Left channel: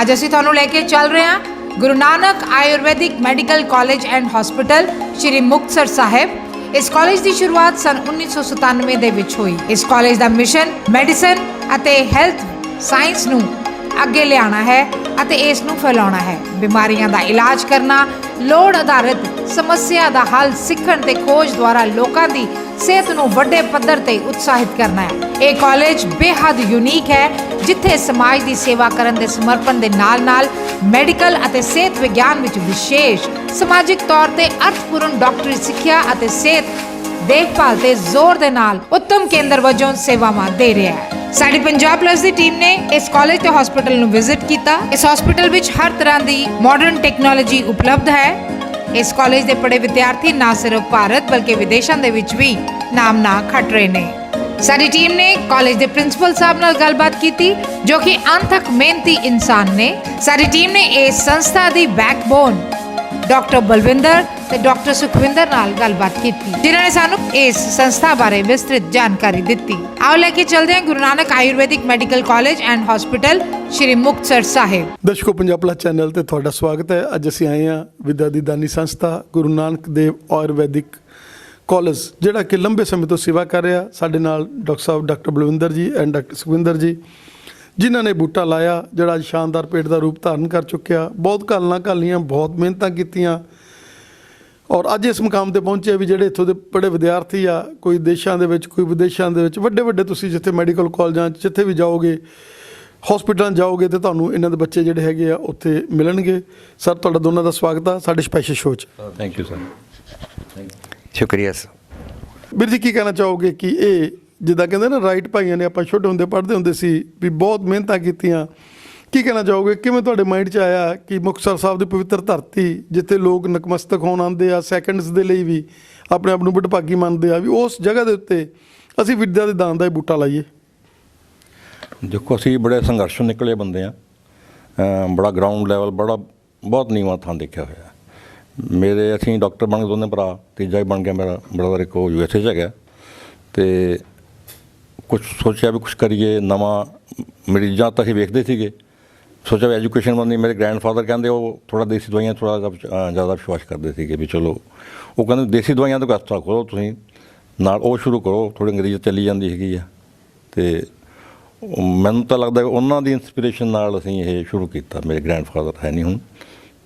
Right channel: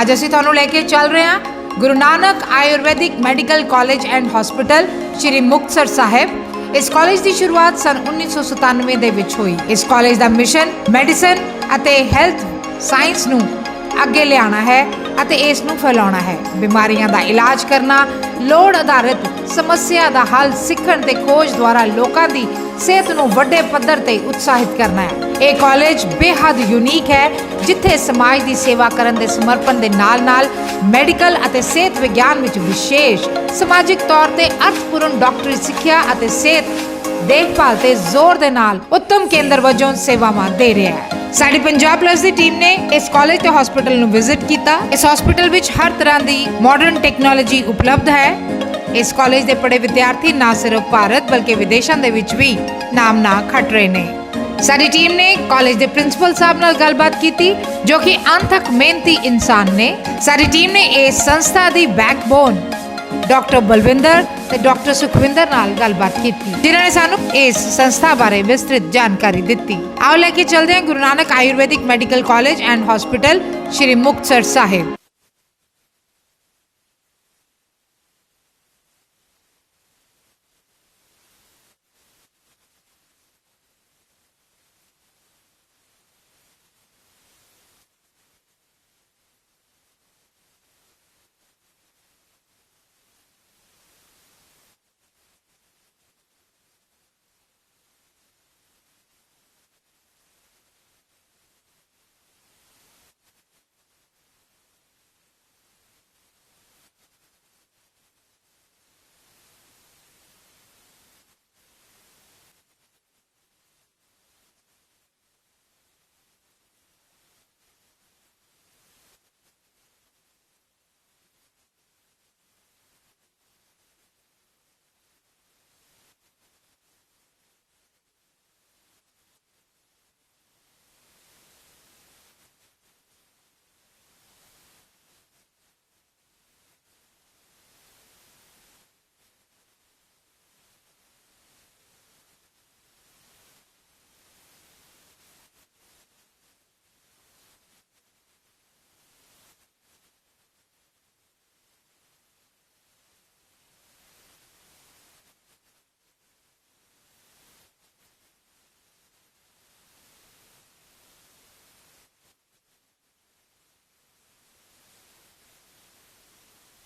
ਅੱਜ ਅਸੀਂ ਤੁਹਾਨੂੰ ਲੈ ਕੇ ਚੱਲ ਰਹੇ ਹਾਂ Guru Nanak Ayurvedic medical college and hospital Shri Muktsar Sahib. ਇਸ ਕਾਲਜ ਦੀ ਸ਼ੁਰੂਆਤ ਸਨ 1997 ਦੇ ਵਿੱਚ ਹੋਈ। ਇਸ ਕਾਲਜ ਦਾ ਮਿਸ਼ਨ ਮੈਡੀਸਨ ਅਤੇ ਹੈਲਥ ਸਾਇੰਸ ਨੂੰ ਅੱਗੇ ਲਿਆਉਣਾ ਹੈ ਅਤੇ ਇਸ ਨੂੰ ਫੈਲਾਉਣਾ ਹੈ। ਬਿਮਾਰੀਆਂ ਦਾ ਇਲਾਜ ਕਰਨਾ, ਲੋੜ ਆਧਾਰਿਤ ਸਮੱਸਿਆ ਦਾ ਹੱਲ ਸਿੱਖਣ ਤੇ ਖੋਜ ਦੁਆਰਾ ਲੋਕਾਂ ਦੀ ਸਿਹਤ ਨੂੰ ਵੱਡੇ ਪੱਧਰ ਤੇ ਉਤਸ਼ਾਹਿਤ ਕਰਨਾ ਹੈ। ਇਹ ਕਾਲਜ ਬੇਹੱਦ ਯੂਨੀਕ ਹੈ, ਜਿੱਥੇ ਸਮਾਜ ਦੀ ਸੇਵਾ ਕਰਨ ਦੇ ਸਮਰਪਣ ਦੇ ਨਾਲ-ਨਾਲ ਮੈਡੀਕਲ ਅਤੇ ਸਿਹਤ ਵਿਗਿਆਨ ਵਿੱਚ ਵਿਸ਼ੇਸ਼ ਸਮਾਜਿਕ ਤੌਰ ਤੇ ਅਰਥਪੂਰਨ ਡਾਕਟਰੀ ਸਿੱਖਿਆ ਅਤੇ ਸਿਹਤ ਦੇਖਭਾਲ ਤੇ ਜ਼ੋਰ ਦੇ ਨਾਲ ਉੱਤਮ ਕੇਂਦਰ ਵਜੋਂ ਸੇਵਾਵਾਂ ਦੇ ਰਿਹਾ ਹੈ। ਸਾਡੀ ਪੰਜਾਬ ਪਲੱਸ ਦੀ ਟੀਮ ਨੇ ਇਸ ਕਾਲਜ ਤੇ ਹਸਪੀਟਲ ਨੂੰ ਵਿਜ਼ਿਟ ਕੀਤਾ। ਇਸ ਹਸਪੀਟਲ ਵਿੱਚ ਹਰ ਤਰ੍ਹਾਂ ਦੀ ਮਾਡਰਨ ਟੈਕਨੋਲੋਜੀ ਉਪਲਬਧ ਹੈ। ਇਸ ਕਾਲਜ ਦੇ ਪੜ੍ਹੇ ਵਿਦਿਆਰਥੀ ਨਾ ਸਿਰਫ ਭਾਰਤ ਬਲਕਿ ਵਿਦੇਸ਼ਾਂ ਦੇ ਵਿੱਚ ਵੀ ਨਾਮਣਾ ਖੱਟ ਰਹੇ ਨੇ। ਸਾਡੀ ਟੀਮ ਨੇ ਕਾਲਜ ਦੇ ਪ੍ਰਿੰਸੀਪਲ ਸਾਹਿਬ ਨਾਲ ਗੱਲਬਾਤ ਕੀਤੀ, ਜੋ ਕਿ ਅੰਤਕ ਮਿਹਨਤੀ ਇਨਸਾਨ ਨੇ। ਸਾਡੀ ਟੀਮ ਨੇ ਇਸ ਸੰਸਥਾ ਦੀ ਬੈਕਬੋਨ ਡਾਕਟਰ ਬਲਵਿੰਦਰ ਤੇ ਡਾਕਟਰ ਸੁਖਵਿੰਦਰ ਨਾਲ ਗੱਲਬਾਤ ਕੀਤੀ, ਜਿਨ੍ਹਾਂ ਨੇ ਸਾਨੂੰ ਇਸ ਸੰਸਥਾ ਬਾਰੇ ਵਿਸਤ੍ਰਿਤ ਜਾਣਕਾਰੀ ਦਿੱਤੀ। ਆਓ ਲੈ ਕੇ ਚੱਲਦੇ ਹਾਂ Guru Nanak Ayurvedic medical college and hospital Shri Muktsar Sahib. ਦਰਸ਼ਕੋ, ਪੰਜਾਬ ਪਲੱਸ ਚੈਨਲ ਤੇ ਤੁਹਾਡਾ ਸਵਾਗਤ ਹੈ। ਅੱਜ ਅਸੀਂ ਆਏ ਹਾਂ ਵਿਦਿਆ ਦੀ ਦਾਨੀ ਸੰਸਥਾ ਗੁਰੂ ਨਾਨਕ ਦੇਵ ਆਯੁਰਵੈਦਿਕ ਕਾਲਜ, ਜਿਹੜਾ ਕਿ ਲੰਬੇ ਸਮੇਂ ਤੋਂ ਸੇਵਾ ਕਰ ਰਿਹਾ। ਸਾਡੇ ਨਾਲ ਡਾਕਟਰ ਸਾਹਿਬ ਡਾਕਟਰ ਬਲਵਿੰਦਰ ਜੀ ਐਂਡ ਡਾਕਟਰ ਸੁਖਵਿੰਦਰ ਜੀ, ਜਿਨ੍ਹਾਂ ਨੇ ਬੂਟਾ ਲਾਇਆ ਜਿਹੜਾ ਅੱਜ ਸ਼ਾਨਦਾਰ ਪੇਟ ਦਾ ਰੂਪ ਧਾਰਨ ਕਰ ਚੁੱਕਿਆ। ਬਹੁਤ ਘਾਲਣਾ ਘਾਲੀਆਂ, ਬਹੁਤ ਮਿਹਨਤਾਂ ਕੀਤੀਆਂ ਔਰ ਅੱਜ ਇਸ ਮੁਕਾਮ ਤੇ ਪਹੁੰਚੇ ਵੀ ਜਿਹੜੇ ਇੱਥੋਂ ਦੇ ਪੜ੍ਹੇ ਵਿਦਿਆਰਥੀ ਆ, ਕੋਈ ਦੇਸ਼ਾਂ ਦੇ ਵਿੱਚ, ਕੋਈ ਵਿਦੇਸ਼ਾਂ ਦੇ ਵਿੱਚ, ਵੱਡੇ ਵੱਡੇ ਤੁਸੀਂ ਜਿੱਥੇ ਮੈਡੀਕਲ ਕਾਲਜਾਂ 'ਚ ਜਿੱਥੇ ਵੀ ਜਾਓਗੇ, ਹਸਪੀਟਲਾਂ ਜਾਓਗੇ ਤੇ ਤੁਹਾਨੂੰ ਇਹਨਾਂ ਦੇ ਬੱਚੇ ਜਿਹੜੇ ਹੈਗੇ ਆ ਉੱਥੇ ਮਿਲਣਗੇ। ਸਰ, ਤੁਹਾਡਾ ਦੋਨਾਂ ਦਾ ਸਵਾਗਤ ਆ ਸਾਡੇ ਸਪੈਸ਼ਲ ਸ਼ੋਅ 'ਚ। Thank you sir. ਸ਼ੁਕਰੀਆ ਸਰ। ਵੀਰ ਜੀ, ਕੀ ਕਹਿਣਾ ਚਾਹੋਗੇ ਕਿ ਇਹ ਜਿੱਦਾਂ ਕਹਿੰਦੇ ਨਾ ਰਾਈਟ ਭਾਈਆਂ ਨੇ, ਆਪਾਂ ਛੋਟੇ ਹੁੰਦੇ ਪੜ੍ਹਦੇ ਹੁੰਦੇ ਸੀ ਵੀ ਬਹੁਤ ਮਿਹਨਤਾਂ ਕੀਤੀਆਂ, ਕੀ ਕਹਿਣਾ ਚਾਹੋਗੇ ਕਿਵੇਂ ਤੁਹਾਡੇ ਮਾਈਂਡ 'ਚ ਆਇਆ ਕਿ ਮੁਕਤਸਰ ਸਾਹਿਬ ਦੀ ਪਵਿੱਤਰ ਧਰਤੀ, ਜਿੱਥੇ ਲੋਕ ਨਤਮਸਤਕ ਹੋਣ ਆਉਂਦੇ ਆ, ਸੈਕਿੰਡਸ ਦੇ ਲਈ ਵੀ ਆਪਣੇ ਆਪ ਨੂੰ ਵਡਭਾਗੀ ਮੰਨਦੇ ਆ, ਵੀ ਉਸ ਜਗ੍ਹਾ ਦੇ ਉੱਤੇ ਅਸੀਂ ਵਿਦਿਆ ਦੇ ਦਾਨ ਦਾ ਹੀ ਬੂਟਾ ਲਾਈਏ? ਦੇਖੋ, ਅਸੀਂ ਬੜੇ ਸੰਘਰਸ਼ੋਂ ਨਿਕਲੇ ਬੰਦੇ ਆ। ਬੜਾ ਗਰਾਊਂਡ ਲੈਵਲ, ਬਹੁਤ ਨੀਵਾਂ ਥਾਂ ਦੇਖਿਆ ਹੋਇਆ। ਅਸੀਂ ਡਾਕਟਰ ਬਣ ਗਏ ਦੋਨੇ ਭਰਾ, ਤੀਜਾ ਵੀ ਬਣ ਗਿਆ ਮੇਰਾ ਬ੍ਰਦਰ, ਇੱਕ ਉਹ USA 'ਚ ਹੈਗਾ। ਅਤੇ ਕੁਛ ਸੋਚਿਆ ਵੀ ਕੁਛ ਕਰੀਏ ਨਵਾਂ। ਮਰੀਜ਼ਾਂ ਤਾਂ ਅਸੀਂ ਵੇਖਦੇ ਸੀਗੇ, ਸੋਚਿਆ ਵੀ ਐਜੂਕੇਸ਼ਨ ਬਣਨੀ। ਮੇਰੇ ਗ੍ਰੈਂਡਫਾਦਰ ਕਹਿੰਦੇ ਉਹ ਥੋੜ੍ਹਾ ਦੇਸੀ ਦਵਾਈਆਂ ਥੋੜ੍ਹਾ ਜ਼ਿਆਦਾ ਵਿਸ਼ਵਾਸ ਕਰਦੇ ਸੀਗੇ ਵੀ ਚਲੋ, ਉਹ ਕਹਿੰਦੇ ਦੇਸੀ ਦਵਾਈਆਂ ਤੋਂ ਹਸਪਤਾਲ ਖੋਲ੍ਹੋ ਤੁਸੀਂ, ਨਾਲ ਉਹ ਸ਼ੁਰੂ ਕਰੋ। ਥੋੜ੍ਹੀ ਅੰਗਰੇਜ਼ੀ ਚੱਲੀ ਜਾਂਦੀ ਹੈਗੀ ਆ। ਅਤੇ ਮੈਨੂੰ ਤਾਂ ਲੱਗਦਾ ਉਹਨਾਂ ਦੀ ਇੰਸਪੀਰੇਸ਼ਨ ਨਾਲ ਅਸੀਂ ਇਹ ਸ਼ੁਰੂ ਕੀਤਾ। ਮੇਰੇ ਗ੍ਰੈਂਡਫਾਦਰ ਹੈ ਨਹੀਂ ਹੁਣ,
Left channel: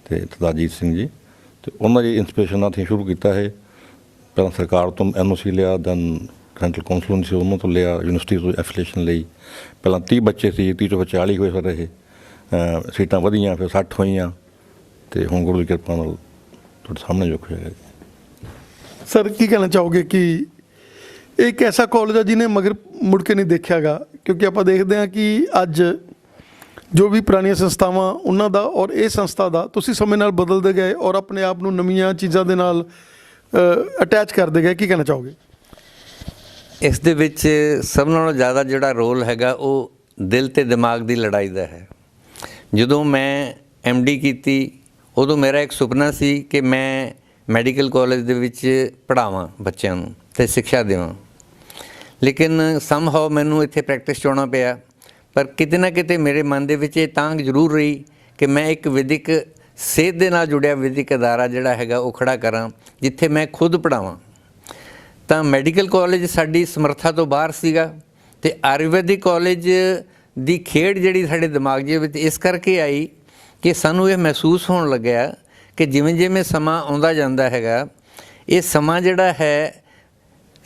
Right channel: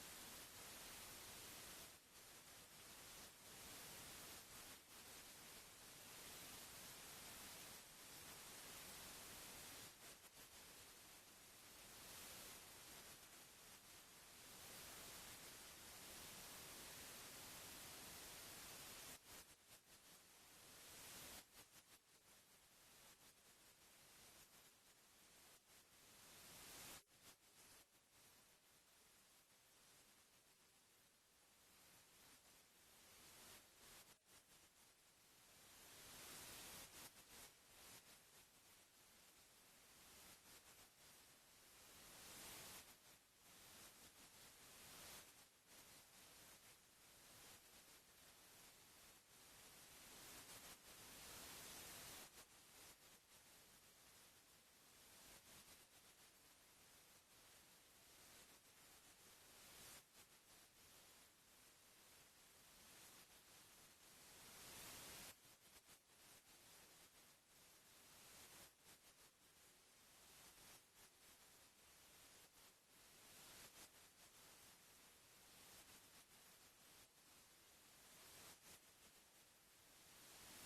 ਅਤੇ ਦਾਜੀਤ ਸਿੰਘ ਜੀ, ਅਤੇ ਉਹਨਾਂ ਦੀ ਇੰਸਪੀਰੇਸ਼ਨ ਨਾਲ ਅਸੀਂ ਸ਼ੁਰੂ ਕੀਤਾ ਇਹ। ਪਹਿਲਾਂ ਸਰਕਾਰ ਤੋਂ NOC ਲਿਆ, ਦੈਨ ਸੈਂਟਰਲ ਕੌਂਸਲ ਸੀ, ਉਹਨਾਂ ਤੋਂ ਲਿਆ, ਯੂਨੀਵਰਸਿਟੀ ਤੋਂ ਐਫੀਲੀਏਸ਼ਨ ਲਈ। ਪਹਿਲਾਂ 30 ਬੱਚੇ ਸੀ, 30 ਤੋਂ 40 ਹੋਏ ਫਿਰ ਇਹ। ਸੀਟਾਂ ਵਧੀਆਂ, ਫਿਰ 60 ਹੋਈਆਂ, ਅਤੇ ਹੁਣ ਗੁਰੂ ਦੀ ਕਿਰਪਾ ਨਾਲ ਤੁਹਾਡੇ ਸਾਹਮਣੇ ਜੋ ਹੋਇਆ। ਸਰ, ਕੀ ਕਹਿਣਾ ਚਾਹੋਗੇ ਕਿ ਇਹ ਇੱਕ ਐਸਾ ਕਾਲਜ ਆ ਜਿਹਨੇ ਮਗਰ ਮੁੜ ਕੇ ਨਹੀਂ ਦੇਖਿਆ ਗਾ? ਕਿਉਂਕਿ ਆਪਾਂ ਦੇਖਦੇ ਹਾਂ ਕਿ ਅੱਜ ਜੋ ਵੀ ਪੁਰਾਣੀਆਂ ਸੰਸਥਾਵਾਂ ਉਹਨਾਂ ਦਾ ਔਰ ਇਹ ਸੰਸਥਾ ਦਾ ਤੁਸੀਂ ਸਮੇਂ ਨਾਲ ਬਦਲਦੇ ਗਏ ਔਰ ਆਪਣੇ ਆਪ ਨੂੰ ਨਵੀਆਂ ਚੀਜ਼ਾਂ ਦੇ ਨਾਲ ਅਟੈਚ ਕਰਦੇ ਗਏ। ਕੀ ਕਹਿਣਾ ਚਾਹੋਗੇ? ਇਸ ਦੇ ਵਿੱਚ ਸਭ ਨਾਲੋਂ ਜ਼ਿਆਦਾ ਜਿਹੜਾ ਰੋਲ ਹੈਗਾ ਉਹ ਦਿਲ ਅਤੇ ਦਿਮਾਗ ਦੀ ਲੜਾਈ ਦਾ ਹੈ। ਜਦੋਂ ਮੈਂ MD ਕੀਤੀ ਉਦੋਂ ਮੇਰਾ ਇੱਕ ਸੁਪਨਾ ਸੀ ਕਿ ਮੈਂ ਮੈਡੀਕਲ ਕਾਲਜ ਦੇ ਵਿੱਚ ਪੜ੍ਹਾਵਾਂ ਬੱਚਿਆਂ ਨੂੰ ਅਤੇ ਸਿੱਖਿਆ ਦੇਵਾਂ। ਲੇਕਿਨ ਸਮਹਾਓ ਮੈਨੂੰ ਇੱਥੇ ਪ੍ਰੈਕਟਿਸ 'ਚ ਆਉਣਾ ਪਿਆ। ਪਰ ਕਿਤੇ ਨਾ ਕਿਤੇ ਮੇਰੇ ਮਨ ਦੇ ਵਿੱਚ ਇਹ ਤਾਂਘ ਜ਼ਰੂਰ ਰਹੀ ਕਿ ਮੈਂ ਇੱਕ ਵਿਦਿਅਕ ਸਿਹਤ ਦੇ ਨਾਲ ਜੁੜਿਆ ਵਿਦਿਅਕ ਅਦਾਰਾ ਜਿਹੜਾ ਹੈਗਾ ਉਹ ਖੜ੍ਹਾ ਕਰਾਂ, ਜਿੱਥੇ ਮੈਂ ਖੁਦ ਪੜ੍ਹਾਵਾਂ। ਤਾਂ ਮੈਡੀਕਲ ਕਾਲਜ ਸਾਡੀ ਸਮਰੱਥਾ ਤੋਂ ਬਾਹਰ ਸੀਗਾ, ਅਤੇ ਆਯੁਰਵੈਦਿਕ ਕਾਲਜ ਦੀ ਖੇਡ ਜਿਹੜੀ ਸਾਡੇ ਦਿਮਾਗ ਦੇ ਵਿੱਚ ਇਸ ਕਰਕੇ ਆਈ ਕਿ ਸਾਨੂੰ ਇਹ ਮਹਿਸੂਸ ਹੋਣ ਲੱਗਿਆ ਕਿ ਜਿਵੇਂ ਜਿਵੇਂ ਸਮਾਂ ਆਉਂਦਾ ਜਾਂਦਾ ਹੈਗਾ, ਇਹ ਸਮਾਂ ਜਿਹੜਾ ਹੈ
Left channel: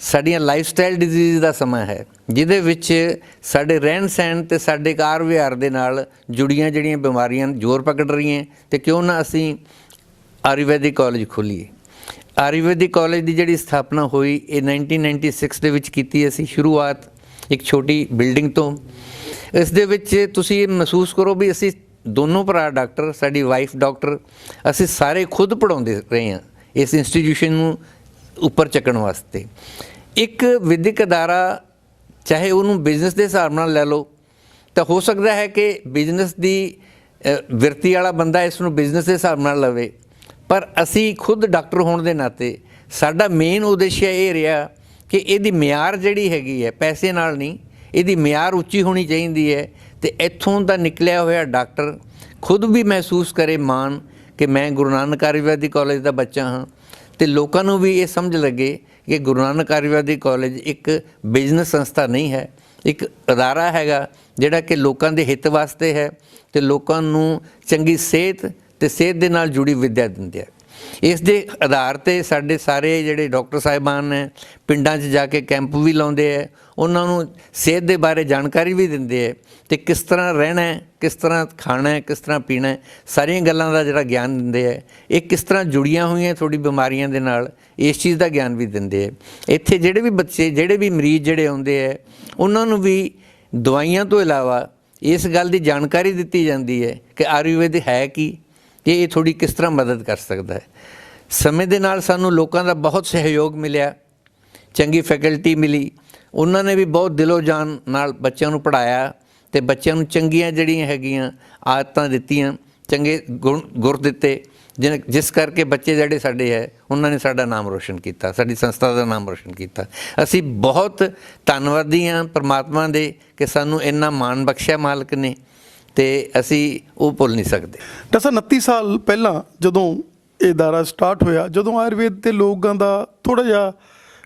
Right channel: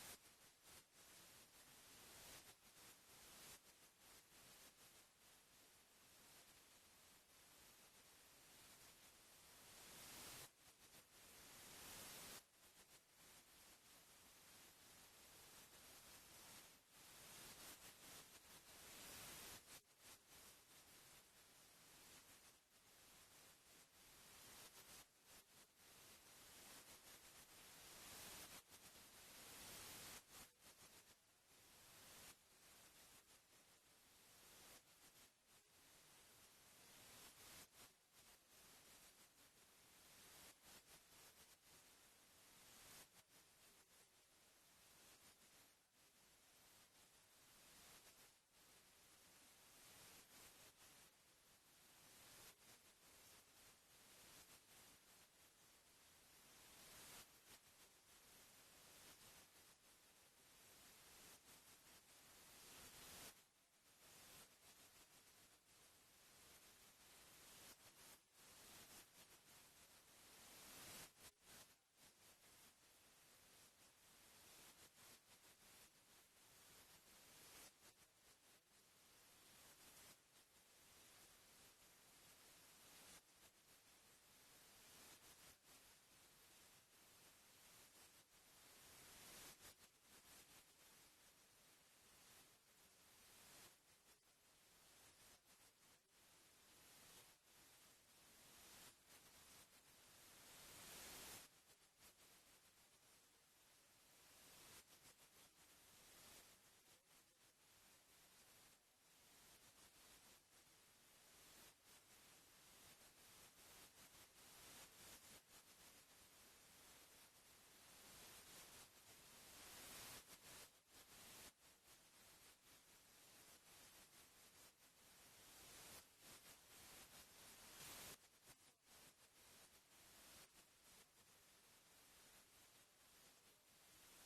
ਸਾਡੀਆਂ ਲਾਈਫ ਸਟਾਈਲ ਡਿਜ਼ੀਜ਼ ਦਾ ਸਮਾਂ ਹੈ, ਜਿਹਦੇ ਵਿੱਚ ਸਾਡੇ ਰਹਿਣ ਸਹਿਣ ਅਤੇ ਸਾਡੇ ਕਾਰ ਵਿਹਾਰ ਦੇ ਨਾਲ ਜੁੜੀਆਂ ਜਿਹੜੀਆਂ ਬਿਮਾਰੀਆਂ ਜ਼ੋਰ ਪਕੜ ਰਹੀਆਂ। ਅਤੇ ਕਿਉਂ ਨਾ ਅਸੀਂ ਆਯੁਰਵੈਦਿਕ ਕਾਲਜ ਖੋਲ੍ਹੀਏ। ਆਯੁਰਵੈਦਿਕ ਕਾਲਜ ਦੀ ਜਿਹੜੀ ਸਥਾਪਨਾ ਹੋਈ ਇਹ 1996 ਦੇ ਵਿੱਚ ਕੀਤੀ ਅਸੀਂ ਸ਼ੁਰੂਆਤ ਇੱਕ ਛੋਟੀ ਬਿਲਡਿੰਗ ਤੋਂ। ਇਸ ਦੇ ਵਿੱਚ ਤੁਸੀਂ ਮਹਿਸੂਸ ਕਰੋ ਵੀ ਅਸੀਂ ਦੋਨੋਂ ਭਰਾ ਡਾਕਟਰ, ਸਾਡੀ ਵਾਈਫ ਡਾਕਟਰ, ਅਸੀਂ ਸਾਰੇ ਖੁਦ ਪੜ੍ਹਾਉਂਦੇ ਰਹੇ ਹਾਂ ਇਸ ਇੰਸਟੀਟਿਊਸ਼ਨ ਨੂੰ ਉੱਪਰ ਚੱਕਣ ਵਾਸਤੇ। ਇੱਕ ਵਿਦਿਅਕ ਅਦਾਰਾ ਚਾਹੇ ਉਹਨੂੰ ਬਿਜ਼ਨਸ ਦੇ ਹਿਸਾਬ ਨਾਲ ਲੈ ਲਓ, ਤਾਂ ਹੋ ਸਕਦਾ ਹੈ ਕਿ ਬਿਜ਼ਨਸ ਦੀ ਵਿਰਤੀ ਵਾਲਾ ਬੰਦਾ ਇਸ ਨੂੰ ਬਿਜ਼ਨਸ ਦੇ ਹਿਸਾਬ ਨਾਲ ਲਵੇ, ਪਰ ਅਸੀਂ ਖੁਦ ਡਾਕਟਰ ਹੋਣ ਦੇ ਨਾਤੇ ਸਾਡਾ ਮੇਨ ਉਦੇਸ਼ ਇਹ ਰਿਹਾ ਕਿ ਇਹਦੀ ਮਿਆਰ ਜਿਹੜੀ ਹੈਗੀ ਹੈ ਪੈਸੇ ਨਾਲ ਨਹੀਂ, ਇਹਦੀ ਮਿਆਰ ਉੱਚੀ ਹੋਣੀ ਚਾਹੀਦੀ ਹੈ। ਅਤੇ ਇੱਥੋਂ ਦਾ ਨਿਕਲਿਆ ਹੋਇਆ ਡਾਕਟਰ ਖੁਦ ਵੀ ਮਹਿਸੂਸ ਕਰੇ ਮਾਣ ਕਿ ਮੈਂ ਗੁਰੂ ਨਾਨਕ ਆਯੁਰਵੈਦਿਕ ਕਾਲਜ ਦਾ ਬੱਚਾ ਹਾਂ, ਤੇ ਲੋਕਾਂ ਨੂੰ ਵੀ ਇਹ ਸਮਝ ਲੱਗੇ ਕਿ ਗੁਰੂ ਨਾਨਕ ਆਯੁਰਵੈਦਿਕ ਕਾਲਜ ਇੱਕ ਬਿਜ਼ਨਸ ਸੰਸਥਾ ਨਹੀਂ ਹੈ, ਇੱਕ ਅਦਾਰਾ ਹੈਗਾ ਜਿਹੜਾ ਕਿ ਲੋਕਾਂ ਦੇ ਹਿੱਤ ਵਾਸਤੇ ਹੈ ਤੇ ਲੋਕਾਂ ਨੂੰ ਚੰਗੀ ਸਿਹਤ ਤੇ ਸਿਹਤ ਦੇ ਨਾਲ ਜੁੜੀ ਵਿੱਦਿਆ ਦਿੰਦੇ ਹੈ। ਇਸ ਦੇ ਆਧਾਰ 'ਤੇ ਸਾਡੇ ਸਾਰੇ ਜਿਹੜੇ ਡਾਕਟਰ ਸਾਹਿਬਾਨ ਨੇ ਪਿੰਡਾਂ 'ਚ ਜਾ ਕੇ ਕੈਂਪ ਵੀ ਲਾਉਂਦੇ ਹੈ, ਉਹਨਾਂ ਨੂੰ ਸਿਹਤ ਦੇ ਬਾਰੇ ਜਾਣਕਾਰੀ ਵੀ ਦਿੰਦੇ ਹੈ ਤੇ ਕਿਸ ਤਰ੍ਹਾਂ ਰਹਿਣਾ ਹੈ, ਕਿਸ ਤਰ੍ਹਾਂ ਖਾਣਾ ਹੈ, ਕਿਸ ਤਰ੍ਹਾਂ ਪੀਣਾ ਹੈ, ਸਾਰੀਆਂ ਗੱਲਾਂ ਦਾ ਜਿਹੜਾ ਗਿਆਨ ਦਿੰਦੇ ਹੈ। ਇਹ ਕਿਸ ਤਰ੍ਹਾਂ ਜੁੜੀਆਂ ਹੋਈਆਂ ਥੋੜੀ ਬਿਮਾਰੀਆਂ ਦੇ ਨਾਲ, ਇਸ ਚੀਜ਼ ਦਾ ਗਿਆਨ ਵੀ ਦਿੰਦੇ ਹੈ। ਇੱਥੇ ਜਿਹੜੇ ਵੀ ਬੱਚੇ, ਜਿਹੜੇ ਵੀ ਮਰੀਜ਼ ਜਿਹੜੇ ਆਉਂਦੇ ਹੈ, ਉਹਨਾਂ ਨੂੰ ਵੀ ਦਵਾਈਆਂ ਤੋਂ ਇਲਾਵਾ ਇਸ ਗੱਲ ਦੀ ਜਾਣਕਾਰੀ ਦਿੱਤੀ ਜਾਂਦੀ ਹੈ ਕਿ ਆਯੁਰਵੇਦ ਹੈ ਕੀ ਤੇ ਇਹ ਥੋੜੀ ਕਿਸ ਤਰ੍ਹਾਂ ਮਦਦ ਕਰ ਸਕਦਾ ਹੈ। ਸਮੇਂ ਦੇ ਨਾਲ ਸਾਨੂੰ ਲੋਕਾਂ ਦਾ ਬਹੁਤ ਸਹਿਯੋਗ ਮਿਲਿਆ, ਚੰਗੀ ਫੈਕਲਟੀ ਮਿਲੀ, ਉਹਨਾਂ ਨੇ ਵੀ ਬਹੁਤ ਦਿਲੋਂ ਜਾਨ ਨਾਲ ਬੱਚਿਆਂ ਨੂੰ ਪੜ੍ਹਾਇਆ ਤੇ ਬੱਚਿਆਂ ਨੂੰ ਚੰਗੀਆਂ ਜਿਹੜੀਆਂ ਹੈਗੀਆਂ ਆਦਤਾਂ ਦਿੱਤੀਆਂ, ਚੰਗੇ ਗੁਰ ਦਿੱਤੇ, ਜਿਸ ਕਰਕੇ ਬੱਚੇ ਜਿਹੜੇ ਸਾਡੇ ਹੈ ਉਹਨਾਂ ਨੇ ਸਾਡਾ ਨਾਮ ਰੋਸ਼ਨ ਕੀਤਾ, ਸਾਡੀ ਸੰਸਥਾ ਦਾ ਨਾਮ ਰੋਸ਼ਨ ਕੀਤਾ। ਅਸੀਂ ਬਹੁਤ ਧੰਨਵਾਦੀ ਹਾਂ ਪਰਮਾਤਮਾ ਦੇ ਕਿ ਸਾਨੂੰ ਇੰਨਾ ਮਾਣ ਬਖਸ਼ਿਆ ਮਾਲਕ ਨੇ ਤੇ ਅਸੀਂ ਉਹ ਭੁੱਲ ਨਹੀਂ ਸਕਦੇ। ਡਾਕਟਰ ਸਾਹਿਬ 29 ਸਾਲ ਪਹਿਲਾਂ ਜਦੋਂ ਇਹ ਅਦਾਰਾ ਸਟਾਰਟ ਹੋਇਆ, ਜਦੋਂ ਆਯੁਰਵੇਦ ਤੇ ਲੋਕਾਂ ਦਾ ਥੋੜ੍ਹਾ ਜਿਹਾ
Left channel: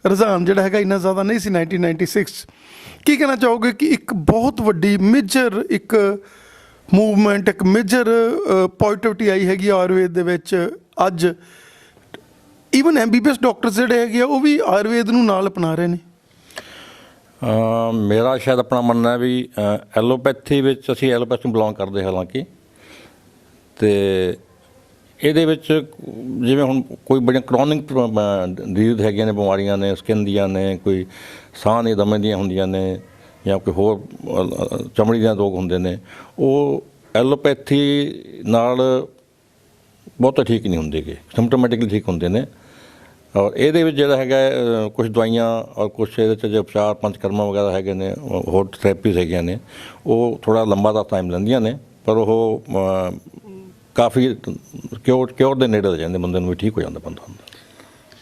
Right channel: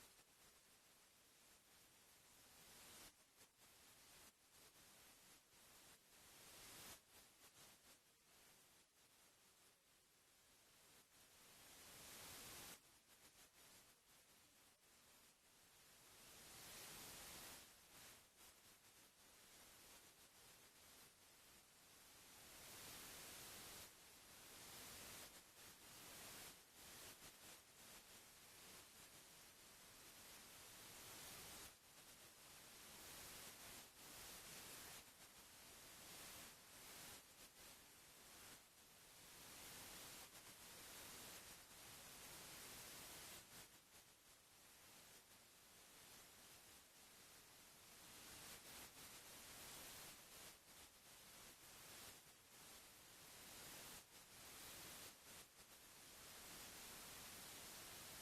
ਰੁਝਾਨ ਜਿਹੜਾ ਹੈਗਾ ਇੰਨਾ ਜ਼ਿਆਦਾ ਨਹੀਂ ਸੀ 1996, ਕੀ ਕਹਿਣਾ ਚਾਹੋਗੇ ਕਿ ਇੱਕ ਬਹੁਤ ਵੱਡੀ ਮੇਜਰ ਇੱਕ ਮੂਵਮੈਂਟ, ਇੱਕ ਮੇਜਰ ਪੋਜ਼ਿਟਿਵਿਟੀ ਆਈ ਹੈਗੀ ਆਯੁਰਵੇਦ ਦੇ ਵਿੱਚ? ਅੱਜ ਈਵਨ MBBS ਡਾਕਟਰ ਜਿਹੜੇ ਹੈਗੇ ਆ ਉਹ ਵੀ ਆਯੁਰਵੇਦ ਨੂੰ ਨਾਲ ਅਪਣਾ ਰਹੇ ਨੇ। ਮੇਰਾ ਸ਼ਾਇਦ ਆਪਣਾ ਮੰਨਣਾ ਹੈ ਵੀ ਐਲੋਪੈਥੀ ਵਿੱਚ ਅਸੀਂ ਐਲੋਪੈਥੀ ਨੂੰ ਬਿਲੋਂਗ ਕਰਦੇ ਹਾਲਾਂਕਿ, ਤੇ ਇਹਦੇ ਵਿੱਚ ਜਿਵੇਂ ਹੁਣ ਕੋਈ ਬੜੀਆਂ ਕਰੋਨਿਕ ਡਿਜ਼ੀਜ਼ ਹੈਗੀਆਂ ਨੇ, ਬਿਮਾਰੀਆਂ ਨੇ, ਸਕਿਨ ਦੀਆਂ ਨੇ, ਕੋਈ ਸਾਹ ਦੇ ਦਮੇ ਦੀਆਂ ਹੁੰਦੀਆਂ ਨੇ, ਜਾਂ ਕੋਈ ਹੋਰ ਚਮੜੀ ਦੇ ਰੋਗ ਹੁੰਦੇ ਨੇ, ਉਹ ਐਲੋਪੈਥੀ ਨਾਲ ਬਹੁਤਾ ਠੀਕ ਨਹੀਂ ਹੁੰਦੇ ਗੇ, ਸਿੰਪਟੋਮੈਟਿਕਲੀ ਠੀਕ ਹੁੰਦੇ ਨੇ। ਔਰ ਇਹਦੇ ਵਿੱਚ ਜਿਹੜਾ ਹੈਗਾ ਕੁਝ ਦਵਾਈਆਂ ਔਰ ਕੁਛ ਇਹਦੇ 'ਚ ਜੋ ਉਪਚਾਰ ਪੰਚਕਰਮਾ ਵਗੈਰਾ ਹੈਗੇ ਨੇ, ਹੋਰ ਥੈਰੇਪੀਜ਼ ਹੈਗੀਆਂ ਨੇ, ਉਹ ਥੋੜ੍ਹਾ ਲੰਬਾ ਦਾ ਟਾਈਮ ਲੈਂਦੀਆਂ ਨੇ, ਪਰ ਉਹ ਕਾਫੀ ਕਿਉਰ ਦੇ ਨੇੜੇ ਲੈ ਜਾਂਦੇ, ਬੰਦੇ ਨੂੰ ਵੀ ਠੀਕ ਹੋ ਜਾਂਦਾ ਬੰਦਾ ਹੁੰਦਾ।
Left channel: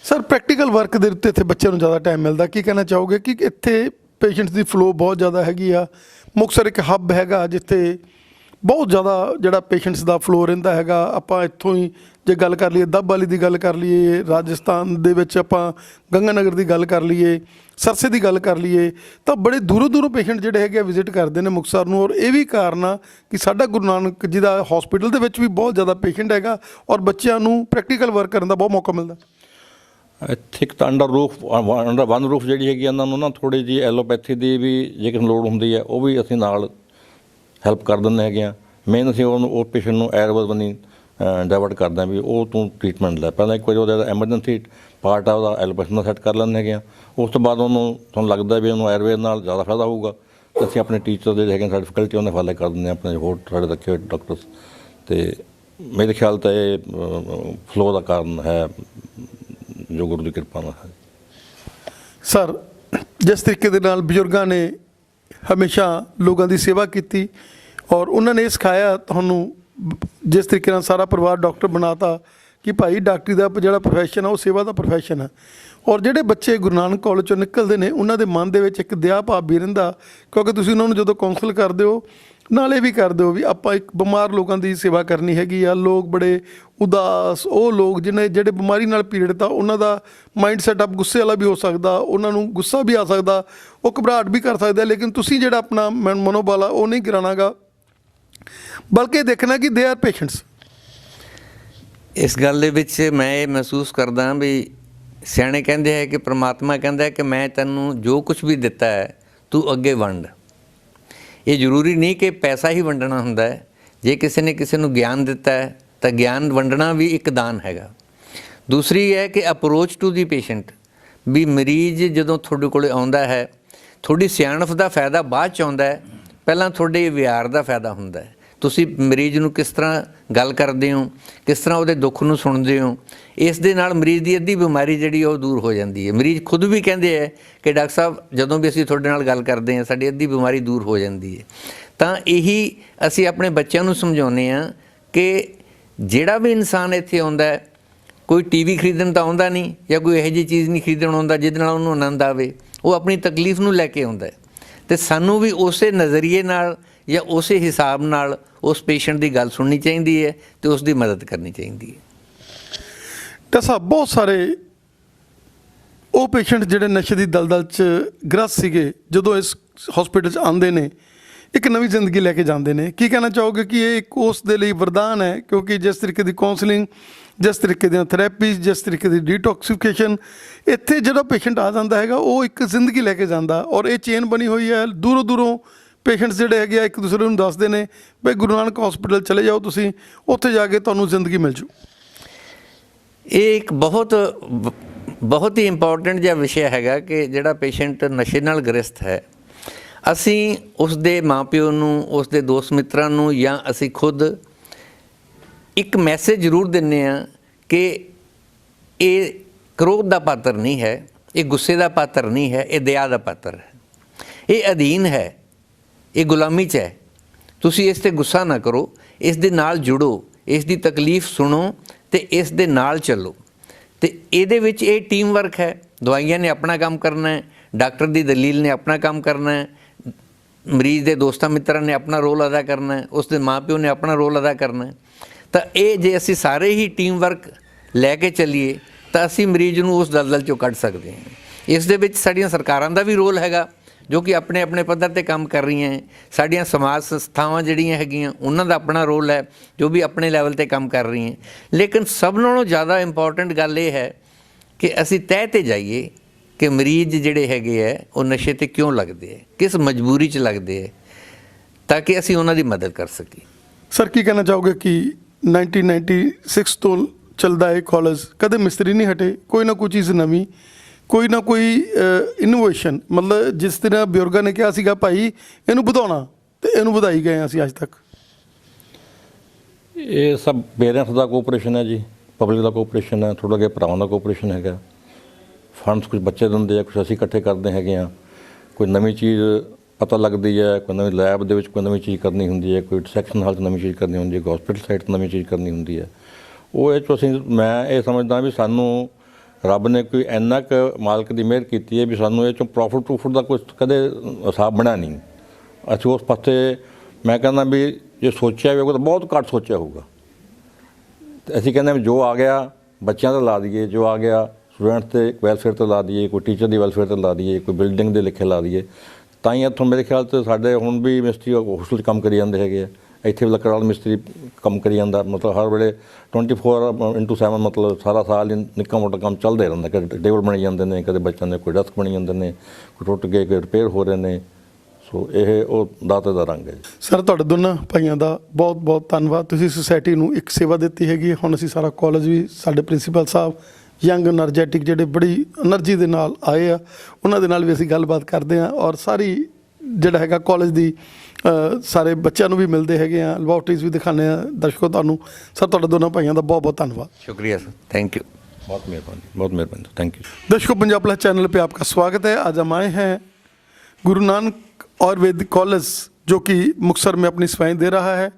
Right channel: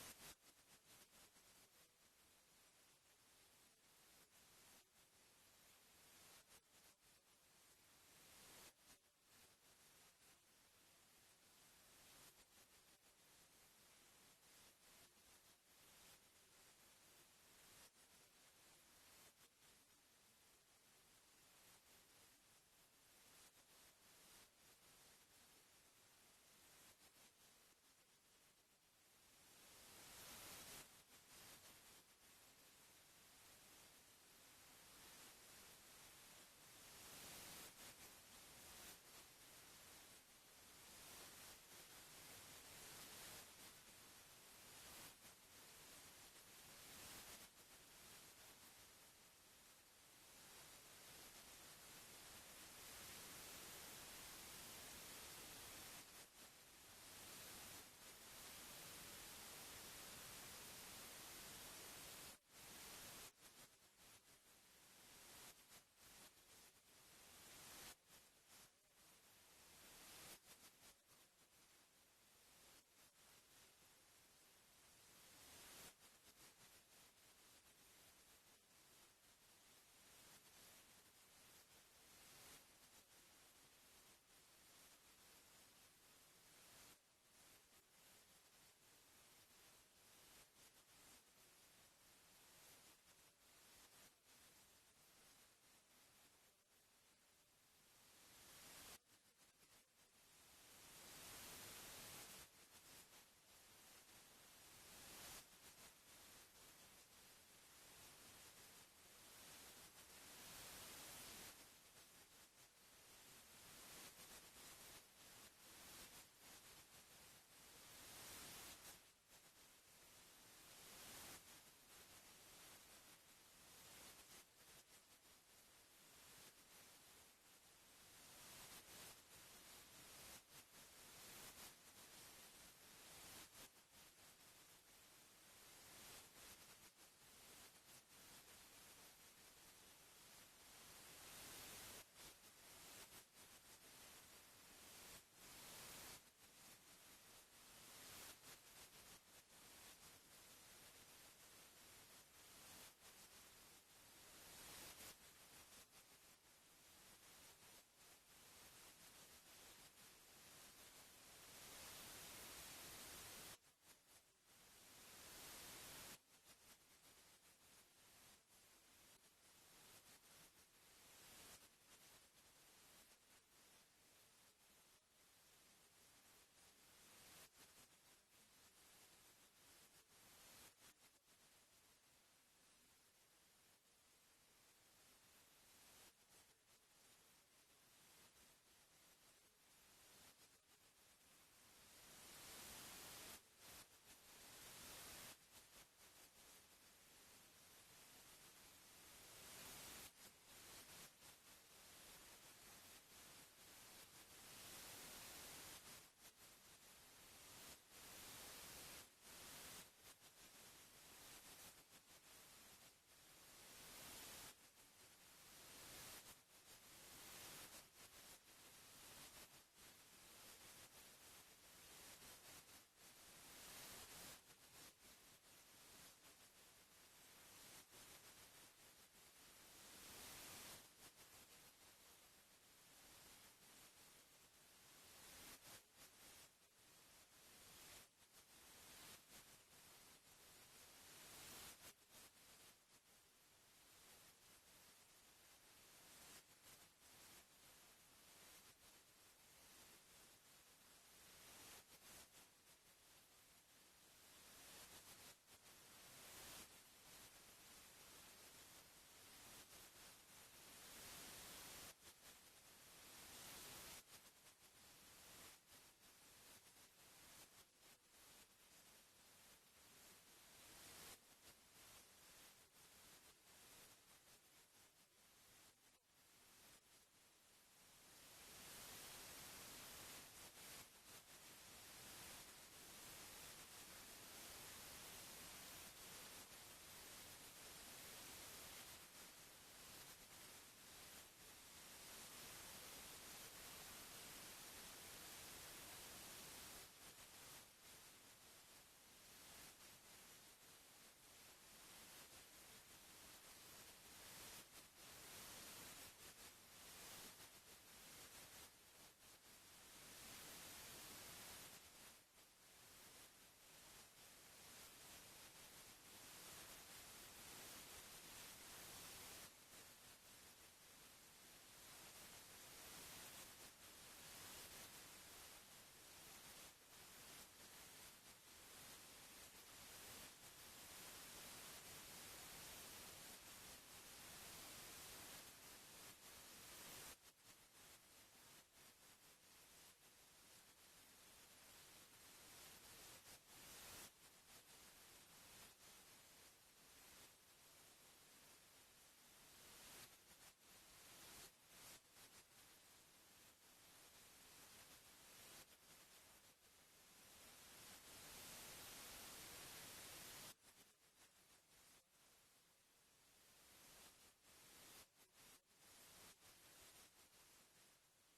ਸਰ ਪ੍ਰੈਕਟੀਕਲ ਵਰਕ ਦੇ ਉੱਤੇ ਇੱਥੇ ਬੱਚਿਆਂ ਨੂੰ ਜ਼ਿਆਦਾ ਟਾਈਮ ਮਿਲਦਾ, ਕੀ ਕਹਿਣਾ ਚਾਹੋਗੇ ਕਿ ਇੱਥੇ ਪੇਸ਼ੈਂਟਸ ਦੀ ਫਲੋ ਬਹੁਤ ਜ਼ਿਆਦਾ ਹੈਗੀ ਆ? ਮੁਕਤਸਰ ਇੱਕ ਹੱਬ ਹੈਗਾ ਜਿੱਥੇ ਬਹੁਤ ਜ਼ਿਆਦਾ ਜਿਹੜਾ ਪੇਸ਼ੈਂਟਸ ਦਾ ਫਲੋ ਰਹਿੰਦਾ ਹੈਗਾ। ਆਪਾਂ ਇੱਥੋਂ ਹੀ ਜੇ ਗੱਲ ਕਰ ਲਈਏ ਦੱਬ ਵਾਲੀ ਦੀ ਗੱਲ ਕਰ ਲਈਏ, ਰਾਜਸਥਾਨ ਦੇ ਵਿੱਚ ਆਪਾਂ ਗੰਗਾਨਗਰ ਦੀ ਗੱਲ ਕਰ ਲਈਏ, ਸਰਸੇ ਦੀ ਗੱਲ ਕਰ ਲਈਏ, ਤਾਂ ਬੜੇ ਦੂਰੋਂ ਦੂਰੋਂ ਪੇਸ਼ੈਂਟ ਜਿਹੜੇ ਹੈਗੇ ਵਿਜ਼ਿਟ ਕਰਦੇ ਨੇ ਮੁਕਤਸਰ ਨੂੰ। ਔਰ ਇਹ ਵੀ ਕਾਰਨ ਆ ਕਿ ਸਾਡਾ ਗੁਰੂ ਨਾਨਕ ਜੀ ਦਾ ਹਸਪੀਟਲ ਦੇ ਵਿੱਚ ਵੀ ਬਹੁਤ ਜ਼ਿਆਦਾ ਪੇਸ਼ੈਂਟ ਹੈਗਾ ਔਰ ਬੱਚਿਆਂ ਨੂੰ ਪ੍ਰੈਕਟੀਕਲ ਵਰਕ ਕਰਨ ਦਾ ਬਹੁਤ ਮੌਕਾ ਮਿਲਦਾ। ਇੱਥੇ ਇੱਕ ਤਾਂ ਅੰਡਰ ਵਨ ਰੂਫ ਜਿਹੜੀ ਹੈਗੀ ਇਹਨਾਂ ਨੂੰ ਨਾ ਥੋੜ੍ਹੀ ਜਿਹੀ ਐਲੋਪੈਥੀ ਦੀ ਵੀ ਜੇ ਕਿਸੇ ਨੂੰ ਲੋੜ ਹੁੰਦੀ ਹੈ ਉਹ ਵੀ ਅਸੀਂ ਨਾਲ ਹੈਲਪ ਕਰ ਦਿੰਦੇ ਹੈਗੇ ਹਾਂ। ਮੇਨ ਅਸੀਂ ਉਹਨੂੰ ਉਹ ਪੇਸ਼ੈਂਟ ਨੂੰ ਆਯੁਰਵੇਦ ਵੱਲ ਡਾਇਵਰਟ ਕਰਦੇ ਹਾਂ ਵੀ ਉਹ ਤੂੰ ਟ੍ਰੀਟਮੈਂਟ ਲੈ। ਪਹਿਲਾਂ ਇੱਕ ਵਾਰੀ ਉਹਦਾ ਐਮਰਜੈਂਸੀ ਪਾਰਟ ਆ ਉਹਦਾ ਐਲੋਪੈਥੀ ਨਾਲ ਸੈੱਟ ਕਰ ਲੈਂਦੇ ਹੈਗੇ ਹਾਂ। ਉਸ ਤੋਂ ਬਾਅਦ ਉਹਨੂੰ ਤੁਹਾਨੂੰ ਲੱਗਦਾ ਵੀ ਉਹਨੂੰ ਆਯੁਰਵੇਦ ਨਾਲ ਜ਼ਿਆਦਾ ਫਾਇਦਾ ਹੋਊਗਾ, ਤਾਂ ਅਸੀਂ ਆਪਣੇ ਟੀਚਰ ਜਿਹੜੇ ਹੈਗੇ ਸਾਡੀ ਫੈਕਲਟੀ ਉਹਨੇ ਫਾਲੇ ਕਰ ਦਿੰਦੇ ਹਾਂ, ਆਪਣੇ ਹੋਰ ਸਾਡੇ ਰੱਖੇ ਹੋਏ ਡਾਕਟਰਸ। ਅਤੇ ਮੇਰੇ ਖਿਆਲ ਤਾਂ ਇਹ ਫਲੋ ਦਾ ਕਾਰਨ ਹੈ ਜੋ ਗੁਰੂ ਦੀ ਕਿਰਪਾ ਨਾਲ ਹੈ। ਸਰ ਜਿਸ ਤਰੀਕੇ ਦੇ ਨਾਲ ਬਜ਼ੁਰਗਾਂ ਨੇ ਹਮੇਸ਼ਾ ਲੋਕਾਂ ਦੀ ਸੇਵਾ ਕੀਤੀ ਔਰ ਉਹਨਾਂ ਨੇ ਇਹ ਸਿਖਾਇਆ ਤੁਹਾਨੂੰ, ਜਿਸ ਤਰੀਕੇ ਨਾਲ ਸਾਰਾ ਪਰਿਵਾਰ ਡਾਕਟਰ ਬਣਾਤਾ ਕਿ ਭਾਈ ਡਾਕਟਰੀ ਦਾ ਜਿਹੜਾ ਪ੍ਰੋਫੈਸ਼ਨ ਆ ਉਹ ਸੇਵਾ ਦਾ ਪ੍ਰੋਫੈਸ਼ਨ ਆ। ਔਰ ਜਿਹੜੇ ਬੱਚੇ ਗੁਰੂ ਨਾਨਕ ਕਾਲਜ ਚੋਂ ਨਿਕਲਦੇ ਨੇ ਉਹਨਾਂ ਦੇ ਮਨ ਦੇ ਵਿੱਚ ਇੱਕ ਦਇਆ ਭਾਵ ਵੀ ਰਹਿੰਦਾ, ਕਿਉਂਕਿ ਤੁਸੀਂ ਉਹਨਾਂ ਨੂੰ ਜਦੋਂ ਕਾਉਂਸਲ ਕਰਦੇ ਹੋ ਨਾਲੇ ਵੀ ਕਰਦੇ ਹੋ ਵੀ ਆਪਾਂ ਇੱਕ ਬਿਮਾਰ ਲੋਕਾਂ ਦੀ ਸੇਵਾ ਕਰਨੀ ਹੈਗੀ ਆ। ਲੋਕ ਬੜੇ ਉਦਾਸ, ਉਹ ਲੋਕ ਜਿਹੜੇ ਬਿਮਾਰੀ ਨਾਲ ਪੀੜਤ ਆ, ਉਹਨਾਂ ਦਾ ਮਾਈਂਡ ਸੈਟਅਪ ਗੁੱਸੇ ਵਾਲਾ ਵੀ ਹੋ ਸਕਦਾ, ਉਹਨਾਂ ਨੂੰ ਗੁੱਸਾ ਵੀ ਆ ਸਕਦਾ, ਉਹ ਘਬਰਾਹਟ ਵੀ ਕਰ ਸਕਦਾ, ਲੇਕਿਨ ਤੁਸੀਂ ਜਿਹੜਾ ਆਪਣਾ ਮਨੋਬਲ ਆ ਉਹ ਨਹੀਂ ਗਿਰਾਉਣਾਗਾ, ਬਲਕਿ ਦੇਖਣਾ ਕਿ ਦੇ ਆਰ ਪੇਸ਼ੈਂਟਸ। ਇਸ ਗੱਲ ਦੇ ਵਿੱਚ ਮੈਂ ਇਹ ਮਹਿਸੂਸ ਕਰਦਾ ਵੀ ਸਿਆਣੇ ਕਹਿੰਦੇ ਹੈ ਕਿ ਪ੍ਰਮਾਤਮਾ ਕਹਿੰਦਾ ਹੈ ਕਿ ਮੈਂ ਤੈਨੂੰ ਜੋ ਕੁਝ ਵੀ ਦਿੱਤਾ ਹੈ ਤੂੰ ਅੱਗੇ ਵੰਡ। ਇਹ ਜ਼ਰੂਰੀ ਨਹੀਂ ਕਿ ਪੈਸਾ ਹੀ ਵੰਡਣਾ ਹੁੰਦਾ ਹੈ। ਜੇ ਕਿਸੇ ਨੇ ਕਿਸੇ ਨੂੰ ਗਿਆਨ ਦਿੱਤਾ ਹੈ ਤਾਂ ਗਿਆਨ ਵੰਡਣਾ ਵੀ ਇੱਕ ਦਾਨ ਹੈਗਾ। ਦੂਸਰੀ ਹੈ ਕਿ ਅਪਰੋਚ ਟੂ ਦੀ ਪੇਸ਼ੈਂਟ, ਵੀ ਮਰੀਜ਼ ਜਦੋਂ ਤੁਹਾਡੇ ਕੋਲ ਆਉਂਦਾ ਹੈ ਤੁਹਾਡੀ ਸਿਆਣਪ ਦਾ ਫਾਇਦਾ ਬਾਅਦ 'ਚ ਆਉਂਦਾ ਹੈ, ਪਹਿਲਾਂ ਤੁਹਾਡੇ ਵਿਹਾਰ ਦਾ ਫਾਇਦਾ ਹੁੰਦਾ ਹੈ। ਤੁਸੀਂ ਮਰੀਜ਼ ਨੂੰ ਕਿਸ ਤਰ੍ਹਾਂ ਗੱਲ ਕਰਦੇ ਹੋ, ਕਿਸ ਤਰ੍ਹਾਂ ਉਹਦੇ ਦੁੱਖ ਨੂੰ ਸੁਣਦੇ ਹੋ, ਇਸ ਦੇ ਨਾਲ ਮਰੀਜ਼ ਦੀ ਅੱਧੀ ਬਿਮਾਰੀ ਜਿਹੜੀ ਉਹ ਦੂਰ ਹੋ ਜਾਂਦੀ ਹੈ। ਮਰੀਜ਼ ਖੁਦ ਵੀ ਕਹਿੰਦੇ ਹੈ ਕਿ ਡਾਕਟਰ ਸਾਹਿਬ ਜਦੋਂ ਵੀ ਅਸੀਂ ਤੁਹਾਡੇ ਨਾਲ ਗੱਲ ਕਰਦੇ ਹਾਂ ਸਾਡੀ ਅੱਧੀ ਬਿਮਾਰੀ ਦੂਰ ਹੋ ਜਾਂਦੀ ਹੈ। ਤਾਂ ਇਹੀ ਅਸੀਂ ਆਪਣੇ ਬੱਚਿਆਂ ਨੂੰ ਸਮਝਾਉਂਦੇ ਹਾਂ ਕਿ ਜਿਹੜਾ ਵੀ ਇਨਸਾਨ ਇੱਥੇ ਆਉਂਦਾ ਹੈ, ਕੋਈ TV ਖਰੀਦਣ ਤਾਂ ਆਉਂਦਾ ਨਹੀਂ ਜਾਂ ਕੋਈ ਇਹੋ ਜਿਹੀ ਚੀਜ਼ ਨਹੀਂ ਖਰੀਦਣ ਆਉਂਦਾ ਜਿਹਦੇ ਨਾਲ ਉਹਨੂੰ ਆਨੰਦ ਆਵੇ, ਉਹ ਆਪਣੀ ਤਕਲੀਫ ਨੂੰ ਲੈ ਕੇ ਆਉਂਦਾ ਹੈ। ਅਤੇ ਸਾਨੂੰ ਵੀ ਉਸੇ ਨਜ਼ਰੀਏ ਨਾਲ ਜਾਂ ਉਸੇ ਹਿਸਾਬ ਨਾਲ ਉਸ ਪੇਸ਼ੈਂਟ ਦੀ ਗੱਲ ਸੁਣਨੀ ਚਾਹੀਦੀ ਹੈ ਤੇ ਉਸ ਦੀ ਮਦਦ ਕਰਨੀ ਚਾਹੀਦੀ ਹੈ। ਡਾਕਟਰ ਸਾਹਿਬ, ਬਹੁਤ ਸਾਰੇ ਉਹ ਪੇਸ਼ੈਂਟ ਜਿਹੜੇ ਨਸ਼ੇ ਦੀ ਦਲਦਲ 'ਚ ਗ੍ਰਸਤ ਸੀਗੇ, ਜਦੋਂ ਇਸ ਹਸਪੀਟਲ 'ਚ ਆਉਂਦੇ ਨੇ ਇੱਕ ਨਵੀਂ ਜ਼ਿੰਦਗੀ ਲੈ ਕੇ ਜਾਂਦੇ ਨੇ। ਕੀ ਕਹਿਣਾ ਚਾਹੋਗੇ ਕਿ ਇਹ ਇੱਕ ਉਸ ਦੇ ਲਈ ਵਰਦਾਨ ਹੈ? ਕਿਉਂਕਿ ਜਿਸ ਤਰੀਕੇ ਦੀ ਕਾਉਂਸਲਿੰਗ, ਜਿਸ ਤਰੀਕੇ ਦੀਆਂ ਥੈਰੇਪੀਜ਼, ਜਿਸ ਤਰੀਕੇ ਦੀ ਡੀਟੌਕਸੀਫਿਕੇਸ਼ਨ, ਇੱਥੇ ਜਿਹੜਾ ਪੇਸ਼ੈਂਟ ਆ ਜਾਂਦਾ ਹੈਗਾ ਉਹ ਇੱਕ ਜ਼ਿੰਦਗੀ ਲੈ ਕੇ ਜਾਂਦਾ, ਔਰ ਇਹ ਚੇਨ ਬਣੀ ਹੋਈ ਹੈ। ਦੂਰੋਂ ਦੂਰੋਂ ਪੇਸ਼ੈਂਟਸ ਜਿਹੜੇ ਹੈਗੇ ਆ ਇੱਕ ਦੂਸਰੇ ਨੂੰ ਦੱਸਦੇ ਨੇ ਵੀ ਗੁਰੂ ਨਾਨਕ ਹਸਪੀਟਲ ਚਲੇ ਜਾਓ, ਤੁਸੀਂ ਉੱਥੇ ਜਾ ਕੇ ਤੁਹਾਨੂੰ ਜ਼ਿੰਦਗੀ ਮਿਲ ਜੂ। ਇਹ ਇੱਕ ਬਹੁਤ ਹੀ ਇੰਪੋਰਟੈਂਟ ਜਿਹਾ ਵਿਸ਼ਾ ਹੈਗਾ ਕਿ ਜਿਹੜਾ ਪੇਸ਼ੈਂਟ ਨਸ਼ੇ ਨਾਲ ਗ੍ਰਸਤ ਹੈ, ਅਸੀਂ ਉਸ ਦੇ ਮਾਪਿਓ ਨੂੰ, ਉਸ ਦੇ ਦੋਸਤ ਮਿੱਤਰਾਂ ਨੂੰ, ਜਾਂ ਅਸੀਂ ਖੁਦ ਇੱਕ ਮੈਸੇਜ ਜ਼ਰੂਰ ਦਿੰਦੇ ਹਾਂ ਕਿ ਇਹ ਕ੍ਰੋਧ ਦਾ ਪਾਤਰ ਨਹੀਂ ਹੈ, ਇਹ ਗੁੱਸੇ ਦਾ ਪਾਤਰ ਨਹੀਂ ਹੈ, ਇਹ ਦਇਆ ਦਾ ਪਾਤਰ ਹੈ, ਇਹ ਅਧੀਨ ਹੈ, ਇਹ ਗੁਲਾਮੀ 'ਚ ਹੈ। ਤੁਸੀਂ ਇਸ 'ਤੇ ਗੁੱਸਾ ਨਾ ਕਰੋ, ਇਸ ਦੇ ਨਾਲ ਜੁੜੋ, ਇਸ ਦੀ ਤਕਲੀਫ ਸੁਣੋ ਤੇ ਇਸ ਦੇ ਨਾਲ ਚੱਲੋ। ਤੇ ਇਹਦੇ ਵਿੱਚ ਇਹ ਟੀਮ ਵਰਕ ਹੈ। ਦਵਾਈਆਂ ਨੇ ਆਪਣਾ ਕੰਮ ਕਰਨਾ ਹੈ, ਡਾਕਟਰ ਦੀ ਦਲੀਲ ਨੇ ਆਪਣਾ ਕੰਮ ਕਰਨਾ ਹੈ, ਮਰੀਜ਼ ਦੇ ਦੋਸਤਾਂ ਮਿੱਤਰਾਂ ਨੇ ਆਪਣਾ ਰੋਲ ਅਦਾ ਕਰਨਾ ਹੈ, ਉਸ ਦੇ ਮਾਂ-ਪਿਓ ਨੇ ਆਪਣਾ ਰੋਲ ਅਦਾ ਕਰਨਾ ਹੈ। ਤਾਂ ਇਹ ਜੇ ਅਸੀਂ ਸਾਰੇ ਹੀ ਟੀਮ ਵਰਕ ਲੈ ਕੇ ਚੱਲੀਏ ਤਾਂ ਅਸੀਂ ਮਰੀਜ਼ ਨੂੰ ਉਸ ਦਲਦਲ 'ਚੋਂ ਕੱਢ ਸਕਦੇ ਹਾਂ। ਇਸ ਦੇ ਵਿੱਚ ਸਾਡੀਆਂ ਸਰਕਾਰਾਂ ਦਾ ਵੀ ਰੋਲ ਹੈਗਾ ਜੋ ਕਿ ਆਪਣੇ ਆਪਣੇ ਪੱਧਰ 'ਤੇ ਕੰਮ ਕਰ ਰਹੀਆਂ ਹੈ। ਸਾਡੀਆਂ ਸਮਾਜ ਸੰਸਥਾਵਾਂ ਜਿਹੜੀਆਂ ਹੈਗੀਆਂ ਉਹਨਾਂ ਦਾ ਆਪਣਾ ਰੋਲ ਹੈ ਜੋ ਵੀ ਆਪਣੇ ਲੈਵਲ 'ਤੇ ਕੰਮ ਕਰ ਰਹੀਆਂ। ਲੇਕਿਨ ਸਭ ਨਾਲੋਂ ਜ਼ਿਆਦਾ ਇੰਪੋਰਟੈਂਟ ਗੱਲ ਇਹ ਹੈ ਕਿ ਅਸੀਂ ਤਹਿ 'ਤੇ ਜਾਈਏ ਕਿ ਮਰੀਜ਼ ਜਿਹੜੇ ਹੈਗੇ ਹੈ ਉਹ ਨਸ਼ੇ 'ਤੇ ਕਿਉਂ ਲੱਗਦੇ ਹੈ, ਕਿਸ ਮਜਬੂਰੀ 'ਚ ਲੱਗਦੇ ਹੈ, ਤਾਂ ਕਿ ਅਸੀਂ ਉਹਨਾਂ ਦੀ ਮਦਦ ਕਰ ਸਕੀਏ। ਸਰ, ਕੀ ਕਹਿਣਾ ਚਾਹੋਗੇ ਕਿ 1996 ਤੋਂ ਚੱਲਦਾ ਹੈ ਕਾਲਜ, ਕਦੇ ਮਿਸਤਰੀ ਨਹੀਂ ਹਟੇ, ਕੋਈ ਨਾ ਕੋਈ ਚੀਜ਼ ਨਵੀਂ, ਕੋਈ ਨਾ ਕੋਈ ਇਨੋਵੇਸ਼ਨ, ਮਤਲਬ ਜਿਸ ਤਰ੍ਹਾਂ ਬਜ਼ੁਰਗਾਂ ਨੇ ਕਿਹਾ ਸੀਗਾ ਭਾਈ ਇਹਨੂੰ ਵਧਾਉਣਾ, ਤੇ ਇਹਨੂੰ ਵਧਾਈ ਗਏ ਅਸੀਂ ਅੱਜ ਤੱਕ। ਇਹ ਸਭ ਪੇਰੈਂਟਸ ਦਾ ਕੋਆਪਰੇਸ਼ਨ ਹੈ ਜੀ, ਪਬਲਿਕ ਦਾ ਕੋਆਪਰੇਸ਼ਨ ਹੈ, ਥੋੜ੍ਹਾ ਜਿਹਾ ਭਰਾਵਾਂ ਦਾ ਕੋਆਪਰੇਸ਼ਨ ਹੈਗਾ। ਫੰਡਸ ਕੁਝ ਬੱਚੇ ਦਿੰਦੇ ਆ, ਕੁਝ ਅਸੀਂ ਇਕੱਠੇ ਕਰਦੇ ਹੈਗੇ ਆ। ਕੋਈ ਨਵੀਂ ਚੀਜ਼ ਪਤਾ ਲੱਗਦੀ ਹੈ, ਕੋਈ ਨਵੀਂ ਲੈਬ ਦੇ ਵਿੱਚ ਕੋਈ ਨਵੀਂ ਚੀਜ਼ ਕਰਨੀ ਹੁੰਦੀ ਹੈ, ਕੋਈ ਸੈਕਸ਼ਨ ਹਾਲ 'ਚ ਨਵੀਂ ਚੀਜ਼ ਕਰਨੀ ਹੁੰਦੀ ਹੈ, ਕੋਈ ਹਸਪੀਟਲ ਸਾਈਡ 'ਤੇ ਨਵੀਂ ਚੀਜ਼ ਕਰਨੀ ਹੁੰਦੀ ਹੈ। ਉਹ ਇਹ 'ਚੋਂ ਮੈਂ ਇਹ ਸਮਝਦਾ ਵੀ ਸਾਨੂੰ ਰੱਬ ਨੇ ਕੋਈ ਇੰਨਾ ਕੁ ਮਾਲਕ ਦੀ ਮਿਹਰ ਕੀਤੀ ਹੈ ਵੀ ਸਾਨੂੰ ਇਹ 'ਚੋਂ ਪ੍ਰੋਫਿਟ ਦਾ ਕੁਝ ਕਦੇ ਹਿਸਾਬ ਬਣਿਆ ਨਹੀਂ। ਅਸੀਂ ਉਸ ਪਾਸੇ ਮੈਂ ਕਹਿੰਦਾ ਵੀ ਜੇ ਸੋਚਿਆ ਵੀ ਹੋਊਗਾ ਤਾਂ ਬਹੁਤ ਘੱਟ ਸੋਚਿਆ ਹੋਊਗਾ। ਤੇ ਅਸੀਂ ਕਹਿੰਦੇ ਵੀ ਜੋ ਆ ਗਿਆ ਬੱਚਿਆਂ 'ਤੇ ਲਾ ਦਈਏ, ਜੋ ਆ ਗਿਆ ਸਟੂਡੈਂਟਸ ਦੇ ਵੈਲਫੇਅਰ 'ਤੇ ਲਾ ਦਈਏ, ਕੋਈ ਟੀਚਰ ਦੀ ਵੈਲਫੇਅਰ 'ਤੇ ਲਾ ਦਈਏ, ਕੋਈ ਬਿਲਡਿੰਗ ਦੇ ਲਿਖੇ ਲਾ ਦਈਏ। ਤਾਂ ਹੀ ਇੱਥੋਂ ਮੇਰੇ ਖਿਆਲ 'ਚ ਸਾਡੇ ਹੁਣ ਵੀ ਮਿਸਤਰੀ ਹੋਸਟਲ 'ਚ ਕੰਮ ਕਰੀ ਜਾਂਦੇ ਹੈਗੇ ਆ। ਇੱਥੇ ਵੀ ਲੱਕੜ ਵਾਲਾ ਮਿਸਤਰੀ ਕੰਮ ਕਰੀ ਜਾਂਦਾ, ਮਤਲਬ ਹਰ ਵੇਲੇ 24/7 ਮਤਲਬ ਸਾਰਾ ਸਾਲ ਹੀ ਨਿੱਕਾ ਮੋਟਾ ਕੰਮ ਚੱਲਦਾ ਰਹਿੰਦਾ। ਕਦੇ ਟੇਬਲ ਬਣੀ ਜਾਂਦੇ ਨੇ, ਕਦੇ ਬੱਚਿਆਂ ਦੇ ਕੋਈ ਡੈਸਕ ਬਣੀ ਜਾਂਦੇ ਨੇ, ਕੋਈ ਟੁੱਟ ਗਏ, ਕੋਈ ਰਿਪੇਅਰ ਹੋ ਰਹੇ ਨੇ। ਸੋ ਇਹ ਉਹ ਦਾਤੇ ਦਾ ਰੰਗ ਹੈ। ਸਰ, ਤੁਹਾਡੇ ਦੋਨਾਂ ਭਾਈਆਂ ਦਾ ਬਹੁਤ ਬਹੁਤ ਧੰਨਵਾਦ। ਤੁਸੀਂ ਸੁਸਾਇਟੀ ਨੂੰ ਇੱਕ ਸੇਵਾ ਦਿੱਤੀ ਹੈਗੀ। ਹੁਣ ਅਸੀਂ ਸਾਰਾ ਕਾਲਜ ਵੀ, ਸਾਡੇ ਪ੍ਰਿੰਸੀਪਲ ਸਾਹਿਬ ਯੰਗ એનર્ਜੈਟਿਕ ਜਿਹੜੇ ਬੜੀ એનર્ਜੀ ਦੇ ਨਾਲ ਆਏ ਆ, ਉਹਨਾਂ ਦੇ ਨਾਲ ਵੀ ਅਸੀਂ ਗੱਲਬਾਤ ਕਰਦੇ ਹਾਂ, ਔਰ ਸਾਰੀ ਜਿਹੜਾ ਹੈਗਾ ਕਾਲਜ ਦੀ ਸਾਰੇ ਬੱਚਿਆਂ ਨੂੰ ਵੀ ਮਿਲਦੇ ਹੈਗੇ ਆ, ਲੈਬੋਰਟਰੀਜ਼ ਵੀ ਦਿਖਾਉਂਦੇ ਆ ਦਰਸ਼ਕੋ ਤੁਹਾਨੂੰ। ਸਰ, ਤੁਹਾਡੇ ਦੋਨਾਂ ਭਾਈਆਂ ਦਾ ਬਹੁਤ ਬਹੁਤ धन्यवाद। शुक्रिया सर, थैंक यू। बहुत मेहरबानी, थैंक यू। दर्शकों, पंजाब प्लस चैनल पे आपका स्वागत है। आज हम आए हैं गुरु नानक आयुर्वेदिक कॉलेज जो कि मुक्तसर में अपनी सेवाएं दे रहा है,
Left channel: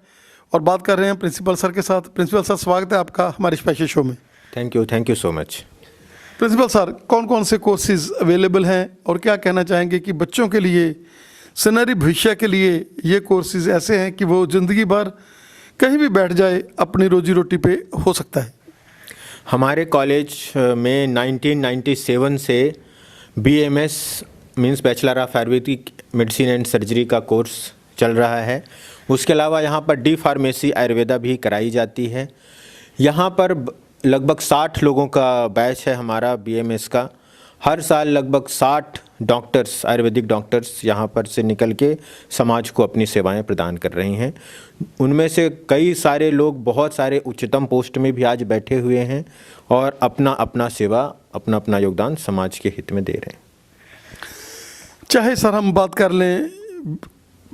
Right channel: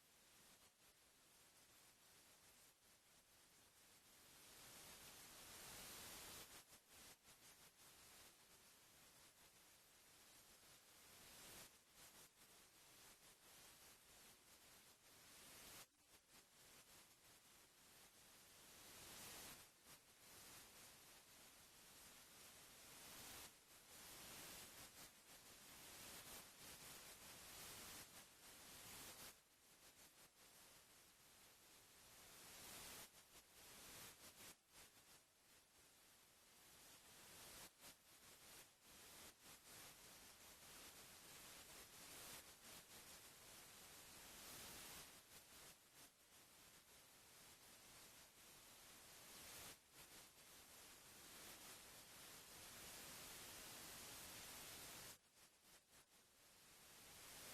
और बात कर रहे हैं प्रिंसिपल सर के साथ। प्रिंसिपल सर, स्वागत है आपका हमारे स्पेशल शो में। Thank you so much. Principal sir, कौन कौन से कोर्सेज अवेलेबल हैं और क्या कहना चाहेंगे कि बच्चों के लिए सुनहरी भविष्य के लिए ये कोर्सेज ऐसे हैं कि वो ज़िंदगी भर कहीं भी बैठ जाए अपनी रोजी रोटी पे हो सकता है? हमारे कॉलेज में 1997 से BMS means bachelor of Ayurvedic medicine and surgery का कोर्स चल रहा है। उसके अलावा यहाँ पर डी फार्मेसी आयुर्वेदा भी कराई जाती है। यहाँ पर लगभग 60 लोगों का बैच है हमारा BMS का। हर साल लगभग 60 डॉक्टर्स, आयुर्वेदिक डॉक्टर्स यहाँ पर से निकल के समाज को अपनी सेवाएं प्रदान कर रही हैं। उनमें से कई सारे लोग बहुत सारे उच्चतम पोस्ट में भी आज बैठे हुए हैं और अपना अपना सेवा, अपना अपना योगदान समाज के हित में दे रहे हैं। चाहे सर हम बात कर लें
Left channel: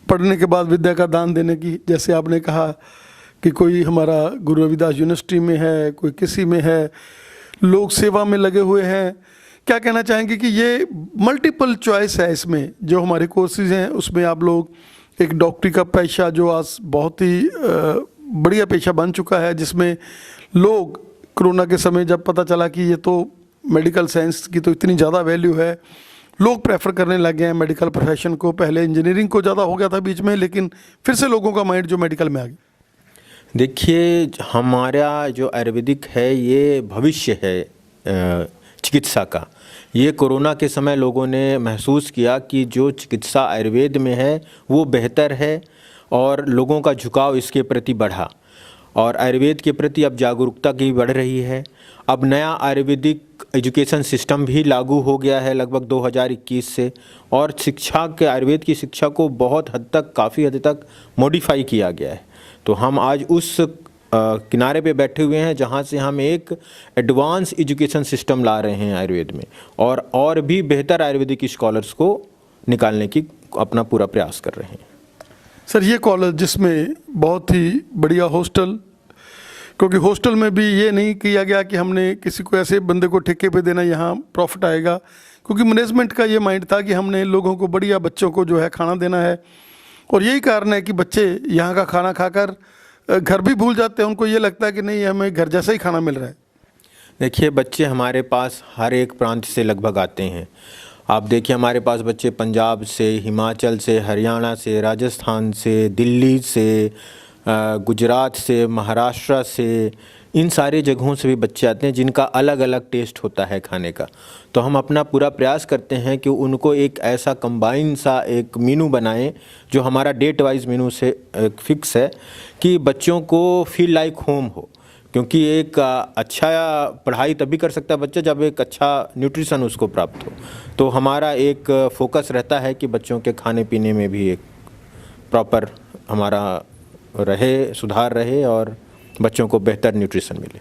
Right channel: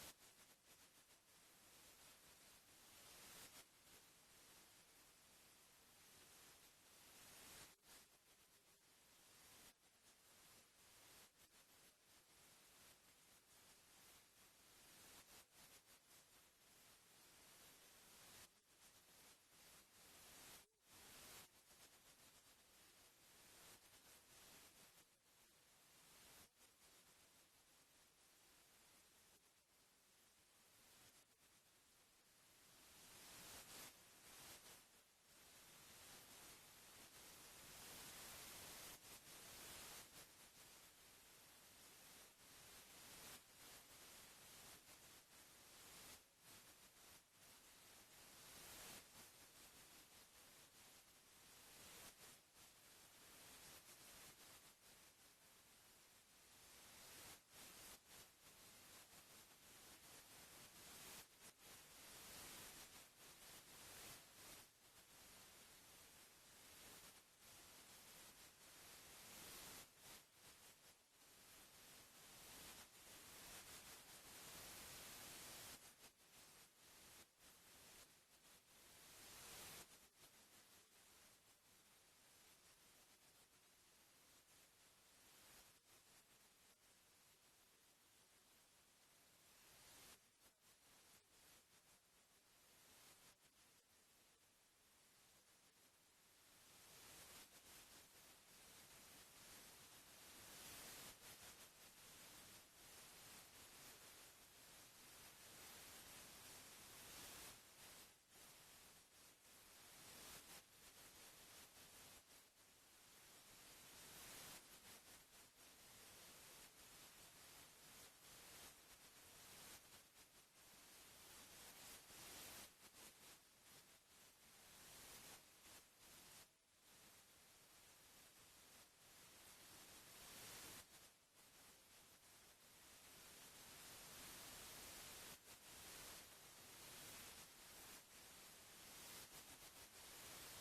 पढ़ने के बाद विद्या का दान देने की, जैसे आपने कहा कि कोई हमारा गुरु रविदास यूनिवर्सिटी में है, कोई किसी में है, लोग सेवा में लगे हुए हैं। क्या कहना चाहेंगे कि ये मल्टीपल चॉइस है इसमें, जो हमारे कोर्सेज हैं उसमें आप लोग एक डॉक्टरी का पेशा जो आज बहुत ही बढ़िया पेशा बन चुका है, जिसमें लोग कोरोना के समय जब पता चला कि ये तो मेडिकल साइंस की तो इतनी ज़्यादा वैल्यू है, लोग प्रेफर करने लग गए हैं मेडिकल प्रोफेशन को। पहले इंजीनियरिंग को ज़्यादा हो गया था बीच में, लेकिन फिर से लोगों का माइंड जो मेडिकल में आ गया। देखिए, हमारा जो आयुर्वेदिक है ये भविष्य है चिकित्सा का। ये कोरोना के समय लोगों ने महसूस किया कि जो चिकित्सा आयुर्वेद में है वो बेहतर है और लोगों का झुकाव इसके प्रति बढ़ा और आयुर्वेद के प्रति अब जागरूकता की बढ़ रही है। अब नया आयुर्वेदिक एजुकेशन सिस्टम भी लागू हो गया है लगभग 2021 से, और शिक्षा के आयुर्वेद की शिक्षा को बहुत हद तक, काफ़ी हद तक मॉडिफाई किया गया है। तो हम आज उस किनारे पे बैठे हुए हैं जहाँ से हम एक एडवांस एजुकेशन सिस्टम ला रहे हैं आयुर्वेद में, और भी बेहतर आयुर्वेदिक स्कॉलर्स को निकालने की अपना पूरा प्रयास कर रहे हैं। सर, ये कॉलेज जिसमें बहुत ही बढ़िया हॉस्टल, क्योंकि हॉस्टल में भी ये नहीं किया गया कि हमने किसी को ऐसे बंदे को ठेके पे देना यहाँ प्रॉफिट आएगा, क्योंकि मैनेजमेंट का ये माइंड था कि हमने लोगों को, बढ़िया बच्चों को जो है खाना देना है। और यही कारण है कि बच्चे यहाँ का खाना खाकर घर भी भूल जाते हैं। उनको ये लगता है कि नहीं, हमें घर जैसा ही खाना मिल रहा है। देखिए, बच्चे हमारे पास हर एक प्रांत से लगभग आते हैं। आप देखिए, हमारे पास बच्चे पंजाब से, हिमाचल से, हरियाणा से, राजस्थान से, दिल्ली से, गुजरात से, महाराष्ट्र से, इन सारे जगहों से भी बच्चे आते हैं जिनका अलग अलग टेस्ट होता है खाने का। तो हम अपना पूरा प्रयास करते हैं कि उनको एक ऐसा कंबाइन सा एक मेनू बनाएं जो हमारा डेट वाइज मेनू से फिक्स है, कि बच्चों को फील लाइक होम हो। क्योंकि एक अच्छा पढ़ाई तभी कर सकता है बच्चा जब एक अच्छा न्यूट्रिशन उसको प्राप्त हो। तो हमारा एक फोकस रहता है कि बच्चों के खाने पीने में भी एक प्रॉपर हमारा रहे, सुधार रहे और बच्चों को बेहतर न्यूट्रिशन मिले।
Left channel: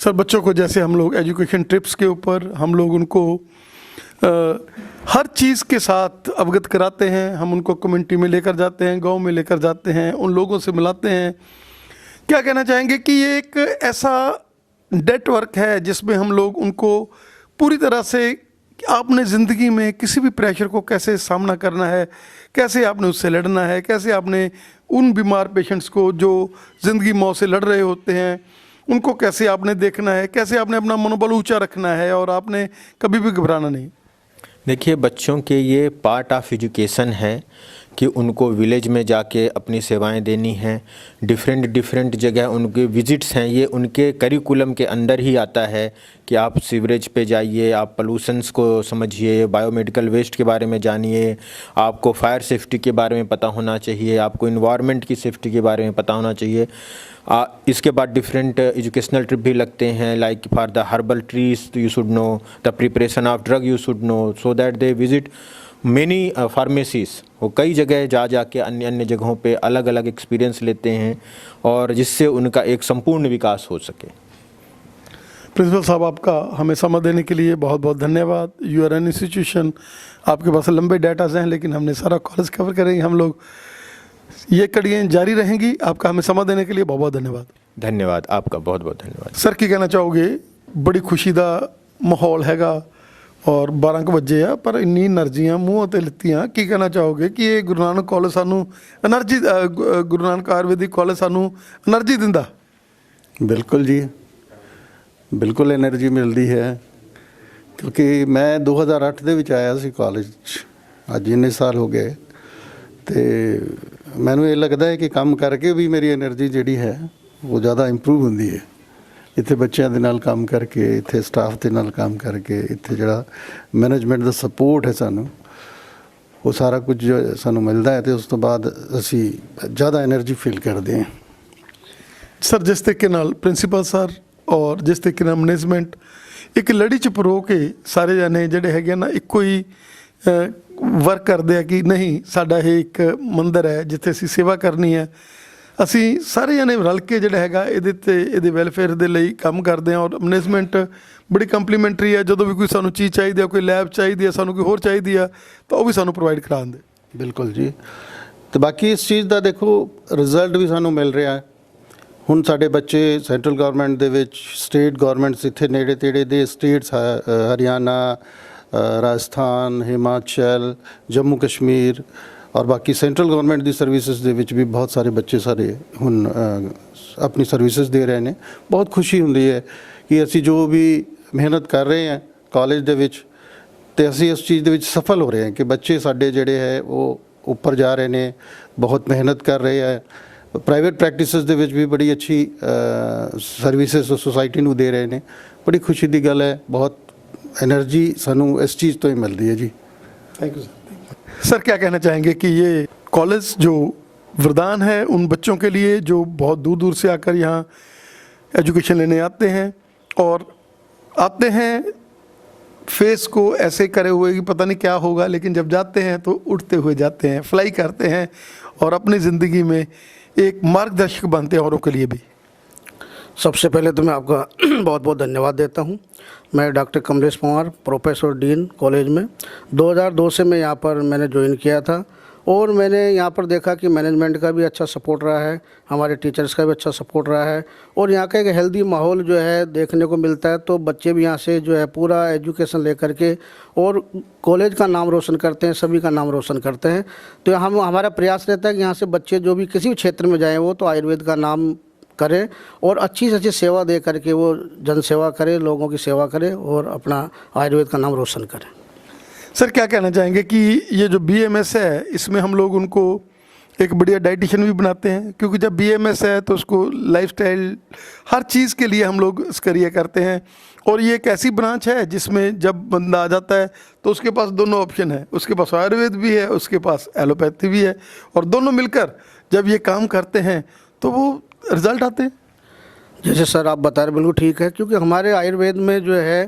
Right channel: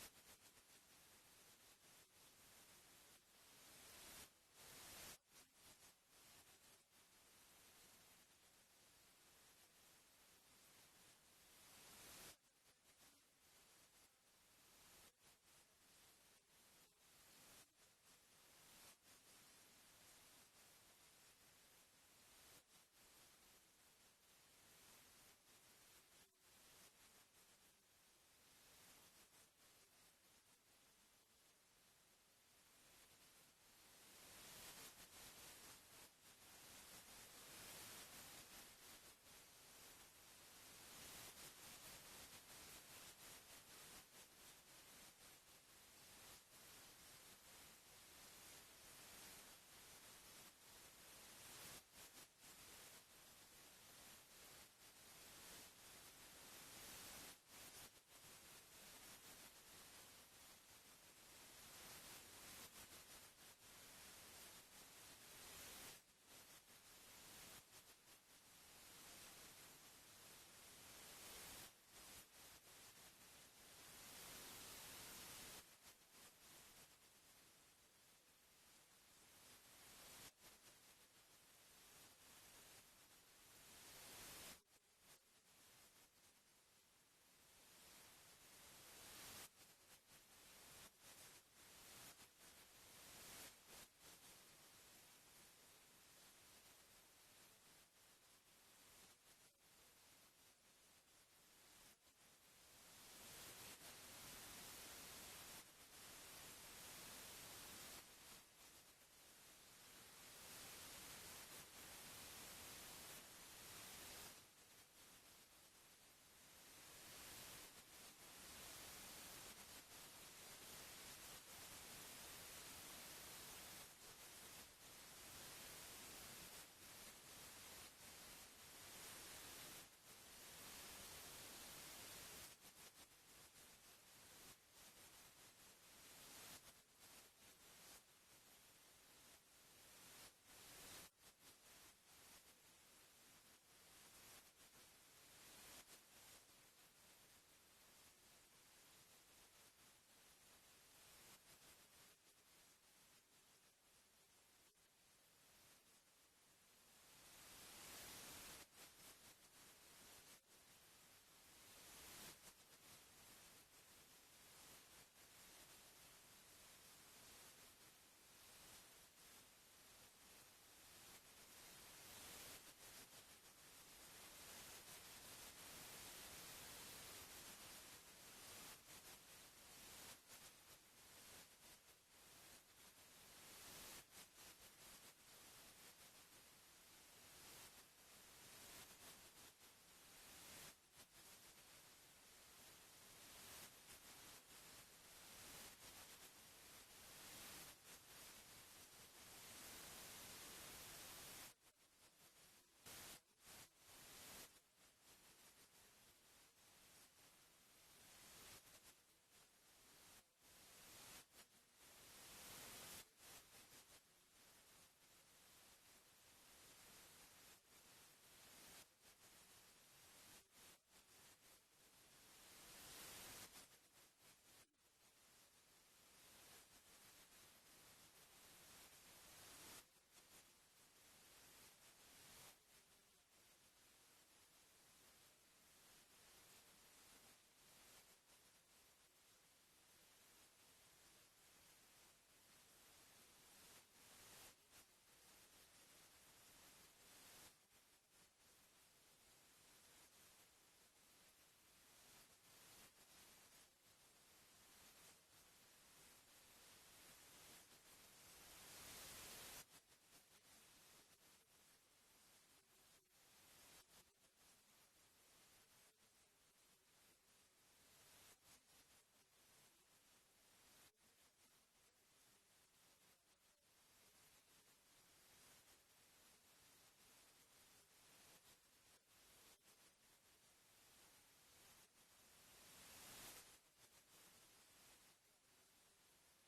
सर, बच्चों को जैसे हम लोग एजुकेशन ट्रिप्स के ऊपर हम लोग उनको हर चीज़ के साथ अवगत कराते हैं। हम उनको कम्युनिटी में लेकर जाते हैं, गांव में लेकर जाते हैं, उन लोगों से मिलाते हैं। क्या कहना चाहेंगे कि ये एक ऐसा नेटवर्क है जिसमें हम लोग उनको पूरी तरह से, आपने ज़िंदगी में किसी भी प्रेशर को कैसे सामना करना है, कैसे आपने उससे लड़ना है, कैसे आपने उन बीमार पेशेंट्स को जो ज़िंदगी मौत से लड़ रहे होते हैं उनको कैसे आपने देखना है, कैसे आपने अपना मनोबल ऊंचा रखना है और आपने कभी भी घबराना नहीं। देखिए, बच्चों के ये पार्ट ऑफ एजुकेशन है कि उनको विलेज में जाके अपनी सेवाएं देनी हैं। डिफरेंट जगह उनके विजिट्स हैं, ये उनके करिकुलम के अंदर ही आता है कि आप सीवरेज पे जाइए, आप पोल्यूशंस को समझिए, बायोमेडिकल वेस्ट के बारे में जानिए, आपको फायर सेफ्टी के बारे में पता होना चाहिए, आपको इन्वायरमेंट की सेफ्टी के बारे में पता होना चाहिए। इसके बाद डिफरेंट एजुकेशनल ट्रिप भी लगते हैं, like for the herbal trees you should know, the preparation of drug you should know, so that they visit many pharmacies. वो कई जगह जा के अन्य जगहों पे अलग अलग एक्सपीरियंस लेते हैं और जिससे उनका एक संपूर्ण विकास हो सके। प्रिंसिपल साहब, आपका हमें समय देने के लिए बहुत बहुत धन्यवाद। यू आर एन इंस्टीट्यूशन, आपके पास लंबे डाटाज हैं, लेकिन हमने सारा कॉलेज कवर करेंगे। हम लोग ये कड़ियाँ जारी रहेंगी। आपका हमें समय देने के लिए बहुत बहुत धन्यवाद। धन्यवाद, आपका बहुत बहुत धन्यवाद। सर, की कहना चाहोगे? बड़ी खुशी का माहौल हैगा और 12 बजे आ, पर इन्नी एनर्जियां मूँह ते लित्तियां। की कहना चाहोगे कि ये गुरु नानक कॉलेज सानू एनर्जी, गुरु नानक आयुर्वेदिक कॉलेज सानू एनर्जी दिंदा? बिल्कुल जी, बिल्कुल एनर्जी मिलती है, क्योंकि मैं 2008 ਦੇ ਵਿੱਚ ਆਇਆ ਸੀ ਕਾਲਜ 'ਚ। ਅੱਜ ਇੰਨੇ ਸਾਲ ਹੋ ਗਏ ਤੇ ਮੈਨੂੰ ਇਹ ਲੱਗਦਾ ਹੈ ਕਿ ਕੰਮ ਕਰਕੇ ਵੀ ਮੇਰੀ એનર્ਜੀ ਜਿਹੜੀ ਹੈ ਉਹ ਜ਼ਿਆਦਾ ਇੰਪਰੂਵ ਹੁੰਦੀ ਹੈ। ਇੱਥੇ ਬੱਚਿਆਂ ਦੇ ਨਾਲ ਕੰਮ ਕਰਕੇ, ਇੱਥੇ ਸਟਾਫ ਦੇ ਨਾਲ ਕੰਮ ਕਰਕੇ, ਇੱਥੇ ਜਿਹੜਾ ਮੈਨੇਜਮੈਂਟ ਦਾ ਸਪੋਰਟ ਹੈ ਸਾਨੂੰ, ਉਹ ਸਾਰਾ ਕੁਝ ਸਾਨੂੰ ਮਿਲਦਾ ਹੈ ਤੇ ਉਸ ਤੋਂ ਬਾਅਦ ਅਸੀਂ ਜ਼ਿਆਦਾ એનર્ਜੀ ਫੀਲ ਕਰਦੇ ਹਾਂ। ਸਰ, ਜਿਸ ਤਰੀਕੇ ਨਾਲ ਪ੍ਰਿੰਸੀਪਲ ਸਰ ਔਰ ਜਿਸ ਤਰੀਕੇ ਨਾਲ ਮੈਨੇਜਮੈਂਟ ਇੱਕ ਲੜੀ 'ਚ ਪਰੋ ਕੇ ਸਾਰੇ ਜਾਣੇ ਜਿਹੜੇ ਹੈਗੇ ਨਾ ਇੱਕੋ ਹੀ ਵਰਕ ਕਰਦੇ ਆ ਕਿ ਨਹੀਂ, ਸਾਡਾ ਇਹ ਇੱਕ ਮੰਦਰ ਹੈ ਜਿੱਥੇ ਅਸੀਂ ਸੇਵਾ ਕਰਨੀ ਹੈ। ਅਸੀਂ ਸਾਰੇ ਜਾਣੇ ਰਲ ਕੇ ਜਿਹੜਾ ਹੈਗਾ ਇਹਦੇ ਤੇ ਇਹਦੇ ਵੈਲਫੇਅਰ ਦੇ ਲਈ ਕੰਮ ਕਰਦੇ ਹਾਂ ਔਰ ਮੈਨੇਜਮੈਂਟ ਬੜੀ ਕੰਪਲੀਮੈਂਟਰੀ ਹੈ। ਜਦੋਂ ਵੀ ਕੋਈ ਸਾਨੂੰ ਚੀਜ਼ ਚਾਹੀਦੀ ਹੈ, ਕੋਈ ਲੈਬ ਚਾਹੀਦੀ ਹੈ, ਸਾਨੂੰ ਕੋਈ ਹੋਰ ਚਾਹੀਦੀ ਆ, ਤਾਂ ਉਹ ਵੀ ਸਾਨੂੰ ਪ੍ਰੋਵਾਈਡ ਕਰਾ ਦਿੰਦੇ। ਬਿਲਕੁਲ ਜੀ। ਤੇ ਬਾਕੀ ਇਸ ਚੀਜ਼ ਦਾ ਦੇਖੋ ਰਿਜ਼ਲਟ ਵੀ ਸਾਨੂੰ ਮਿਲ ਰਿਹਾ ਹੈ। ਹੁਣ ਸਾਡੇ ਬੱਚੇ ਸੈਂਟਰਲ ਗਵਰਨਮੈਂਟ ਦੇ ਵਿੱਚ, ਸਟੇਟ ਗਵਰਨਮੈਂਟਸ ਇੱਥੇ ਨੇੜੇ ਤੇੜੇ ਦੇ ਸਟੇਟਸ, ਹਰਿਆਣਾ, ਰਾਜਸਥਾਨ, ਹਿਮਾਚਲ, ਜੰਮੂ ਕਸ਼ਮੀਰ ਔਰ ਬਾਕੀ ਸੈਂਟਰਲ ਗਵਰਨਮੈਂਟ ਦੀ ਸਰਵਿਸਿਜ਼ ਦੇ ਵਿੱਚ ਵੀ ਬਹੁਤ ਸਾਰੇ ਬੱਚੇ ਸਾਰੇ ਹੁਣ ਆਪਣੀ ਸਰਵਿਸਿਜ਼ ਦੇ ਰਹੇ ਨੇ। ਬਹੁਤ ਖੁਸ਼ੀ ਹੁੰਦੀ ਹੈ ਕਿ ਅਸੀਂ ਜੋ ਵੀ ਮਿਹਨਤ ਕਰ ਰਹੇ ਹਾਂ ਕਾਲਜ ਦੇ ਵਿੱਚ, ਤੇ ਅਸੀਂ ਉਸ ਚੀਜ਼ ਦੇ ਵਿੱਚ ਸਫਲ ਹੋ ਰਹੇ ਹਾਂ ਕਿ ਬੱਚੇ ਸਾਡੇ ਜਿਹੜੇ ਹੈ ਉਹ ਉੱਪਰ ਜਾ ਰਹੇ ਨੇ, ਬਹੁਤ ਮਿਹਨਤ ਕਰ ਰਹੇ ਹੈ। ਪ੍ਰਾਈਵੇਟ ਪ੍ਰੈਕਟਿਸਿਸ ਦੇ ਵਿੱਚ ਵੀ ਬੜੀ ਅੱਛੀ ਸਰਵਿਸਿਜ਼ ਸੋਸਾਇਟੀ ਨੂੰ ਦੇ ਰਹੇ ਨੇ। ਬੜੀ ਖੁਸ਼ੀ ਦੀ ਗੱਲ ਹੈ, ਬਹੁਤ एनर्जी सानू इस चीज़ तो ही मिलती है जी। Thank you sir. सर क्या कहना चाहेंगे कि ये कॉलेज जो वरदान है उन बच्चों के लिए जो बहुत दूर दूर से आकर यहाँ एजुकेशन लेने आते हैं और आते हैं फेस को ऐसे करे हुए कि पता नहीं क्या होगा, लेकिन जब जाते हैं तो उड़ते हुए जाते हैं, फ्लाई करते हैं और अपनी ज़िंदगी में एक मार्गदर्शक बनते हैं औरों के लिए भी। सबसे पहले तो मैं आपका बहुत बहुत धन्यवाद देता हूँ। मैं doctor Kamlesh Panwar, professor dean college में 2002 से मैं यहाँ पर मैंने ज्वाइन किया था और मैंने यहाँ पर देखा कि मैनेजमेंट का भी अच्छा सपोर्ट रहा है, हमारे टीचर्स का भी अच्छा सपोर्ट रहा है और यहाँ का एक हेल्दी माहौल जो है देखने को मिलता है। तो बच्चे भी यहाँ से जो है पूरा एजुकेशन लेकर के और कॉलेज का नाम रोशन करते हैं, सभी का नाम रोशन करते हैं। तो हमारा प्रयास रहता है कि यहाँ से बच्चे जो भी किसी भी क्षेत्र में जाएँ वो तो आयुर्वेद का नाम करें और अच्छी से अच्छी सेवा दे करके वो जन सेवा करें, लोगों की सेवा करें और अपना आयुर्वेद का नाम रोशन करें। सर क्या कहना चाहेंगे कि ये जो BMS है इसमें हम लोग उनको एक बढ़िया डाइटिशियन भी बनाते हैं, क्योंकि जब BMS है तो उसको लाइफस्टाइल हर चीज़ के लिए हम लोग इसका ये करते हैं और ये एक ऐसी ब्रांच है जिसमें जब बंदा आ जाता है तो उसके पास दोनों ऑप्शन है, उसके पास आयुर्वेद भी है, उसके पास एलोपैथी भी है और दोनों मिलकर जब ये काम करते हैं तो वो रिजल्ट आते हैं। जैसे सर आप बता रहे बिल्कुल ठीक है, क्योंकि हमारे आयुर्वेद में जो है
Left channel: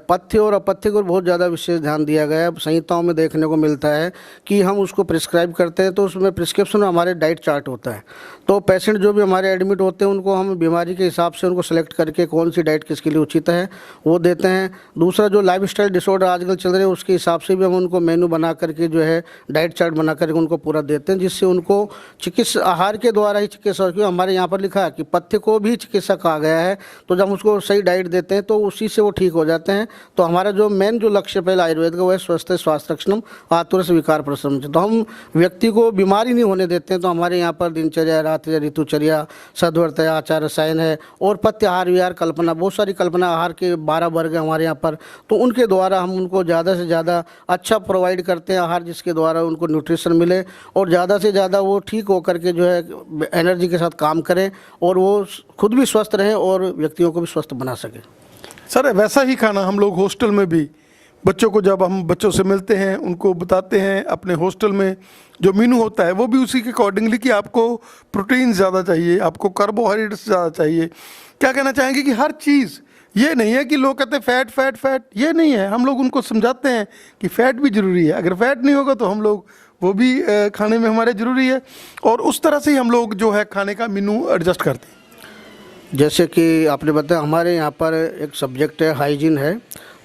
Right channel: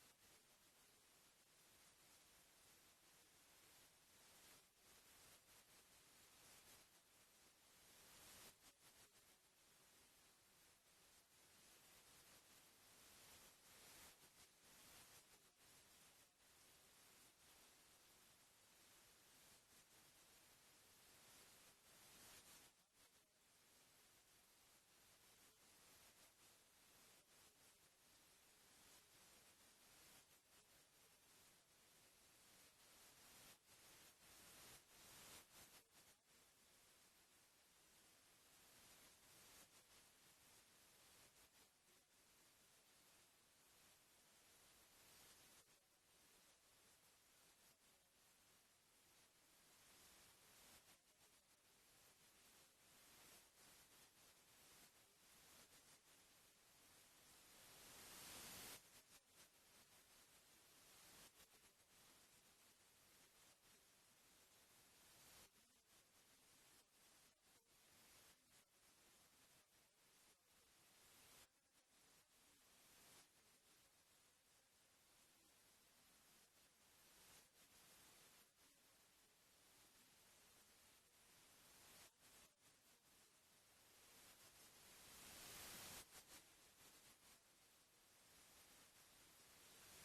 पथ्य और अपथ्य को बहुत ज़्यादा विशेष ध्यान दिया गया है। संहिताओं में देखने को मिलता है कि हम उसको प्रिस्क्राइब करते हैं तो उसमें प्रिस्क्रिप्शन में हमारे डाइट चार्ट होता है। तो पेशेंट जो भी हमारे एडमिट होते हैं उनको हम बीमारी के हिसाब से उनको सेलेक्ट करके कौन सी डाइट किसके लिए उचित है वो देते हैं। दूसरा जो लाइफस्टाइल डिसऑर्डर आजकल चल रहे हैं उसके हिसाब से भी हम उनको मेनू बना करके जो है डाइट चार्ट बना करके उनको पूरा देते हैं, जिससे उनको चिकित्सा आहार के द्वारा ही चिकित्सा, क्योंकि हमारे यहाँ पर लिखा है कि पथ्य को भी चिकित्सा कहा गया है। तो जब उसको सही डाइट देते हैं तो उसी से वो ठीक हो जाते हैं। तो हमारा जो मेन जो लक्ष्य पहले आयुर्वेद का वो है स्वस्थ स्वास्थ्य रक्षणम आतुरस विकार प्रशमन। तो हम व्यक्ति को बीमारी नहीं होने देते हैं। तो हमारे यहाँ पर दिनचर्या, रात्रि ऋतुचर्या, सद्वर्तया, आचार रसायन है और पथ्य आहार विहार कल्पना, बहुत सारी कल्पना आहार के 12 वर्ग हैं हमारे यहाँ पर। तो उनके द्वारा हम उनको ज़्यादा से ज़्यादा अच्छा प्रोवाइड करते हैं आहार, जिसके द्वारा उनको न्यूट्रिशन मिले और ज़्यादा से ज़्यादा वो ठीक होकर के जो है एनर्जी के साथ काम करें और वो खुद भी स्वस्थ रहें और व्यक्तियों को भी स्वस्थ बना सकें। सर वैसा ही खाना हम लोग हॉस्टल में भी बच्चों को, जब हम बच्चों से मिलते हैं उनको बताते हैं अपने हॉस्टल में जो मेनू होता है वो भी उसी के अकॉर्डिंगली कि आपको प्रोटीन ज़्यादा चाहिए, आपको कार्बोहाइड्रेट्स ज़्यादा चाहिए। क्या कहना चाहेंगे कि हर चीज़ ये नहीं है कि लोग कहते हैं फैट फैट फैट, ये नहीं है। हम लोग उनको समझाते हैं कि फ़ैट भी ज़रूरी है, अगर फैट नहीं होगा तो हम लोग वो भी खाने में हमारे ज़रूरी है और उस तरह से ही हम लोग जो है खाने का मेनू एडजस्ट करते हैं। जैसे कि आपने बताया हमारे यहाँ पर एक सब्जेक्ट है हाइजीन है,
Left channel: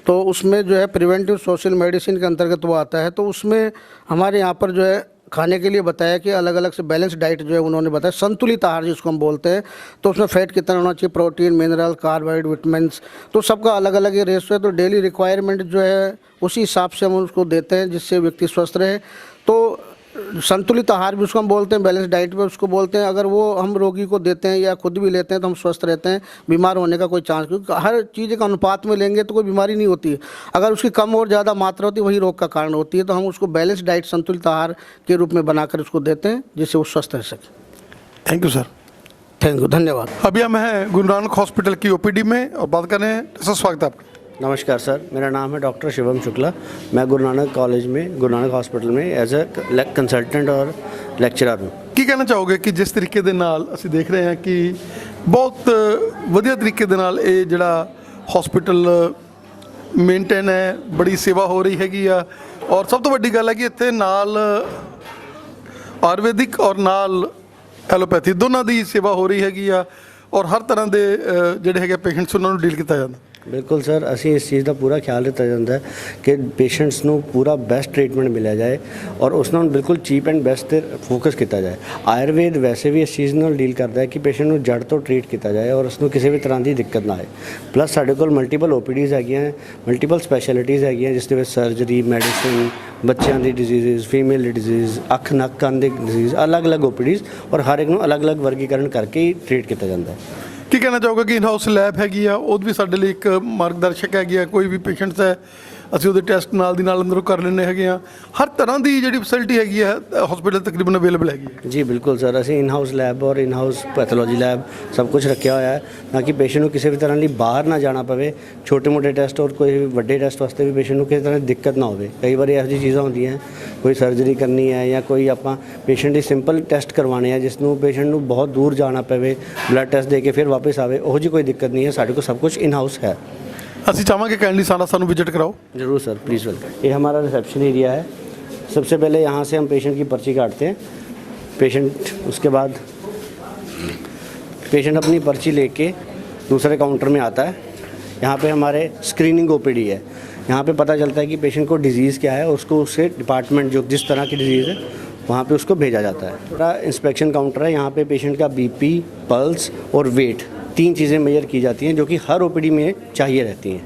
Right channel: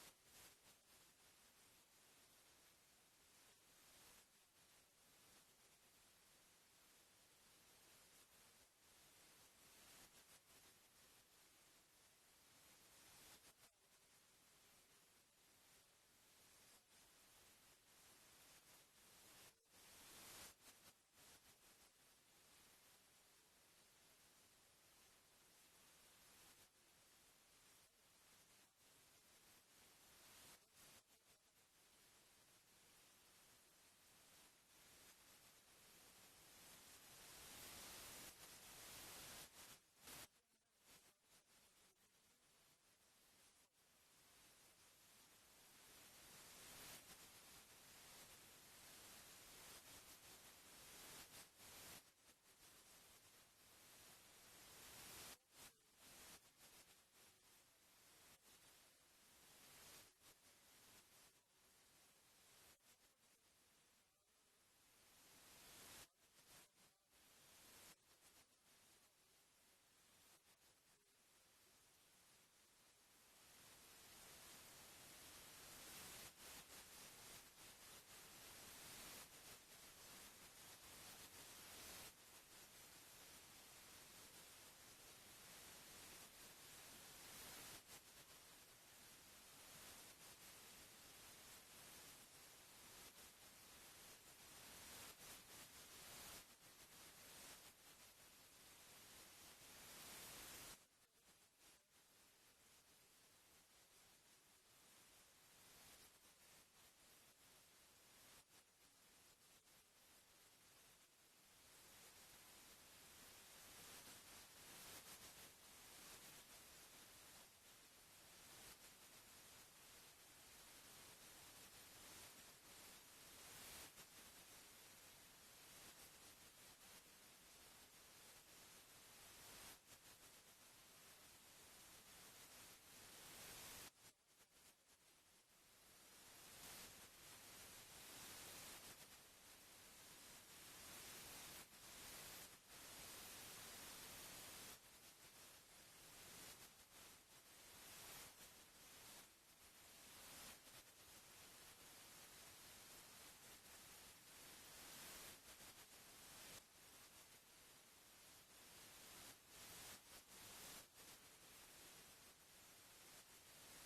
तो उसमें जो है प्रिवेंटिव सोशल मेडिसिन के अंतर्गत वो आता है। तो उसमें हमारे यहाँ पर जो है खाने के लिए बताया कि अलग अलग से बैलेंस डाइट जो है उन्होंने बताया, संतुलित आहार जिसको हम बोलते हैं। तो उसमें फैट कितना होना चाहिए, प्रोटीन, मिनरल, कार्बोहाइड्रेट, विटामिन्स, तो सबका अलग अलग ये रेशो है। तो डेली रिक्वायरमेंट जो है उसी हिसाब से हम उसको देते हैं जिससे व्यक्ति स्वस्थ रहे। तो संतुलित आहार भी उसको हम बोलते हैं, बैलेंस डाइट भी उसको बोलते हैं। अगर वो हम रोगी को देते हैं या खुद भी लेते हैं तो हम स्वस्थ रहते हैं, बीमार होने का कोई चांस, क्योंकि हर चीज़ का अनुपात में लेंगे तो कोई बीमारी नहीं होती है। अगर उसकी कम और ज़्यादा मात्रा होती है वही रोग का कारण होती है। तो हम उसको बैलेंस डाइट, संतुलित आहार के रूप में बनाकर उसको देते हैं जिससे वो स्वस्थ रह सके। Thank you sir. Thank you, धन्यवाद। अभी हम हैं गुरु नानक हॉस्पिटल की OPD में और बात कर रहे हैं। सर स्वागत है आपका। नमस्कार सर, मेरा नाम है डॉक्टर शिवम शुक्ला। मैं गुरु नानक कॉलेज में, गुरु नानक हॉस्पिटल में एज अ कंसल्टेंट और लेक्चरर हूँ। ਕੀ ਕਹਿਣਾ ਚਾਹੋਗੇ ਕਿ ਜਿਸ ਤਰੀਕੇ ਦੇ ਨਾਲ ਅਸੀਂ ਦੇਖ ਰਹੇ ਹਾਂ ਕਿ ਬਹੁਤ ਵਧੀਆ ਤਰੀਕੇ ਦੇ ਨਾਲ ਇਹ ਜਿਹੜਾ ਹਸਪੀਟਲ ਮੇਨਟੇਨ ਹੈ, ਬੜੀ ਸੇਵਾ ਹੋ ਰਹੀ ਹੈਗੀ ਆ ਔਰ ਸਭ ਤੋਂ ਵੱਡੀ ਗੱਲ ਹੈ ਕਿ ਇੱਥੇ ਨਾਲ ਆਯੁਰਵੈਦਿਕ ਔਰ ਨਾਲ ਐਲੋਪੈਥੀ ਦੋਨਾਂ ਦੀ ਸੇਵਾ ਹੋ ਰਹੀ ਹੈਗੀ ਆ ਔਰ ਹਰ ਤਰ੍ਹਾਂ ਦੇ ਜਿਹੜੇ ਹੈਗੇ ਪੇਸ਼ੈਂਟਸ ਉਹਨਾਂ ਨੂੰ ਡੀਲ ਕੀਤਾ ਜਾਂਦਾ। बिल्कुल सर, असी इस चीज़ का पूरा ख्याल रखा जाता है कि पेशेंट्स को पूरा बेस्ट ट्रीटमेंट मिला जाए और उसमें बिल्कुल चीप एंड बेस्ट ते फोकस किया जाए। आयुर्वेद वैसे भी इस चीज़ नाल डील करता है कि पेशेंट को जड़ तो ट्रीट किया जाए और उसको किसी भी तरह की दिक्कत ना आए। प्लस साढ़े कोल मल्टीपल OPDs है, मल्टीपल स्पैशलिटीज़ है, जिस सर्जरी, मैडिसिन, बच्चों की डिजीज़, फीमेल डिजीज़, अख नक कंन की डिजीज़, अलग अलग OPDs और हर एक को अलग अलग वर्गीकरण करके ही ट्रीट किया जाता है। ਕੀ ਕਹਿਣਾ ਚਾਹੋਗੇ ਕਿ ਇਨ ਹਾਊਸ ਲੈਬ ਹੈਗੀ ਆ ਉਹ ਵੀ ਸਾਡੇ ਲਈ ਇੱਕ ਮਾਰਗਦਰਸ਼ਕ ਹੈਗੀ ਆ। ਕੋਈ ਵੀ ਪੇਸ਼ੈਂਟਸ ਹੈ ਅਸੀਂ ਉਹਦੇ ਟੈਸਟ ਨਾਲ ਦੀ ਨਾਲ ਅੰਦਰੋਂ ਕਰ ਲੈਂਦੇ ਹੈਗੇ ਆ। ਹਰ ਤਰ੍ਹਾਂ ਦੀ ਜਿਹੜੀ ਫੈਸਿਲਿਟੀ ਹੈਗੀ ਹੈ ਹਸਪੀਟਲ ਤਕਰੀਬਨ ਅਵੇਲੇਬਲ ਹੈਗੀ ਹੈ। ਜੀ ਬਿਲਕੁਲ ਸਰ, ਅਸੀਂ ਇਨ ਹਾਊਸ ਲੈਬ ਔਰ ਇਨ ਹਾਊਸ ਪੈਥੋਲੋਜੀ ਲੈਬ ਸਭ ਕੁਝ ਰੱਖਿਆ ਹੋਇਆ ਹੈ ਤਾਂ ਕਿ ਪੇਸ਼ੈਂਟ ਨੂੰ ਕਿਸੇ ਵੀ ਤਰ੍ਹਾਂ ਲਈ ਬਾਹਰ ਨਾ ਜਾਣਾ ਪਵੇ। ਛੋਟੇ ਮੋਟੇ ਟੈਸਟ ਔਰ ਕੋਈ ਵੱਡੇ ਟੈਸਟ ਵਾਸਤੇ ਵੀ ਪੇਸ਼ੈਂਟ ਨੂੰ ਕਿਸੇ ਤਰ੍ਹਾਂ ਦੀ ਦਿੱਕਤ ਨਾ ਹੋਵੇ। ਕਈ ਵਾਰੀ ਇਹੋ ਜਿਹੀ ਚੀਜ਼ਾਂ ਹੁੰਦੀਆਂ, ਕੋਈ ਸਰਜਰੀ ਕਰਨੀ ਹੈ ਜਾਂ ਕੋਈ ਆਪਾਂ ਪੇਸ਼ੈਂਟ ਦੀ ਸਿੰਪਲ ਟੈਸਟ ਕਰਵਾਉਣੇ ਆ ਜਿਸ ਨੂੰ ਪੇਸ਼ੈਂਟ ਨੂੰ ਬਹੁਤ ਦੂਰ ਜਾਣਾ ਪਵੇ, ਬਲੱਡ ਟੈਸਟ ਦੇ ਕੇ ਫਿਰ ਵਾਪਸ ਆਵੇ, ਉਹੋ ਜਿਹੀ ਕੋਈ ਦਿੱਕਤ ਨਹੀਂ ਹੈ। ਸਾਡੇ ਕੋਲ सब कुछ इन हाउस है। ਅਸੀਂ ਚਾਹਾਂਗੇ ਕਾਈंडली ਸਾਨੂੰ विजिट कराओ। ज़रूर सर, प्लीज़ वेलकम। ये हमारा रिसेप्शन एरिया है। सबसे पहले यहाँ से हम पेशेंट की पर्ची काटते हैं। उसके बाद पेशेंट अपनी पर्ची लेके दूसरे काउंटर में आता है। यहाँ पे हमारे स्क्रीनिंग ओपीडी है। यहाँ पे पता चलता है कि पेशेंट को डिजीज़ क्या है और उसको उससे डिपार्टमेंट जो जिस तरह की डिजीज़ है वहाँ पे उसको भेजा जाता है। थोड़ा इंस्पेक्शन काउंटर है। यहाँ पे पेशेंट का बीपी, पल्स और वेट 3 चीज़ें मेजर की जाती हैं जो कि हर ओपीडी में चाहिए रहती हैं।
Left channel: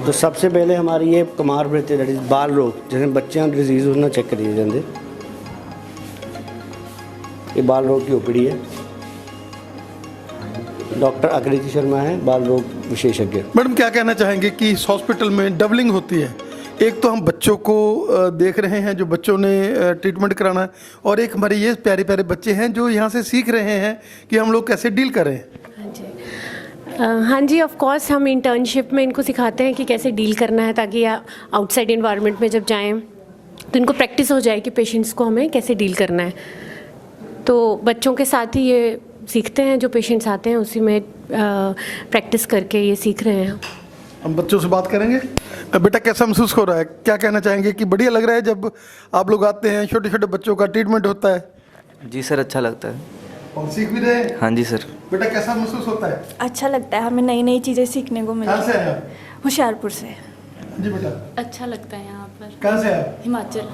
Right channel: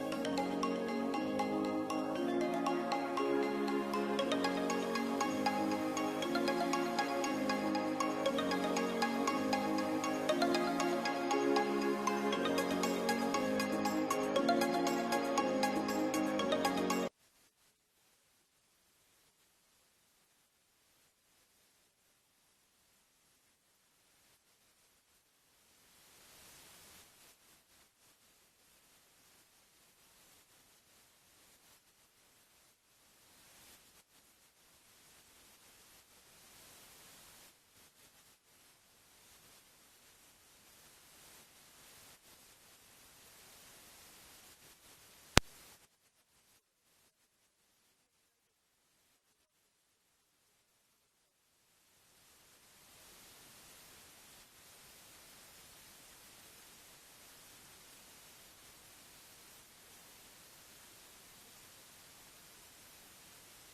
तो सबसे पहले हमारी ये कुमार वृत्ति दैट इज बाल रोग जैसे बच्चों की डिजीज़ उन्हें चेक करी जाते। ये बाल रोग की ओपीडी है। डॉक्टर आकृति शर्मा है, बाल रोग विशेषज्ञ। मैडम क्या कहना चाहेंगे कि इस हॉस्पिटल में डबलिंग होती है? एक तो हम बच्चों को देख रहे हैं जो बच्चों ने ट्रीटमेंट कराना है, और एक हमारे ये प्यारे प्यारे बच्चे हैं जो यहाँ से सीख रहे हैं कि हम लोग कैसे डील करें। हाँ जी, ऑफ कोर्स हम इंटर्नशिप में इनको सिखाते हैं कि कैसे डील करना है ताकि आउटसाइड इन्वायरमेंट में जब जाएं तो इनको प्रैक्टिस हो जाए कि पेशेंट्स को हमें कैसे डील करना है। तो बच्चों के साथ ही ये सीखते हैं, जो पेशेंट्स आते हैं उसी में प्रैक्टिस करके ये सीख रहे हैं। हम बच्चों से बात करेंगे। बेटा कैसा महसूस हो रहा है, क्या कहना चाहेंगे कि बढ़िया लग रहा है जब आप लोग आते हैं, छोटे छोटे बच्चों का ट्रीटमेंट होता है? जी सर, अच्छा लगता है और सीख भी रहे हैं? हाँ जी सर। बेटा कैसा महसूस होता है? अच्छा लगता है, हमें नई नई चीज़ें सीखने को कहाँ से मिलती आए है। आप? होशियारपुर से। जी बेटा। अच्छा लगता है यहाँ पर। कहाँ से आए? हिमाचल।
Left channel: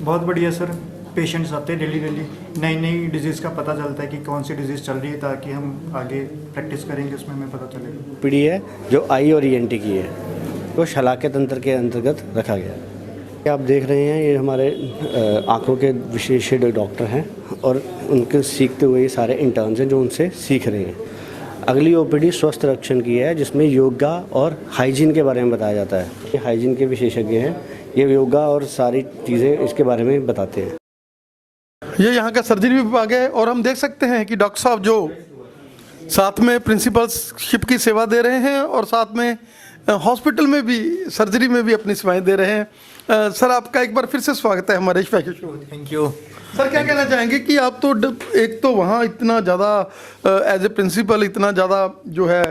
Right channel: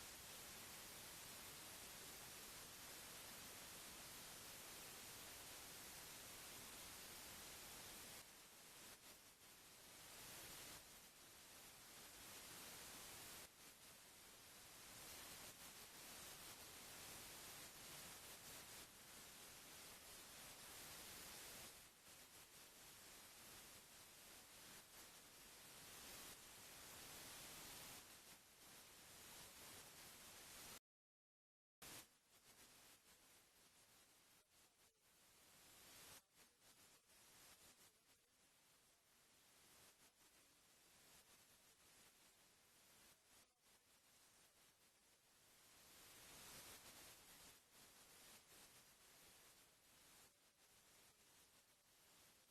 बहुत बढ़िया सर, पेशेंट्स आते हैं डेली नई नई डिजीज़ का पता चलता है कि कौन सी डिजीज़ चल रही है ताकि हम आगे प्रैक्टिस करेंगे उसमें हमें पता चलेगा। ओपीडी है जो आई और ईएनटी की है, तो शलाके तंत्र के अंतर्गत रखा गया है। आप देख रहे हैं ये हमारे आंखों के विशेषज्ञ डॉक्टर हैं और उनके सीखते हुए ये सारे इंटर्न्स हैं जो उनसे सीख रहे हैं। अगली ओपीडी स्वस्थ रक्षण की है जिसमें योगा और हाइजीन के बारे में बताया जाता है। ये हाइजीन के विशेषज्ञ हैं, ये योगा और सारी चीज़ें इसके बारे में बताते हैं। ये यहाँ का सर्जरी विभाग है और हम देख सकते हैं कि डॉक्टर साहब जो साथ में प्रिंसिपलशिप की सेवा दे रहे हैं और साथ में हॉस्पिटल में भी सर्जरी में भी अपनी सेवाएं दे रहे हैं। सर आपका एक बार फिर से स्वागत है हमारे special show. Thank you sir. क्या कहना चाहेंगे कि आप तो एक तो वहाँ इतना ज़्यादा एज ए प्रिंसिपल इतना ज़्यादा जो है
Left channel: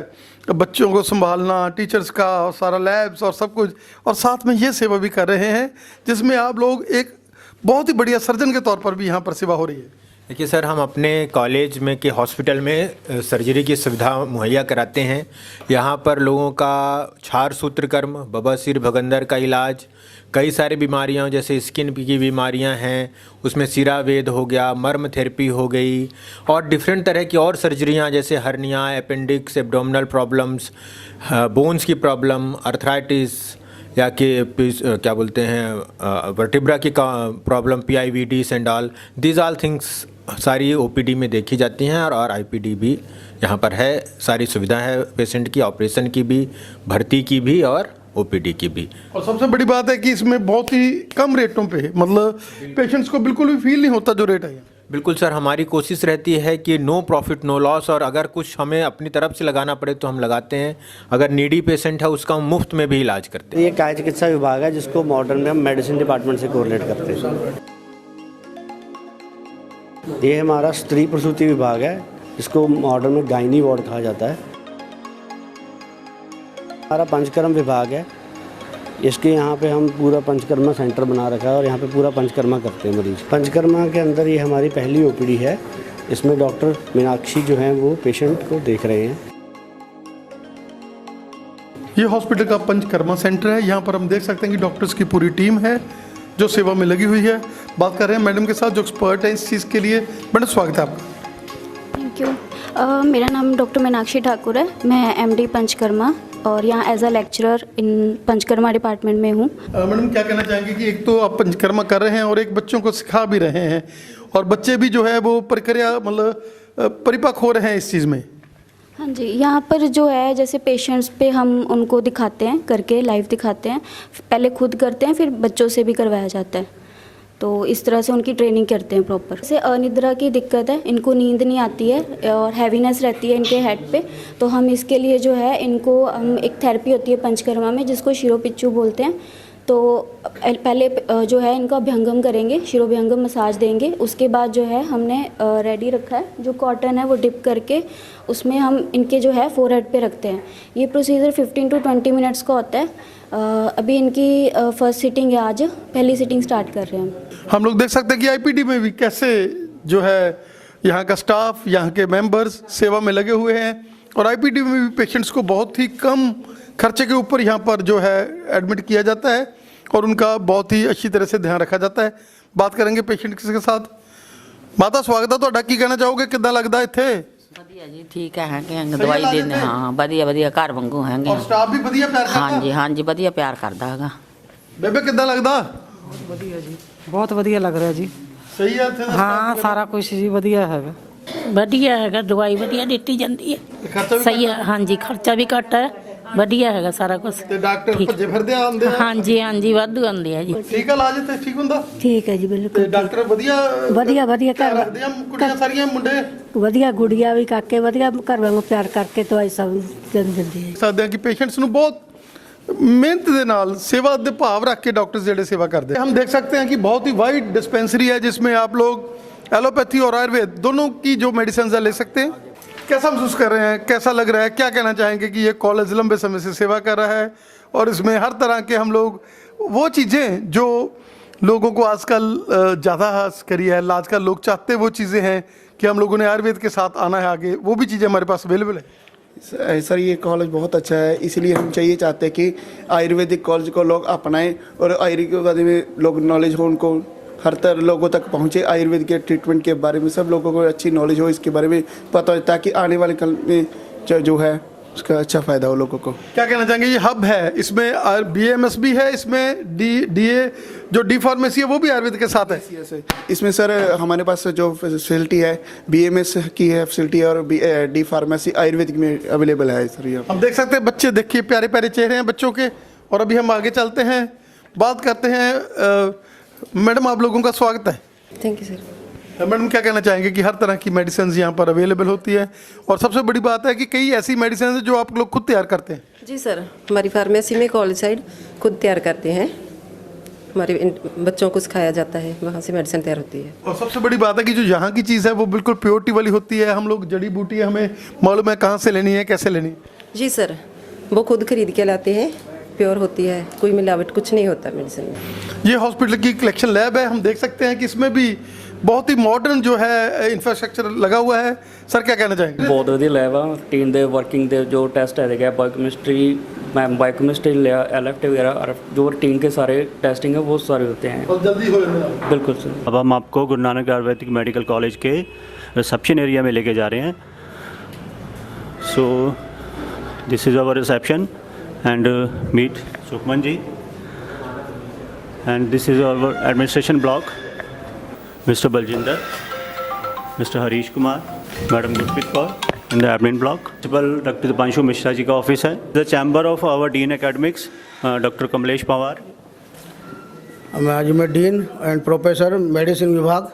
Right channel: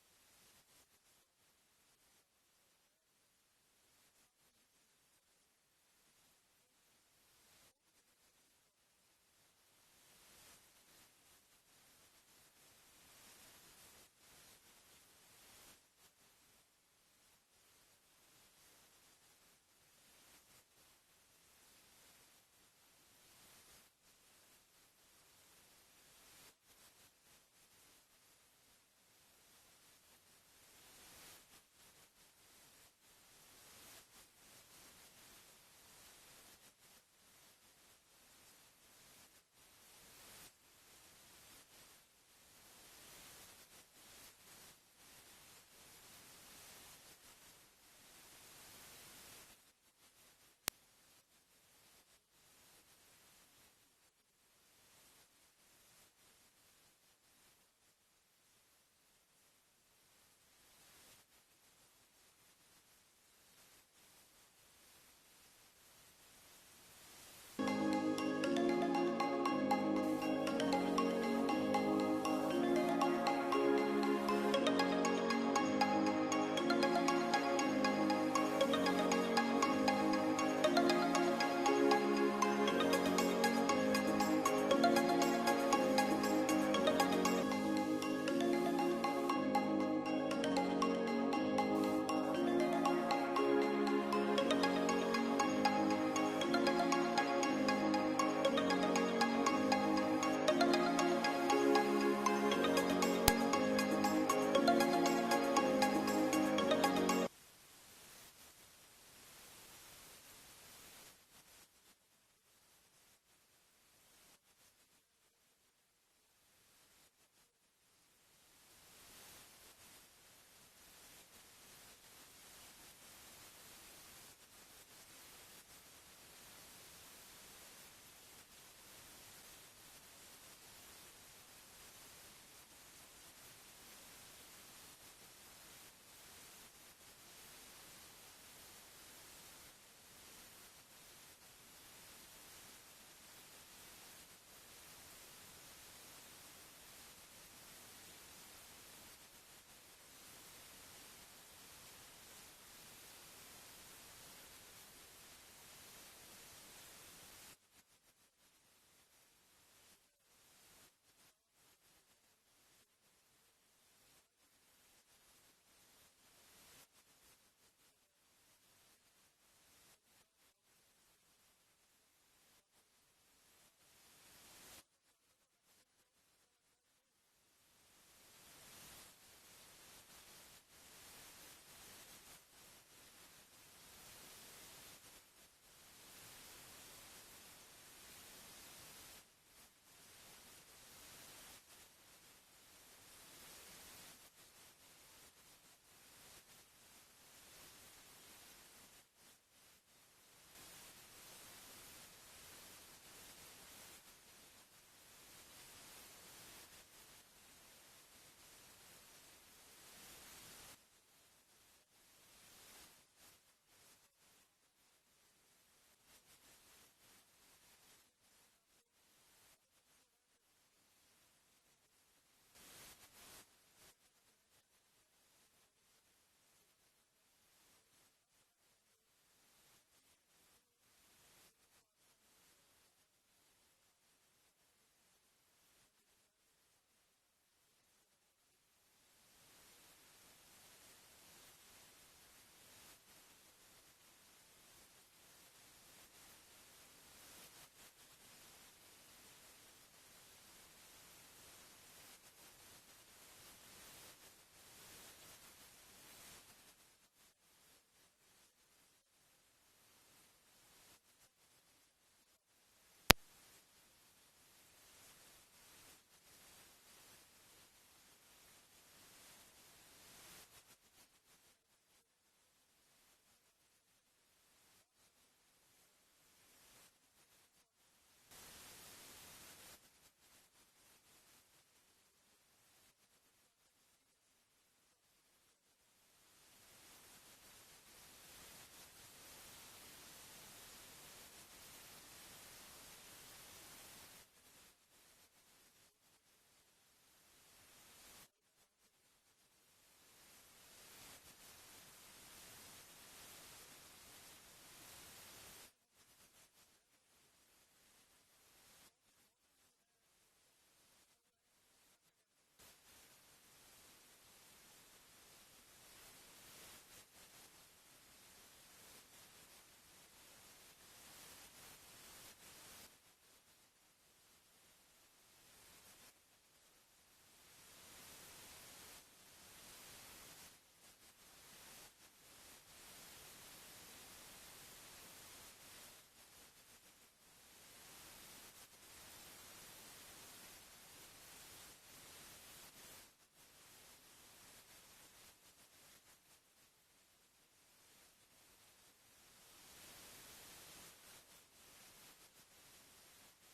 बच्चों को संभालना, टीचर्स का और सारा लैब्स और सब कुछ, और साथ में ये सेवा भी कर रहे हैं जिसमें आप लोग एक बहुत ही बढ़िया सर्जन के तौर पर भी यहाँ पर सेवा हो रही है। देखिए सर, हम अपने कॉलेज में के हॉस्पिटल में सर्जरी की सुविधा मुहैया कराते हैं। यहाँ पर लोगों का छार सूत्रकर्म, बवासीर, भगंदर का इलाज, कई सारी बीमारियाँ जैसे स्किन की बीमारियाँ हैं उसमें सिरावेद हो गया, मर्म थेरेपी हो गई, और डिफरेंट तरह की और सर्जरियाँ जैसे hernia, appendix, abdominal problems, bones की प्रॉब्लम, अर्थराइटिस या कि क्या बोलते हैं वर्टिब्रा की problem, PIVDs and all, this all things सारी ओपीडी में देखी जाती हैं। और आईपीडी भी यहाँ पर है, सारी सुविधा है पेशेंट की, ऑपरेशन की भी, भर्ती की भी और ओपीडी की भी। और सबसे बड़ी बात है कि इसमें बहुत ही कम रेटों पे, मतलब पेशेंट्स को बिल्कुल भी फील नहीं होता जो रेट है। बिल्कुल सर, हमारी कोशिश रहती है कि नो प्रॉफिट नो लॉस, और अगर कुछ हमें अपनी तरफ से लगाना पड़े तो हम लगाते हैं। अगर नीडी पेशेंट है उसका हम मुफ्त में भी इलाज करते हैं। ये काय चिकित्सा विभाग है जिसको मॉडर्न में हम मेडिसिन डिपार्टमेंट से कोरिलेट करते हैं। ये हमारा स्त्री प्रसूति विभाग है जिसको मॉडर्न में गायनी वार्ड कहा जाता है। हमारा पंचकर्म विभाग है, इसके यहाँ पे हम पूरा पंचकर्मा सेंटर बना रखा है और यहाँ पे पूरा पंचकर्मा करते हैं मरीज। पंचकर्मा के अंदर ये हमारी पहली ओपीडी है, इसमें डॉक्टर मीनाक्षी जो हैं वो पेशेंट को देख रहे हैं। ये हॉस्पिटल का पंचकर्मा सेंटर है। यहाँ पर हम देख सकते हैं कि डॉक्टर्स की पूरी टीम है जो सेवा में लगी हुई है। बात कर रहे हैं मैडम के साथ जो एक्सपर्ट है इस चीज़ के लिए। मैडम स्वागत है आपका। Thank you. मेरा नाम डॉक्टर मीनाक्षी ठाकुर है, मैं MD पंचकर्मा और यहाँ as a lecturer in Panchakarma department में हूँ। मैडम क्या कहना चाहेंगे कि एक तो आप पंचकर्मा कर रहे हैं और एक बच्चों को सिखा भी रहे हैं, और बच्चे भी जो है वो प्रक्रिया मतलब परिपक्व हो रहे हैं इस चीज़ में? हाँ जी, यहाँ पर जो है जैसे पेशेंट्स पे हम उनको दिखाते हैं, करके लाइव दिखाते हैं, पहले खुद करते हैं, फिर बच्चों से भी करवाया जाता है। तो इस तरह से उनकी ट्रेनिंग करते हैं प्रॉपर। जैसे अनिद्रा की दिक्कत है, इनको नींद नहीं आती है और हैवीनेस रहती है इनके हेड पे, तो हम इसके लिए जो है इनको हम एक थेरेपी होती है पंचकर्मा में जिसको शिरोपिच्चू बोलते हैं। तो पहले जो है इनका अभ्यंगम करेंगे, शिरोभ्यंगम मसाज देंगे। उसके बाद जो है हमने रेडी रखा है, जो कॉटन है वो डिप करके उसमें हम इनके जो है फोरहेड पे रखते हैं। ये प्रोसीजर 15 to 20 मिनट्स का होता है। अभी इनकी फर्स्ट सिटिंग है, आज पहली सिटिंग स्टार्ट कर रहे हैं हम लोग देख सकते हैं कि आईपीडी में भी कैसे जो है यहाँ का स्टाफ, यहाँ के मेंबर्स सेवा में लगे हुए हैं और आईपीडी में भी पेशेंट्स को बहुत ही कम खर्चे के ऊपर यहाँ पर जो है एडमिट किया जाता है और उनका बहुत ही अच्छी तरह से ध्यान रखा जाता है। बात करेंगे पेशेंट के साथ। माता स्वागत है ਤੁਹਾਡਾ, ਕੀ ਕਹਿਣਾ ਚਾਹੋਗੇ, ਕਿੱਦਾਂ ਲੱਗਦਾ ਇੱਥੇ? ਵਧੀਆ ਜੀ, ਠੀਕ ਹੈ ਕਿ ਦਵਾਈ ਦਿੰਦੇ ਹਾਂ, ਵਧੀਆ ਵਧੀਆ ਘਰ ਵਾਂਗੂ ਹੈਗੇ। ਔਰ ਸਟਾਫ ਵੀ ਵਧੀਆ ਪਿਆਰ ਕਰਦਾ? ਹਾਂਜੀ ਹਾਂਜੀ, ਵਧੀਆ ਪਿਆਰ ਕਰਦਾ ਹੈਗਾ। ਬੇਬੇ ਕਿੱਦਾਂ ਲੱਗਦਾ? ਵਧੀਆ ਜੀ, ਬਹੁਤ ਵਧੀਆ ਲੱਗ ਰਿਹਾ ਜੀ। ਸਹੀ ਹੈ ਇੱਥੇ ਦਾ? ਹਾਂ, ਸਾਰਾ ਕੁਝ ਜੀ ਵਧੀਆ ਹੈਗਾ। ਵਧੀਆ ਹੈਗਾ, ਦਵਾਈ ਵਧੀਆ ਦਿੱਤੀ ਜਾਂਦੀ ਹੈ। ਖਰਚਾ ਵੀ ਸਹੀ ਹੈ, ਹਾਂਜੀ ਖਰਚਾ ਵੀ ਘੱਟ ਹੈ, ਵਧੀਆ ਹੈਗਾ ਸਾਰਾ ਕੁਝ। ਤੇ ਡਾਕਟਰ ਭੱਜੇ ਫਿਰਦੇ ਆਉਂਦੇ ਆ? ਹਾਂਜੀ ਹਾਂਜੀ, ਵਾਧੂ ਆਉਂਦੇ ਆ ਜੀ। ਠੀਕ ਆ, ਇਲਾਜ ਇੱਥੇ ਠੀਕ ਹੁੰਦਾ? ਠੀਕ ਹੈ ਜੀ, ਤੇ ਬਿਲਕੁਲ ਡਾਕਟਰ ਵਧੀਆ ਵਧੀਆ ਵਧੀਆ ਘਰ ਰੱਖਦੇ ਆ ਕੁੜੀਆਂ ਸਾਰੀਆਂ, ਮੁੰਡੇ? ਵਧੀਆ ਗੁੜੀਆ ਵੀ ਕਾਕੇ ਵਧੀਆ ਘਰ ਵਾਂਗੂ ਪਿਆਰ ਕਰਕੇ ਦਵਾਈ ਸਭ ਦਿੰਦੇ ਹੈ। ਸਕਦੇ ਆ ਕਿ ਪੇਸ਼ੈਂਟਸ ਨੂੰ ਬਹੁਤ ਮਿਹਨਤ ਦੇ ਨਾਲ सेवा ਦੇ ਭਾਵ ਰੱਖ ਕੇ डॉक्टर्स ਜਿਹੜੇ सेवा करते हैं। हम देख सकते हैं कि बहुत ही वाइड डिस्पेंसरी है जिसमें आप लोग एलोपैथी और आयुर्वेद दोनों की जो मेडिसिन है ले सकते हैं। कैसा महसूस कर रहे हैं, कैसा लग रहा है, क्या कहना चाहेंगे कि ये कॉलेज लंबे समय से सेवा कर रहा है और इसमें हर तरह के हम लोग वो चीज़ें जो लोगों को आजकल ज़्यादा करी है, आजकल लोग चाहते वो चीज़ें हैं कि हम लोगों ने आयुर्वेद के साथ आना है आगे, वो भी चीज़ें हमारे पास अवेलेबल है। सर ये कॉलेज बहुत अच्छा है, इसलिए हम चाहिए चाहते हैं कि आयुर्वेदिक कॉलेज को लोग अपनाएं और आयुर्वेद में लोग नॉलेज हो, उनको हर तरह लोगों तक पहुंचे। आयुर्वेद के ट्रीटमेंट के बारे में सब लोगों को अच्छी नॉलेज हो, इसके बारे में पता हो, ताकि आने वाले कल में जो है उसका अच्छा फ़ायदा हो लोगों को। क्या कहना चाहेंगे, ये हब है, इसमें BAMS भी है, इसमें DA जो डी फार्मेसी है वो भी आयुर्वेद के साथ है? इसमें सर हमारे पास जो फैसिलिटी है BAMS की है फैसिलिटी और डी फार्मेसी आयुर्वेदिक में अवेलेबल है सर। ये हम देख सकते हैं बच्चे, देखिए प्यारे प्यारे चेहरे हैं बच्चों के। और अभी हम आगे चलते हैं, बात करते हैं। मैडम आप लोगों का स्वागत है। Thank you sir. मैडम क्या कहना चाहेंगे कि हर तरह की मेडिसिन यहाँ पर अवेलेबल होती है और सबसे बड़ी बात है कि कई ऐसी मेडिसिन है जो आप लोग खुद तैयार करते हैं? जी सर, हमारी फार्मेसी में कॉलेज साइड खुद तैयार करते हैं, हमारे बच्चों को सिखाया जाता है, वहाँ से मेडिसिन तैयार होती है। और सबसे बड़ी बात है कि जो यहाँ की चीज़ है वो बिल्कुल प्योरिटी वाली होती है। हम लोग जड़ी बूटी है, हमें मालूम है कहाँ से लेनी है, कैसे लेनी है। जी सर, वो खुद खरीद के लाते हैं, प्योर होती है, कोई मिलावट कुछ नहीं होता मेडिसिन में। ये हॉस्पिटल की कलेक्शन लैब है, हम देख सकते हैं कि इसमें भी बहुत ही मॉडर्न जो है इंफ्रास्ट्रक्चर लगा हुआ है। सर क्या कहना चाहेंगे? बहुत ਵਧੀਆ ਲੈਬ ਆ, ਟੀਮ ਦੇ ਵਰਕਿੰਗ ਦੇ जो टेस्ट है बायोकेमिस्ट्री, बायोकेमिस्ट्री इलेक्टिव वगैरह और जो रूटीन के सारे टेस्टिंग है वो सारे होते हैं और जल्दी हो जाए। बिल्कुल सर। अब हम आपको गुरु नानक आयुर्वेदिक मेडिकल कॉलेज के रिसेप्शन एरिया में लेके जा रहे हैं। So this is our reception and meet Sukhman ji and this is our administration block, mister Baljinder, mister Harish Kumar, madam Gurpreet Kaur in the admin block. Principal doctor Deepanshu Mishra ji का ऑफिस है। The chamber of our dean academics doctor Kamlesh Pawar. मैं dean and professor medicine विभाग,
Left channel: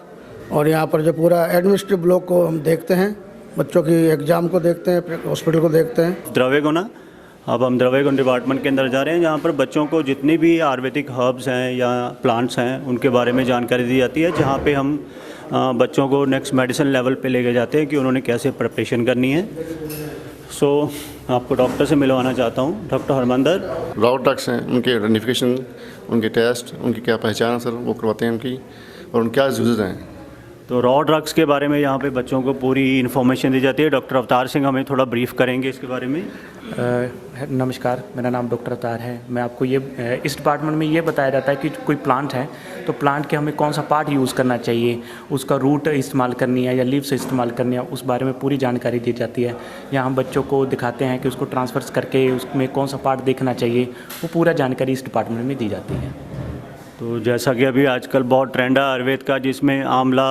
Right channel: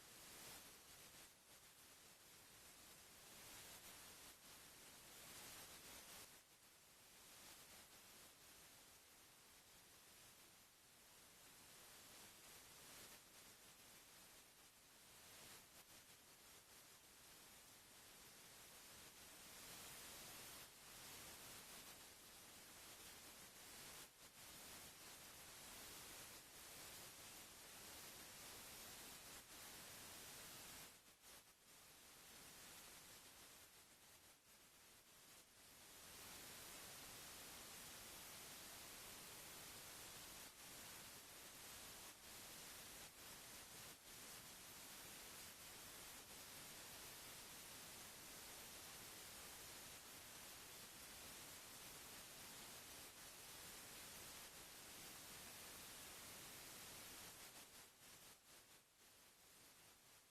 और यहाँ पर जो पूरा administrative block को हम देखते हैं, बच्चों की एग्ज़ाम को देखते हैं, हॉस्पिटल को देखते हैं। द्रव्य गुना, अब हम द्रव्य गुण डिपार्टमेंट के अंदर जा रहे हैं, जहाँ पर बच्चों को जितनी भी आयुर्वेदिक हर्ब्स हैं या प्लांट्स हैं उनके बारे में जानकारी दी जाती है, जहाँ पे हम बच्चों को नेक्स्ट मेडिसिन लेवल पे लेके जाते हैं कि उन्होंने कैसे प्रिपरेशन करनी है। सो आपको डॉक्टर से मिलवाना चाहता हूँ, डॉक्टर हरमंदर। रॉ ड्रग्स हैं, उनके आइडेंटिफिकेशन, उनके टेस्ट, उनकी क्या पहचान है सर, वो करवाते हैं उनकी, और उनके क्या यूजेज हैं। तो रॉ ड्रग्स के बारे में यहाँ पे बच्चों को पूरी इन्फॉर्मेशन दी जाती है। डॉक्टर अवतार सिंह हमें थोड़ा ब्रीफ करेंगे इसके बारे में। नमस्कार, मेरा नाम डॉक्टर अवतार है। मैं आपको ये इस डिपार्टमेंट में ये बताया जाता है कि कोई प्लांट है तो प्लांट के हमें कौन सा पार्ट यूज़ करना चाहिए, उसका रूट इस्तेमाल करनी है या लीव्स इस्तेमाल करनी है, उस बारे में पूरी जानकारी दी जाती है। यहाँ हम बच्चों को दिखाते हैं कि उसको ट्रांसफर्स करके उसमें कौन सा पार्ट देखना चाहिए, वो पूरा जानकारी इस डिपार्टमेंट में दी जाती है। तो जैसा कि अभी आजकल बहुत ट्रेंड है आयुर्वेद का, जिसमें आंवला,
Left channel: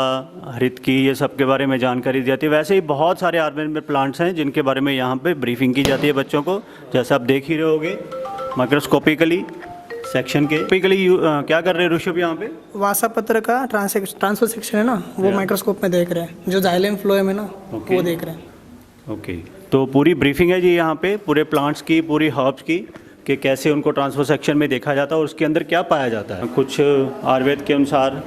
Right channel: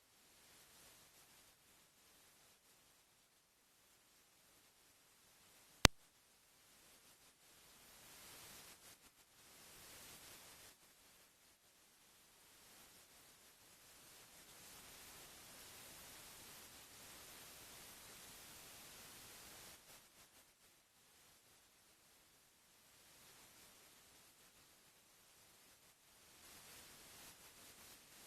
हरितकी, ये सब के बारे में जानकारी दी जाती है। वैसे ही बहुत सारे आयुर्वेद में प्लांट्स हैं जिनके बारे में यहाँ पे ब्रीफिंग की जाती है बच्चों को, जैसा आप देख ही रहे होगे माइक्रोस्कोपिकली सेक्शन के। क्या कर रहे हैं ऋषभ यहाँ पे? वासा पत्र का ट्रांसफर सेक्शन है ना, वो माइक्रोस्कोप में देख रहे हैं, जो जाइलम फ्लोएम है ना, वो देख रहे हैं। ओके, तो पूरी ब्रीफिंग है जी यहाँ पे पूरे प्लांट्स की, पूरी हर्ब्स की, कि कैसे उनको ट्रांसफर सेक्शन में देखा जाता है और उसके अंदर क्या पाया जाता है। कुछ आयुर्वेद के अनुसार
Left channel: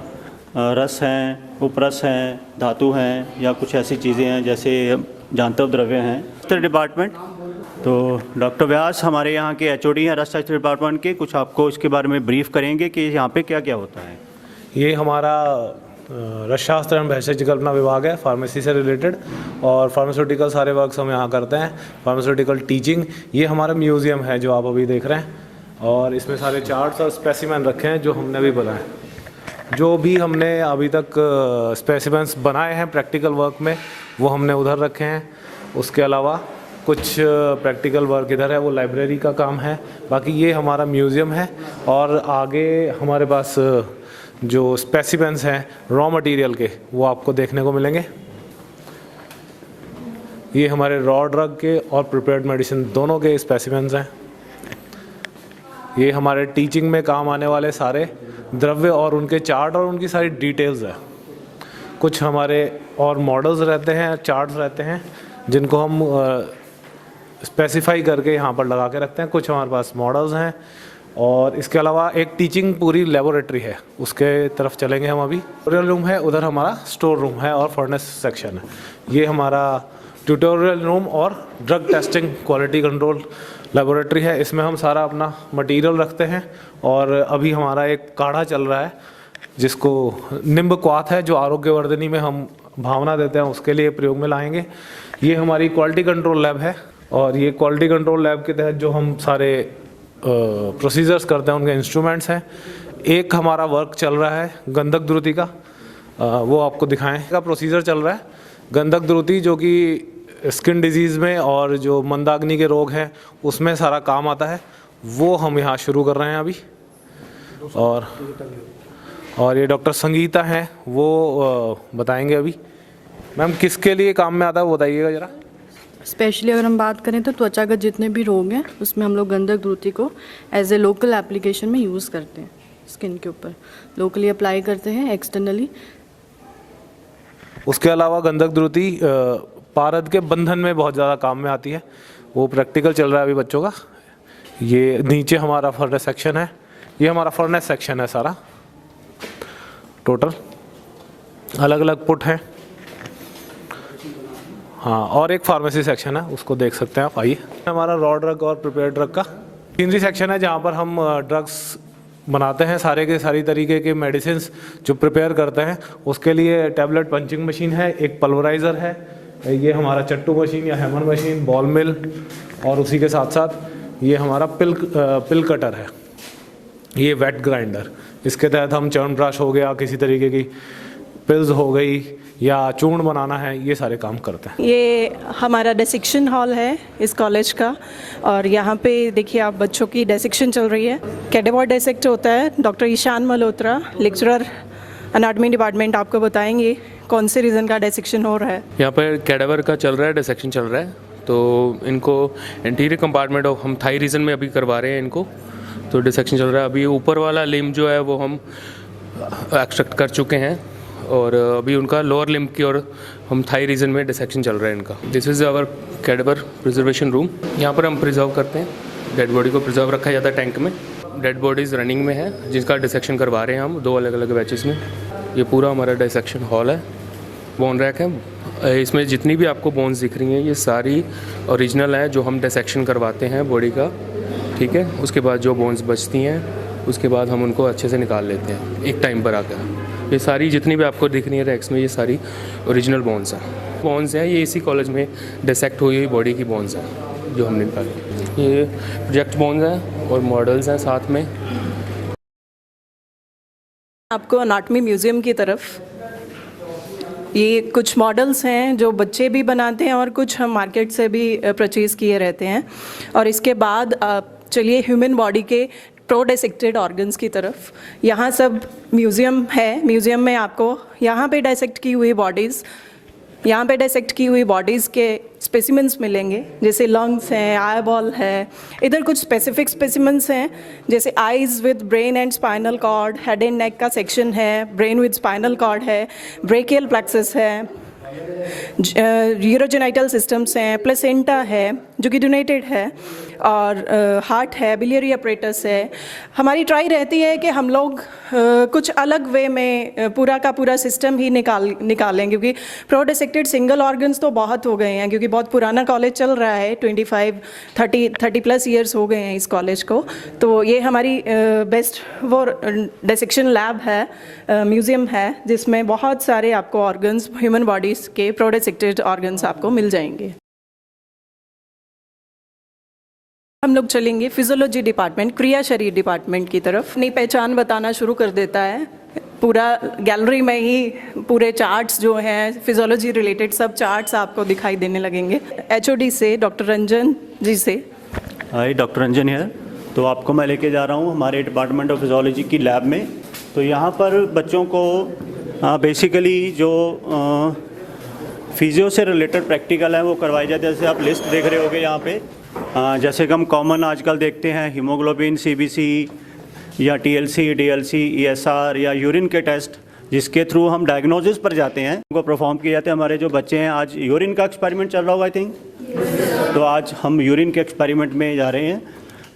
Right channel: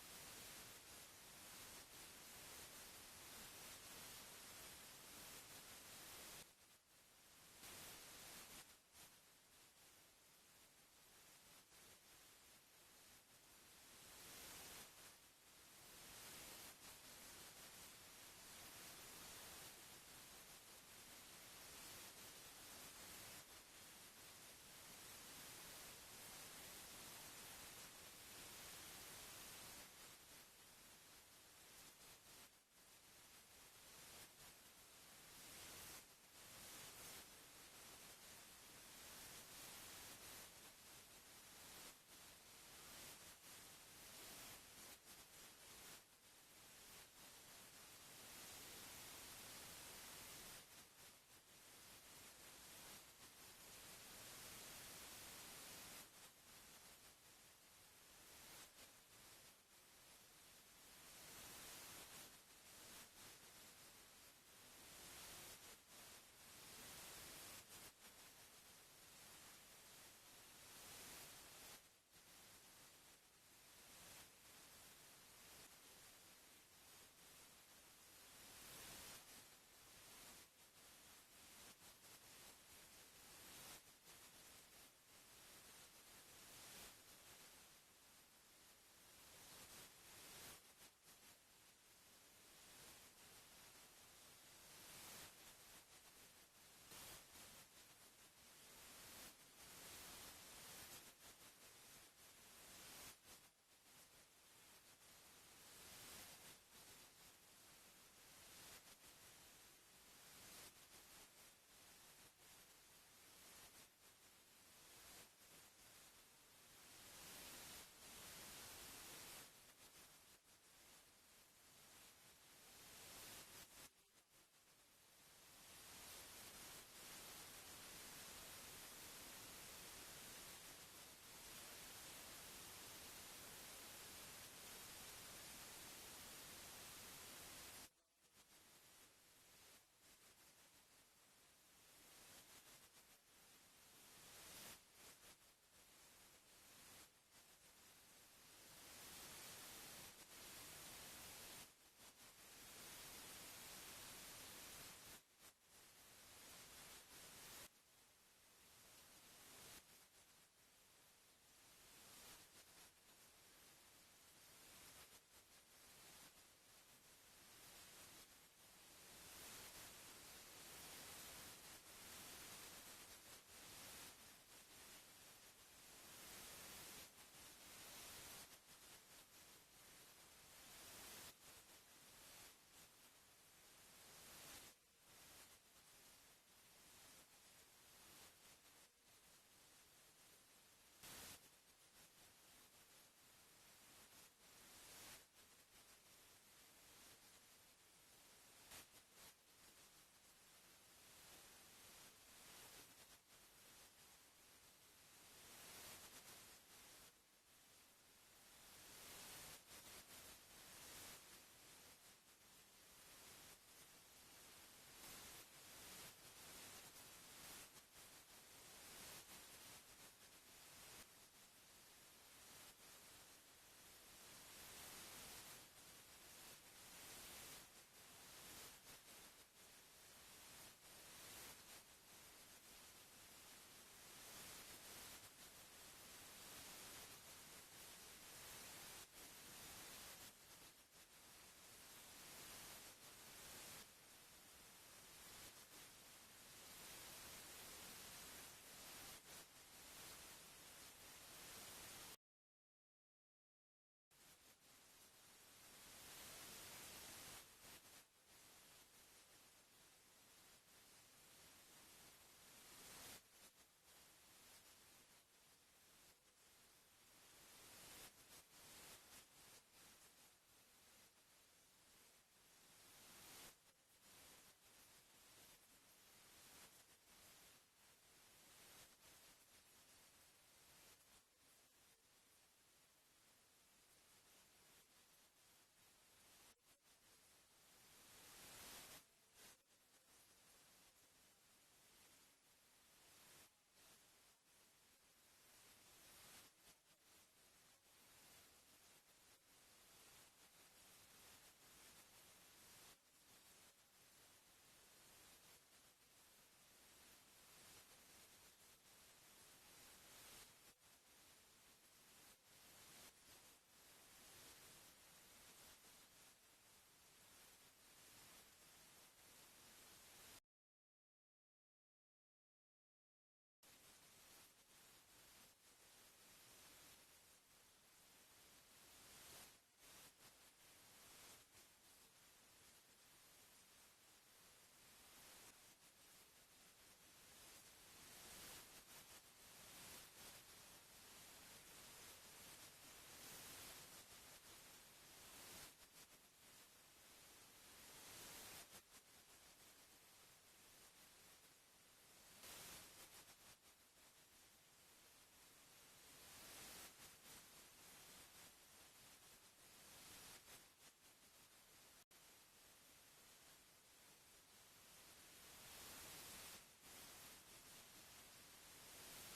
रस हैं, उपरस हैं, धातु हैं, या कुछ ऐसी चीज़ें हैं जैसे जांतव द्रव्य हैं। डिपार्टमेंट, तो डॉक्टर व्यास हमारे यहाँ के HOD हैं रसशास्त्र डिपार्टमेंट के, कुछ आपको इसके बारे में ब्रीफ करेंगे कि यहाँ पे क्या क्या होता है। ये हमारा रसशास्त्र एवं भेषज कल्पना विभाग है, फार्मेसी से रिलेटेड, और फार्मास्यूटिकल सारे वर्क्स हम यहाँ करते हैं। फार्मास्यूटिकल टीचिंग, ये हमारा म्यूज़ियम है जो आप अभी देख रहे हैं, और इसमें सारे चार्ट्स और स्पेसिमेन रखे हैं जो हमने अभी बनाए। जो भी हमने अभी तक स्पेसिमेंस बनाए हैं प्रैक्टिकल वर्क में, वो हमने उधर रखे हैं। उसके अलावा कुछ प्रैक्टिकल वर्क इधर है, वो लाइब्रेरी का काम है। बाकी ये हमारा म्यूज़ियम है, और आगे हमारे पास जो स्पेसिमेंस हैं रॉ मटेरियल के, वो आपको देखने को मिलेंगे। ये हमारे रॉ ड्रग के और प्रिपेयर्ड मेडिसिन दोनों के स्पेसिमेंस हैं। ये हमारे टीचिंग में काम आने वाले सारे द्रव्य और उनके चार्ट और उनकी सारी डिटेल्स है। कुछ हमारे और मॉडल्स रहते हैं, चार्ट्स रहते हैं, जिनको हम स्पेसिफाई करके यहाँ पर लगा के रखते हैं। कुछ हमारे पास मॉडल्स हैं, और इसके अलावा एक टीचिंग पूरी लेबोरेटरी है, उसके तरफ चलेंगे हम अभी। ट्यूटोरियल रूम है, उधर हमारा स्टोर रूम है और फर्नेस सेक्शन है। ये हमारा ट्यूटोरियल रूम और drug testing quality control laboratory है। इसमें हम सारा अपना मटेरियल रखते हैं, और अभी हमारा एक काढ़ा चल रहा है जिसको निम्ब क्वाथ है, जो आरोग्यवर्धिनी में हम भावना देते हैं, उसके लिए प्रयोग में लाएंगे। ये हमारी क्वालिटी कंट्रोल लैब है, और ये क्वालिटी कंट्रोल लैब के तहत जो हम सारे प्रोसीजर्स करते हैं उनके इंस्ट्रूमेंट्स हैं। एक हमारा वर्क चल रहा है गंधक द्रुति का, वो आपको दिखाएं का प्रोसीजर चल रहा है। गंधक द्रुति जो कि स्किन डिजीज़ में और जो मंदाग्नि के रोग हैं उसमें सारा काम आता है, वो हम यहाँ शुरू कर रहे हैं अभी। और ये डॉक्टर संगीता हैं, वो बताएंगे अभी। मैम किसके लिए काम में आता है वो बताइएगा ज़रा। स्पेशली अगर हम बात करें तो त्वचागत जितने भी रोग हैं उसमें हम लोग गंधक द्रुति को एज ए लोकल एप्लीकेशन में यूज़ करते हैं। स्किन के ऊपर लोकली अप्लाई करते हैं, एक्सटर्नली। उसके अलावा गंधक द्रुति पारद के बंधन में बहुत ज़्यादा काम में आती है, वो प्रैक्टिकल चल रहा है अभी बच्चों का। ये नीचे हमारा फर्नेस सेक्शन है, ये हमारा फर्नेस सेक्शन है सारा टोटल, अलग अलग पुट हैं। हाँ, और एक फार्मेसी सेक्शन है, उसको देख सकते हैं आप, आइए। हमारा रॉ ड्रग और प्रिपेयर ड्रग का मशीनरी सेक्शन है, जहाँ पर हम ड्रग्स बनाते हैं, सारे के सारी तरीके के मेडिसिन जो प्रिपेयर करते हैं। उसके लिए टैबलेट पंचिंग मशीन है, एक पल्वराइज़र है, ये हमारा चट्टू मशीन या हैमर मशीन, बॉल मिल, और उसी के साथ साथ ये हमारा पिल कटर है, ये वेट ग्राइंडर। इसके तहत हम च्यवनप्राश हो गया, किसी तरीके की पिल्स हो गई, या चूर्ण बनाना है, ये सारे काम करते हैं। ये हमारा डिसेक्शन हॉल है इस कॉलेज का, और यहाँ पे देखिए आप, बच्चों की डिसेक्शन चल रही है। कैडेवर डिसेक्ट होता है। Doctor Ishan Malhotra, lecturer anatomy department, आपको बताएंगे कौन से रीज़न का डिसेक्शन हो रहा है। यहाँ पर कैडेवर का चल रहा है, डिसेक्शन चल रहा है, तो इनको इंटीरियर कंपार्टमेंट ऑफ हम थाई रीजन में अभी करवा रहे हैं इनको, तो डिसेक्शन चल रहा है। अभी ऊपर वाला लिम्ब जो है वो हम एक्सट्रैक्ट कर चुके हैं, और अभी उनका लोअर लिम्ब की और हम थाई रीजन में डिसेक्शन चल रहा है इनका। This is our cadaver preservation room. यहाँ पर हम प्रिजर्व करते हैं, डेड बॉडी को प्रिजर्व रखा जाता है टैंक में। डेड बॉडीज़ रनिंग में है, जिसका डिसेक्शन करवा रहे हैं हम 2 अलग अलग बैचेस में। ये पूरा हमारा डिसेक्शन हॉल है। बोन रैक है, इसमें जितनी भी आपको बोन्स दिख रही हैं ये सारी ओरिजिनल है, जो हम डिसेक्शन करवाते हैं बॉडी का, ठीक है। उसके बाद जो बोन्स बचती हैं उसके बाद हम उनको अच्छे से निकाल लेते हैं एक टाइम पर आकर। ये सारी जितनी भी आपको दिख रही है रैक्स में, ये सारी ओरिजिनल बोन्स हैं। ये इसी कॉलेज में डिसेक्ट हुई हुई बॉडी की बोन्स हैं जो हमने निकाली। ये प्रोजेक्ट बोन्स हैं और मॉडल्स हैं साथ में। आपको एनाटॉमी म्यूज़ियम की तरफ ये कुछ मॉडल्स हैं जो बच्चे भी बनाते हैं, और कुछ हम मार्केट से भी परचेज़ किए रहते हैं। और इसके बाद चलिए ह्यूमन बॉडी के प्रो डिसेक्टेड ऑर्गन्स की तरफ। यहाँ सब म्यूज़ियम है, म्यूज़ियम में आपको यहाँ पे डाइसेक्ट की हुई बॉडीज़, यहाँ पे डाइसेक्ट की हुई बॉडीज़ के स्पेसिमेंट्स मिलेंगे, जैसे लंग्स हैं, आई बॉल है। इधर कुछ स्पेसिफिक स्पेसिमेंट्स हैं, जैसे eyes with brain and spinal cord, head and neck का सेक्शन है, ब्रेन विद स्पाइनल कॉर्ड है, ब्रेकियल प्लेक्सस है, यूरोजेनाइटल सिस्टम्स हैं, प्लेसेंटा है जो कि डोनेटेड है, और हार्ट है, बिलियरी अपरेटस है। हमारी ट्राई रहती है कि हम लोग कुछ अलग वे में पूरा का पूरा सिस्टम ही निकालें, क्योंकि प्रो डिसेक्टेड सिंगल ऑर्गन्स तो बहुत हो गए हैं, क्योंकि बहुत पुराना कॉलेज चल रहा है, 30 प्लस ईयर्स हो गए हैं इस कॉलेज को। तो ये हमारी बेस्ट वो डिसेक्शन लैब है, म्यूज़ियम है, जिसमें बहुत सारे आपको ऑर्गन्स, ह्यूमन बॉडीज़ के प्रो डिसेक्टेड ऑर्गन्स आपको मिल जाएंगे। हम लोग चलेंगे फिजियोलॉजी डिपार्टमेंट, क्रिया शरीर डिपार्टमेंट की तरफ। अपनी पहचान बताना शुरू कर देता है, पूरा गैलरी में ही पूरे चार्ट्स जो हैं फिजियोलॉजी रिलेटेड सब चार्ट्स आपको दिखाई देने लगेंगे। एचओडी से डॉक्टर रंजन जी से। हाय, डॉक्टर रंजन है। तो आपको मैं लेके जा रहा हूँ हमारे डिपार्टमेंट ऑफ फिजियोलॉजी की लैब में। तो यहाँ पर बच्चों को बेसिकली जो फिजियो से रिलेटेड प्रैक्टिकल है वो करवाए जाते हैं। जैसे आप लिस्ट देख रहे होगे यहाँ पे, जैसे कि हम कॉमन आजकल देखते हैं हीमोग्लोबिन, सीबीसी या टीएलसी, डीएलसी, ईएसआर या यूरिन के टेस्ट, जिसके थ्रू हम डायग्नोसिस पर जाते हैं, उनको परफॉर्म किए जाते हैं। हमारे जो बच्चे हैं, आज यूरिन का एक्सपेरिमेंट चल रहा होगा आई थिंक, तो आज हम यूरिन के एक्सपेरिमेंट में जा रहे हैं।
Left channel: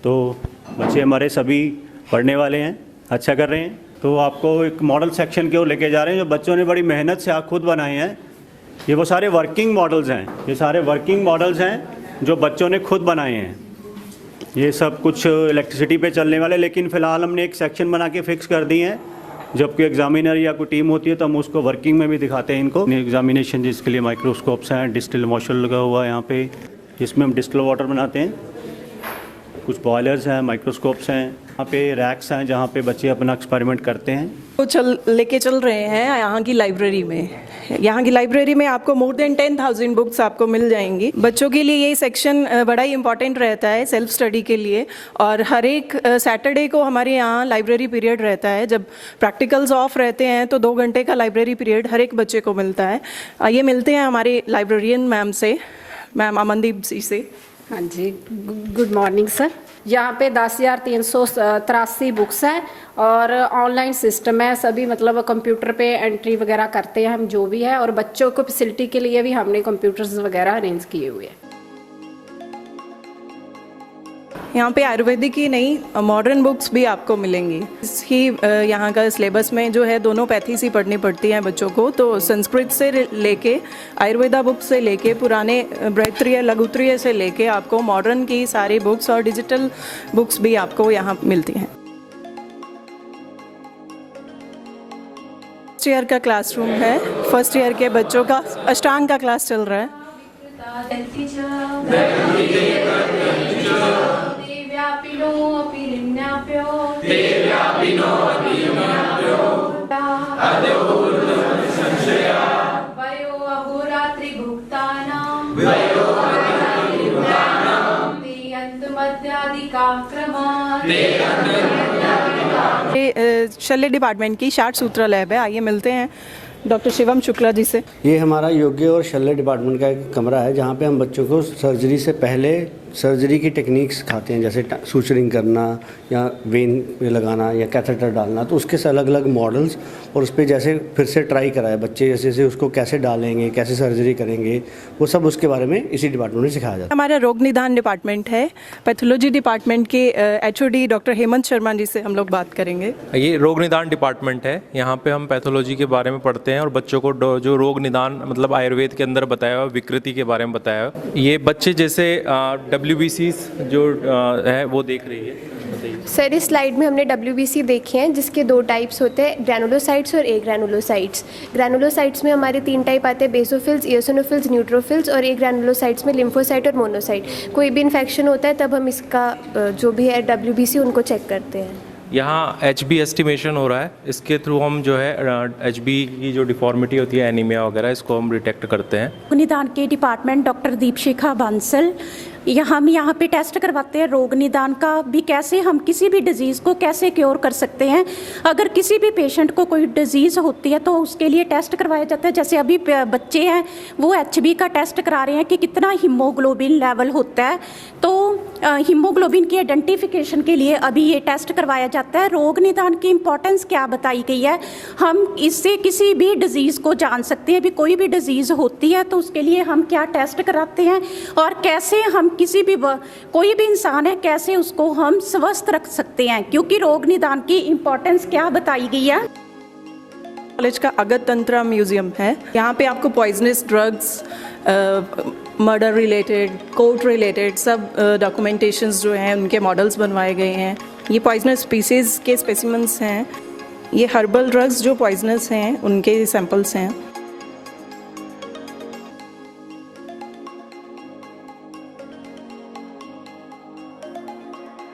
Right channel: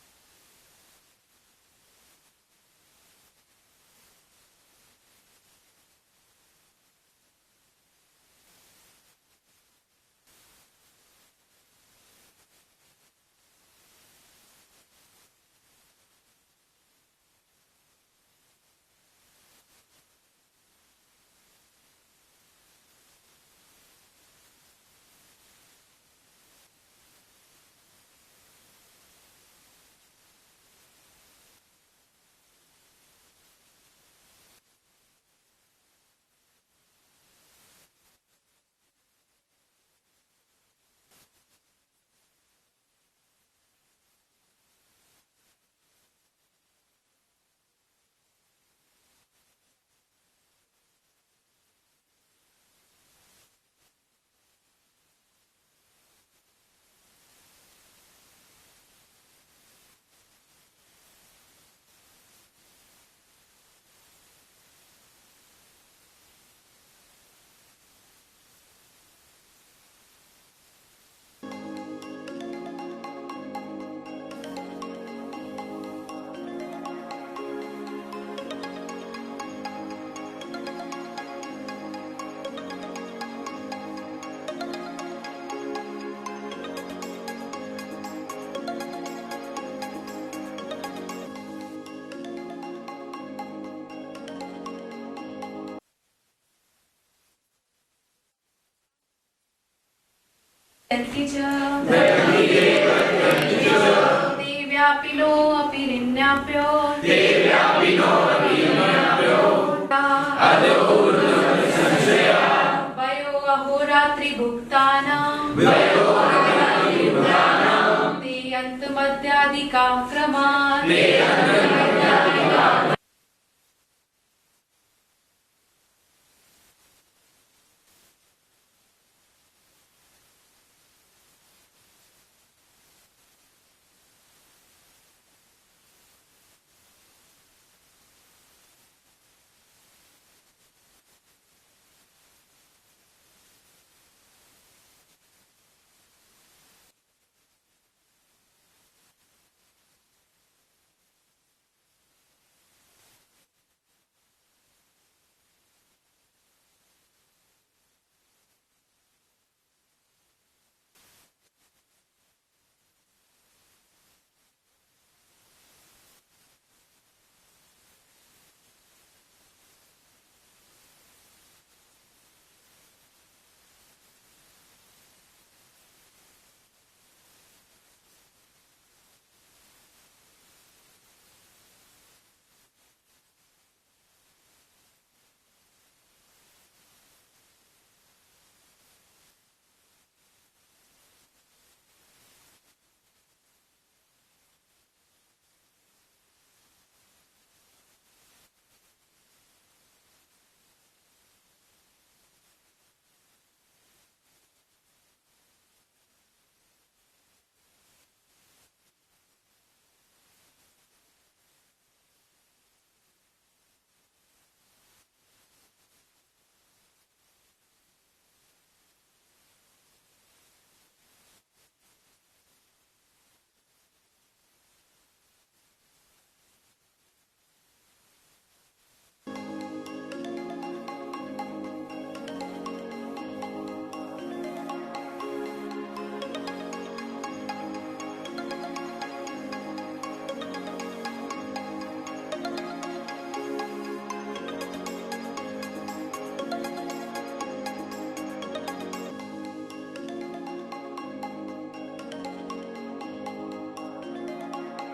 तो बच्चे हमारे सभी पढ़ने वाले हैं, अच्छा कर रहे हैं। तो आपको एक मॉडल सेक्शन की ओर लेके जा रहे हैं, जो बच्चों ने बड़ी मेहनत से खुद बनाए हैं। ये वो सारे वर्किंग मॉडल्स हैं, ये सारे वर्किंग मॉडल्स हैं जो बच्चों ने खुद बनाए हैं। ये सब कुछ इलेक्ट्रिसिटी पे चलने वाले, लेकिन फ़िलहाल हमने एक सेक्शन बना के फिक्स कर दी है। जब कोई एग्जामिनर या कोई टीम होती है तो हम उसको वर्किंग में भी दिखाते हैं इनको एग्जामिनेशन, जिसके लिए माइक्रोस्कोप्स हैं, डिस्टिल वॉशर लगा हुआ है यहाँ पे, जिसमें हम डिस्टिल वाटर बनाते हैं। कुछ बॉयलर्स हैं, माइक्रोस्कोप्स हैं, यहाँ पे रैक्स हैं जहाँ पे बच्चे अपना एक्सपेरिमेंट करते हैं। तो लेके चल रहे हैं यहाँ की लाइब्रेरी में। यहाँ की लाइब्रेरी में आपको मोर देन 10,000 बुक्स आपको मिल जाएंगी। बच्चों के लिए ये सेक्शन बड़ा ही इंपॉर्टेंट रहता है सेल्फ स्टडी के लिए। और हर एक सैटरडे को हमारे यहाँ लाइब्रेरी पीरियड रहता है। जब प्रैक्टिकल्स ऑफ रहते हैं तो 2 घंटे का लाइब्रेरी पीरियड हर एक बच्चे को मिलता है। ये मिलते हैं हमारे लाइब्रेरियन मैम से, मैम अमनदीप जी से। हाँ जी, गुड मॉर्निंग सर। यहाँ पे 10,383 बुक्स हैं और ऑनलाइन सिस्टम है। सभी मतलब कंप्यूटर पे एंट्री वगैरह करते हैं हम जो भी है, और बच्चों को फैसिलिटी के लिए भी हमने कंप्यूटर्स वगैरह अरेंज किए हुए हैं। यहाँ पे आयुर्वेदिक ही नहीं मॉडर्न बुक्स भी आपको मिलेंगी। ही यहाँ का सिलेबस में जो है दोनों पैथीज ही पढ़नी पड़ती हैं बच्चों को। तो संस्कृत से लेके आयुर्वेदा बुक्स से लेके पुराने बृहत्रिय लघुत्रिय से लेके आपको मॉडर्न की सारी बुक्स और डिजिटल बुक्स भी आपको यहाँ मिलती हैं। फर्स्ट ईयर का क्लासरूम है। फर्स्ट ईयर के बच्चों का अष्टांग का क्लास चल रहा है। देव्यापिनो अपिरिन्याप्यो वयो अहोरात्रि भुक्तानां ते अंतमध्यादिकाक्रमात्। शल्य डिपार्टमेंट की 60 सूत्र लैब है। आइए मिलते हैं डॉक्टर शिवम शुक्ला जी से। ये हमारा योग्य और शल्य डिपार्टमेंट का एक कमरा है, जहाँ पे हम बच्चों को सर्जरी से पहले सर्जरी की टेक्निक्स सिखाते हैं, जैसे सूचरिंग करना या वेन पे लगाना या कैथेटर डालना। तो उसके अलग अलग मॉडल्स, और उस पर जैसे फिर से ट्राई कराए बच्चे, जैसे जैसे उसको कैसे डालेंगे, कैसे सर्जरी करेंगे, वो सब उसके बारे में इसी डिपार्टमेंट में सिखाया जाता है। हमारा रोग निदान डिपार्टमेंट है। पैथोलॉजी डिपार्टमेंट के एचओडी डॉक्टर हेमंत शर्मा जी से हम लोग बात करेंगे। ये रोग निदान डिपार्टमेंट है। यहाँ पे हम पैथोलॉजी के बारे में पढ़ते हैं और बच्चों को जो रोग निदान मतलब आयुर्वेद के अंदर बताया हुआ विकृति के बारे में बताया हुआ। ये बच्चे जैसे WBCs जो है वो देख रही है। सर, इस स्लाइड में हमने WBC देखे हैं, जिसके 2 टाइप्स होते हैं, ग्रैनुलोसाइट्स और ग्रैनुलोसाइट्स। ग्रैनुलोसाइट्स में हमारे 3 टाइप आते हैं, बेसोफिल्स, इयोसिनोफिल्स, न्यूट्रोफिल्स, और एक ग्रैनुलोसाइट्स में लिम्फोसाइट और मोनोसाइट। कोई भी इन्फेक्शन होता है तब हम इसका जो भी है WBC उनको चेक करते हैं। यहाँ HB एस्टिमेशन हो रहा है, इसके थ्रू हम जो है HB की जो डिफॉर्मिटी होती है, एनीमिया वगैरह, इसको हम डिटेक्ट करते हैं। निदान के डिपार्टमेंट डॉक्टर दीपशिखा बांसल, हम यहाँ पे टेस्ट करवाते हैं रोग निदान का भी, कैसे हम किसी भी डिज़ीज़ को कैसे क्योर कर सकते हैं। अगर किसी भी पेशेंट को कोई डिज़ीज़ होती है तो उसके लिए टेस्ट करवाया जाता है। जैसे अभी बच्चे हैं वो HB का टेस्ट करा रहे हैं कि कितना हीमोग्लोबिन लेवल होता है, तो हीमोग्लोबिन की आइडेंटिफिकेशन के लिए अभी ये टेस्ट करवाया जाता है। रोग निदान की इम्पोर्टेंस क्या बताई गई है, हम इससे किसी भी डिज़ीज़ को जान सकते हैं। भी कोई भी डिज़ीज़ होती है तो उसके लिए हम क्या टेस्ट कराते हैं और कैसे हम किसी भी कोई भी इंसान है कैसे उसको हम स्वस्थ रख सकते हैं, क्योंकि रोग निदान की इम्पोर्टेंस क्या बताई गई है। कॉलेज का अगत तंत्रा म्यूजियम है, यहाँ पे आपको poisonous drugs, murder related, court related सब डॉक्यूमेंटेशंस जो हैं उनके मॉडल्स बनवाए गए हैं। ये पॉइजनस स्पीसीज़ के स्पेसिमेंट्स हैं, ये हर्बल ड्रग्स जो पॉइजनस हैं उनके सैंपल्स हैं।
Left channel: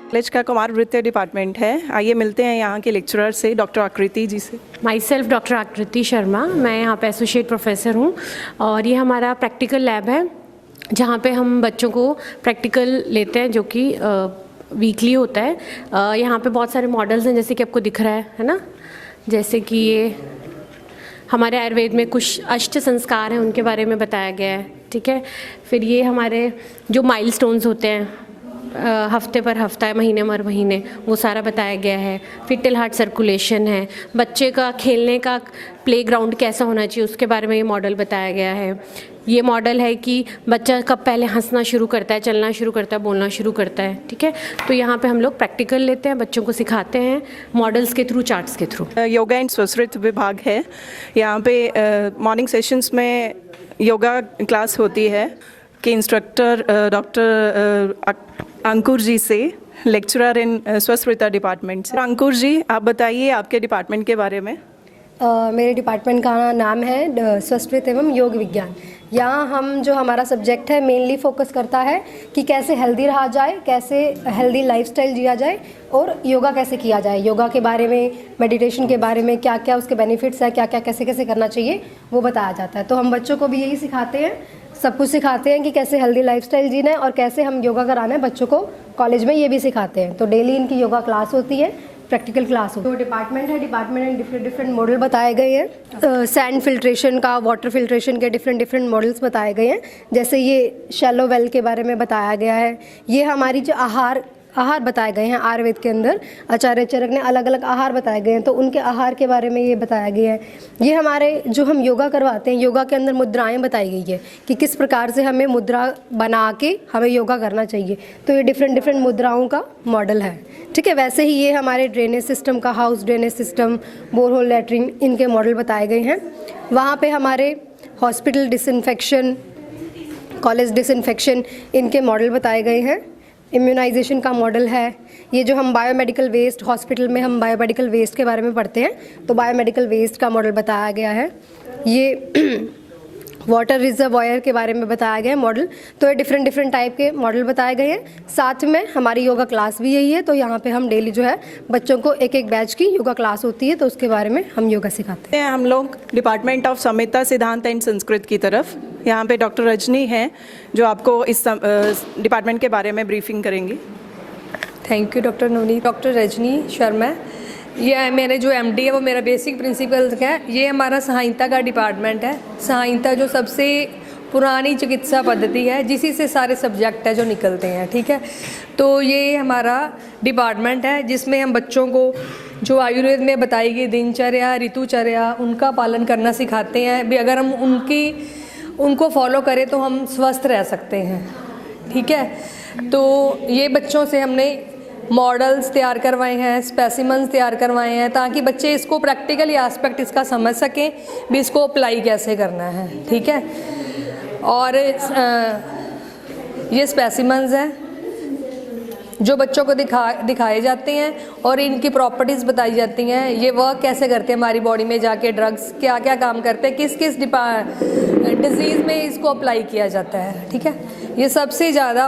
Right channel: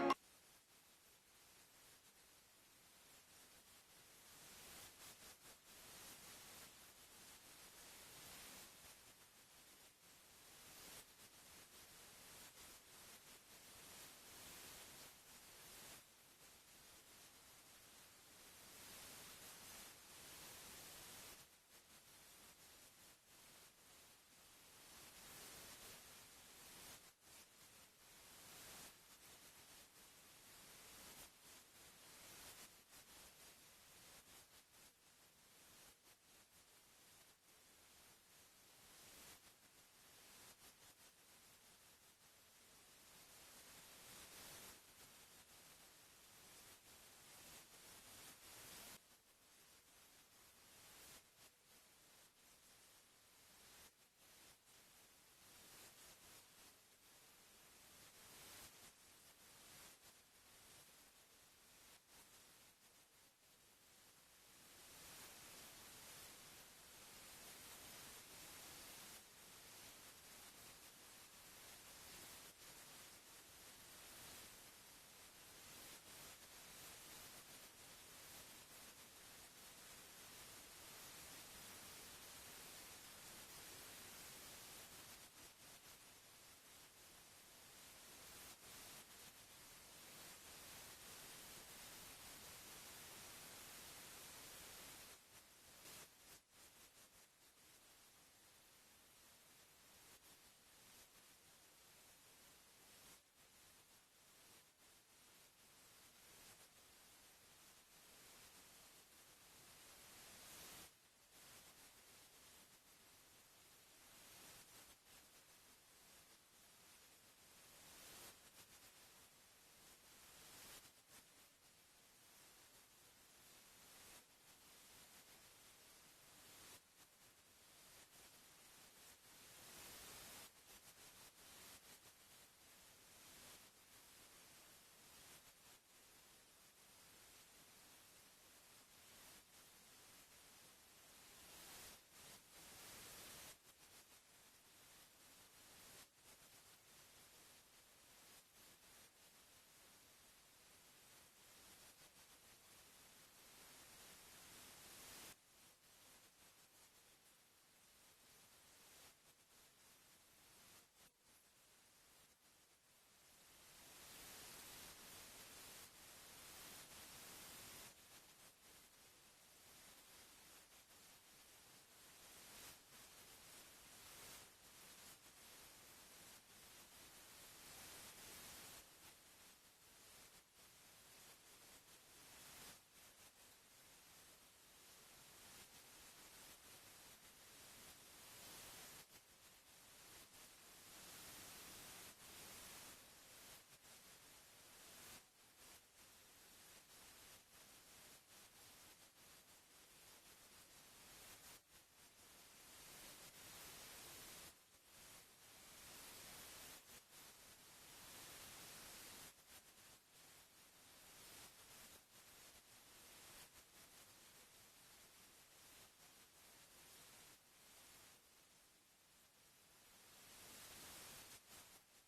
कॉलेज का कुमार वृत्ति डिपार्टमेंट है। आइए मिलते हैं यहाँ के लेक्चरर से, डॉक्टर आकृति जी से। माई सेल्फ डॉक्टर आकृति शर्मा, मैं यहाँ पे एसोसिएट प्रोफेसर हूँ और ये हमारा प्रैक्टिकल लैब है जहाँ पे हम बच्चों को प्रैक्टिकल लेते हैं जो कि वीकली होता है। यहाँ पे बहुत सारे मॉडल्स हैं जैसे कि आपको दिख रहा है ना, जैसे कि ये हमारे आयुर्वेद में कुछ अष्ट संस्कार हैं उनके बारे में बताया गया है, ठीक है। फिर ये हमारे जो माइलस्टोन्स होते हैं हफ्ते पर हफ्ता, महीने मर महीने, वो सारा बताया गया है। फिर हार्ट सर्कुलेशन है, बच्चे का खेलने का प्लेग्राउंड कैसा होना चाहिए उसके बारे में ये मॉडल बताया गया है। ये मॉडल है कि बच्चा कब पहले हंसना शुरू करता है, चलना शुरू करता है, बोलना शुरू करता है, ठीक है। तो यहाँ पे हम लोग प्रैक्टिकल लेते हैं, बच्चों को सिखाते हैं मॉडल्स के थ्रू, चार्ट्स के थ्रू। योगा एंड स्वसृत विभाग है, यहाँ पे मॉर्निंग सेशंस में योगा क्लास होती है कि इंस्ट्रक्टर डॉक्टर अंकुर जी से, लेक्चरर इन स्वस्वृता डिपार्टमेंट से। अंकुर जी, आप बताइए आपके डिपार्टमेंट के बारे में। मेरे डिपार्टमेंट का नाम है स्वस्वृत एवं योग विज्ञान। यहाँ हम जो हमारा सब्जेक्ट है मेनली फोकस करता है कि कैसे हेल्दी रहा जाए, कैसे हेल्दी लाइफस्टाइल जिया जाए और योगा कैसे किया जाए। योगा के बारे में, मेडिटेशन के बारे में क्या क्या उसके बेनिफिट्स है, क्या क्या कैसे कैसे करना चाहिए वो बताया जाता है। तो हम बच्चों को भी यही सिखाते हैं, सब कुछ सिखाते हैं कि कैसे हेल्दी लाइफस्टाइल जीना है और कैसे हम योगा कराना है बच्चों को। कॉलेज में ये भी सिखाते हैं। तो डेली इनकी योगा क्लास होती है, प्रैक्टिकल क्लास होती है। तो डिपार्टमेंट है, डिपार्टमेंट में डिफरेंट मॉडल बताए गए हैं। सैंड फिल्ट्रेशन का, वाटर फिल्ट्रेशन के डिफरेंट मॉडल्स बताए गए हैं। जैसे ये शैलो वेल के बारे में बताया गया है। ये हमारी जो आहार बताए गए हैं आयुर्वेद के अंदर, आचार्य चरक ने अलग अलग आहार बताए गए हैं, तो उनके आहार के बारे में ये बताया गया है। ये हमारे जो हम योगा करवाते हैं, योगा के अंदर मुद्राएं बताई गई है कि किस प्रकार से हमें मुद्रा बना के हमें योगा करना चाहिए। तो ये डिफरेंट मुद्राओं का मॉडल है, ठीक है। वैसे ही ये हमारे ड्रेनेज सिस्टम का, house drainage system, borehole latrine, इनके मॉडल बताए गए हैं। वहाँ पे हमारे हॉस्पिटल डिसइंफेक्शन, कॉलेज डिसइंफेक्शन, इनके मॉडल बताए गए हैं। इम्यूनाइजेशन का मॉडल है। ये जो हम बायोमेडिकल वेस्ट, हॉस्पिटल में हम बायोमेडिकल वेस्ट के बारे में पढ़ते हैं, तो बायोमेडिकल वेस्ट का मॉडल बताया गया है। ये वाटर रिजर्वॉयर के बारे में बताया गया है मॉडल। तो ये डिफरेंट टाइप के मॉडल बताए गए हैं। साथ में हमारी योगा क्लास भी यही है। तो यहाँ पे हम डेली जो है बच्चों को एक बैच की योगा क्लास होती है, तो उसके बारे में हम योगा सिखाते हैं। हम लोग डिपार्टमेंट ऑफ संहिता, सिद्धांत एंड संस्कृत की तरफ। यहाँ पे डॉक्टर रजनी हैं जो आपको इस डिपार्टमेंट के बारे में ब्रीफिंग करेंगी। Thank you doctor Navneet. Doctor Rajni Sharma, ये मेरे जो एमडी है वो मेरा बेसिक प्रिंसिपल है। ये हमारा संहिता का डिपार्टमेंट है। संहिता जो सबसे पुरानी चिकित्सा पद्धति है, जिसी से सारे सब्जेक्ट है जो निकलते हैं, ठीक है। तो ये हमारा डिपार्टमेंट है जिसमें हम बच्चों को जो आयुर्वेद में बताई गई दिनचर्या, ऋतुचर्या, उनका पालन करना सिखाते हैं। भी अगर हम उनको फॉलो करें तो हम स्वस्थ रह सकते हैं, ठीक है। तो ये बच्चों से हमने मॉडल्स तैयार करवाए हैं, स्पेसिमेंस तैयार करवाए हैं, ताकि बच्चे इसको प्रैक्टिकली एस्पेक्ट इसका समझ सकें, भी इसको अप्लाई कैसे करना है, ठीक है। और ये स्पेसिमेंस हैं जो बच्चों को दिखाए जाते हैं और इनकी प्रॉपर्टीज़ बताई जाती हैं। ये वर्क कैसे करते हैं हमारी बॉडी में जाके, ड्रग्स क्या क्या काम करते हैं, किस किस डिजीज़ में इसको अप्लाई किया जाता है, ठीक है। ये सबसे ज़्यादा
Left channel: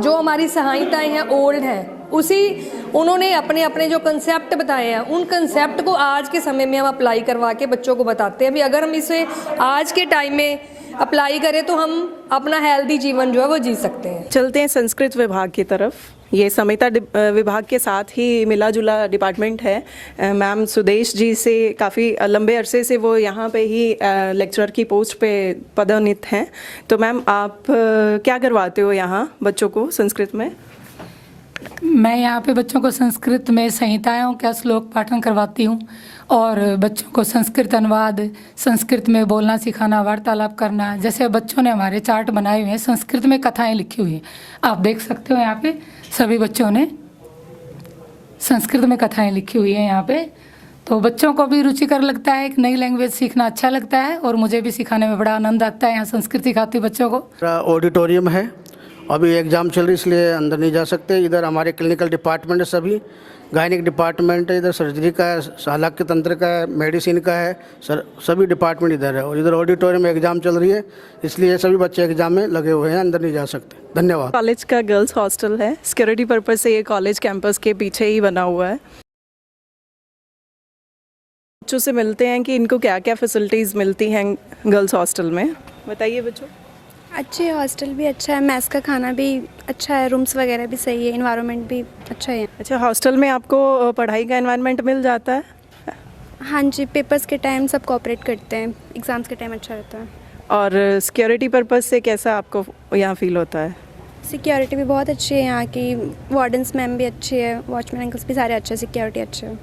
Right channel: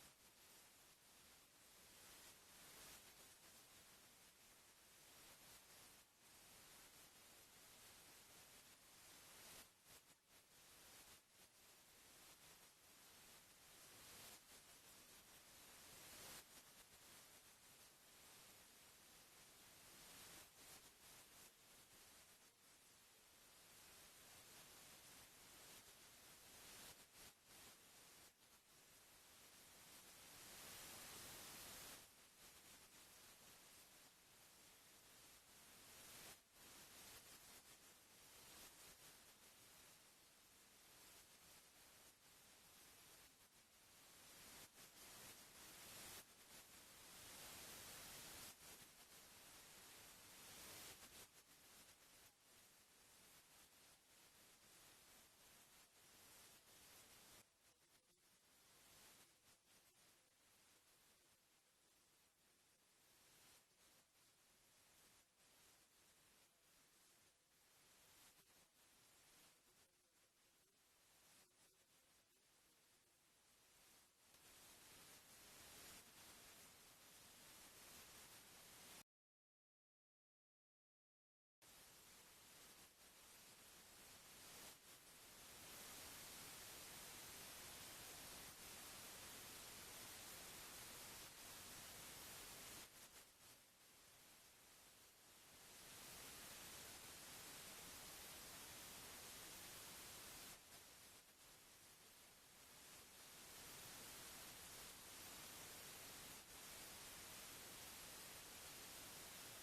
जो हमारी संहिताएँ हैं ओल्ड हैं, उसी उन्होंने अपने अपने जो कंसेप्ट बताए हैं उन कंसेप्ट को आज के समय में हम अप्लाई करवा के बच्चों को बताते हैं। अभी अगर हम इसे आज के टाइम में अप्लाई करें तो हम अपना हेल्दी जीवन जो है वो जी सकते हैं। चलते हैं संस्कृत विभाग की तरफ। ये संहिता विभाग के साथ ही मिला जुला डिपार्टमेंट है। मैम सुदेश जी से काफ़ी लंबे अरसे से वो यहाँ पे ही लेक्चरर की पोस्ट पे पदोन्नत हैं। तो मैम आप क्या करवाते हो यहाँ बच्चों को संस्कृत में? मैं यहाँ पे बच्चों को संस्कृत में संहिताओं का श्लोक पाठन करवाती हूँ और बच्चों को संस्कृत अनुवाद, संस्कृत में बोलना सिखाना, वार्तालाप करना। जैसे बच्चों ने हमारे चार्ट बनाए हुए हैं, संस्कृत में कथाएं लिखी हुई हैं, आप देख सकते हो यहाँ पे सभी बच्चों ने संस्कृत में कथाएं लिखी हुई हैं यहाँ पे। तो बच्चों को भी रुचिकर लगता है, एक नई लैंग्वेज सीखना अच्छा लगता है और मुझे भी सिखाने में बड़ा आनंद आता है। यहाँ संस्कृत सिखाती हूँ बच्चों को। ऑडिटोरियम है, अभी एग्ज़ाम चल रही इसलिए अंदर नहीं जा सकते। इधर हमारे क्लिनिकल डिपार्टमेंट है, सभी गायनिक डिपार्टमेंट है, इधर सर्जरी का है, हालांकि तंत्र का है, मेडिसिन का है, सभी डिपार्टमेंट इधर है। और इधर ऑडिटोरियम में एग्ज़ाम चल रही है इसलिए सभी बच्चे एग्ज़ाम में लगे हुए हैं, अंदर नहीं जा सकते। धन्यवाद। कॉलेज का गर्ल्स हॉस्टल है, सिक्योरिटी पर्पज़ से ये कॉलेज कैंपस के पीछे ही बना हुआ है। बच्चों से मिलते हैं कि इनको क्या क्या फैसिलिटीज़ मिलती हैं गर्ल्स हॉस्टल में, बताइए बच्चों। अच्छे हॉस्टल भी अच्छा है, मैस का खाना भी अच्छा है, रूम्स वगैरह भी सही है, इन्वायरमेंट भी अच्छा है। अच्छा, हॉस्टल में आपको पढ़ाई का एनवायरनमेंट मिल जाता है? हाँ जी, पेपर्स के टाइम सब कोऑपरेट करते हैं, एग्ज़ाम्स के टाइम अच्छा रहता है। और सिक्योरिटी पर्पज़ से कैसा आपको यहाँ फील होता है? सिक्योरिटी भी बहुत अच्छी है यहाँ की, वार्डन्स मैम भी अच्छी है, वॉचमैन अंकल्स भी सारे अच्छे, सिक्योरिटी अच्छे है।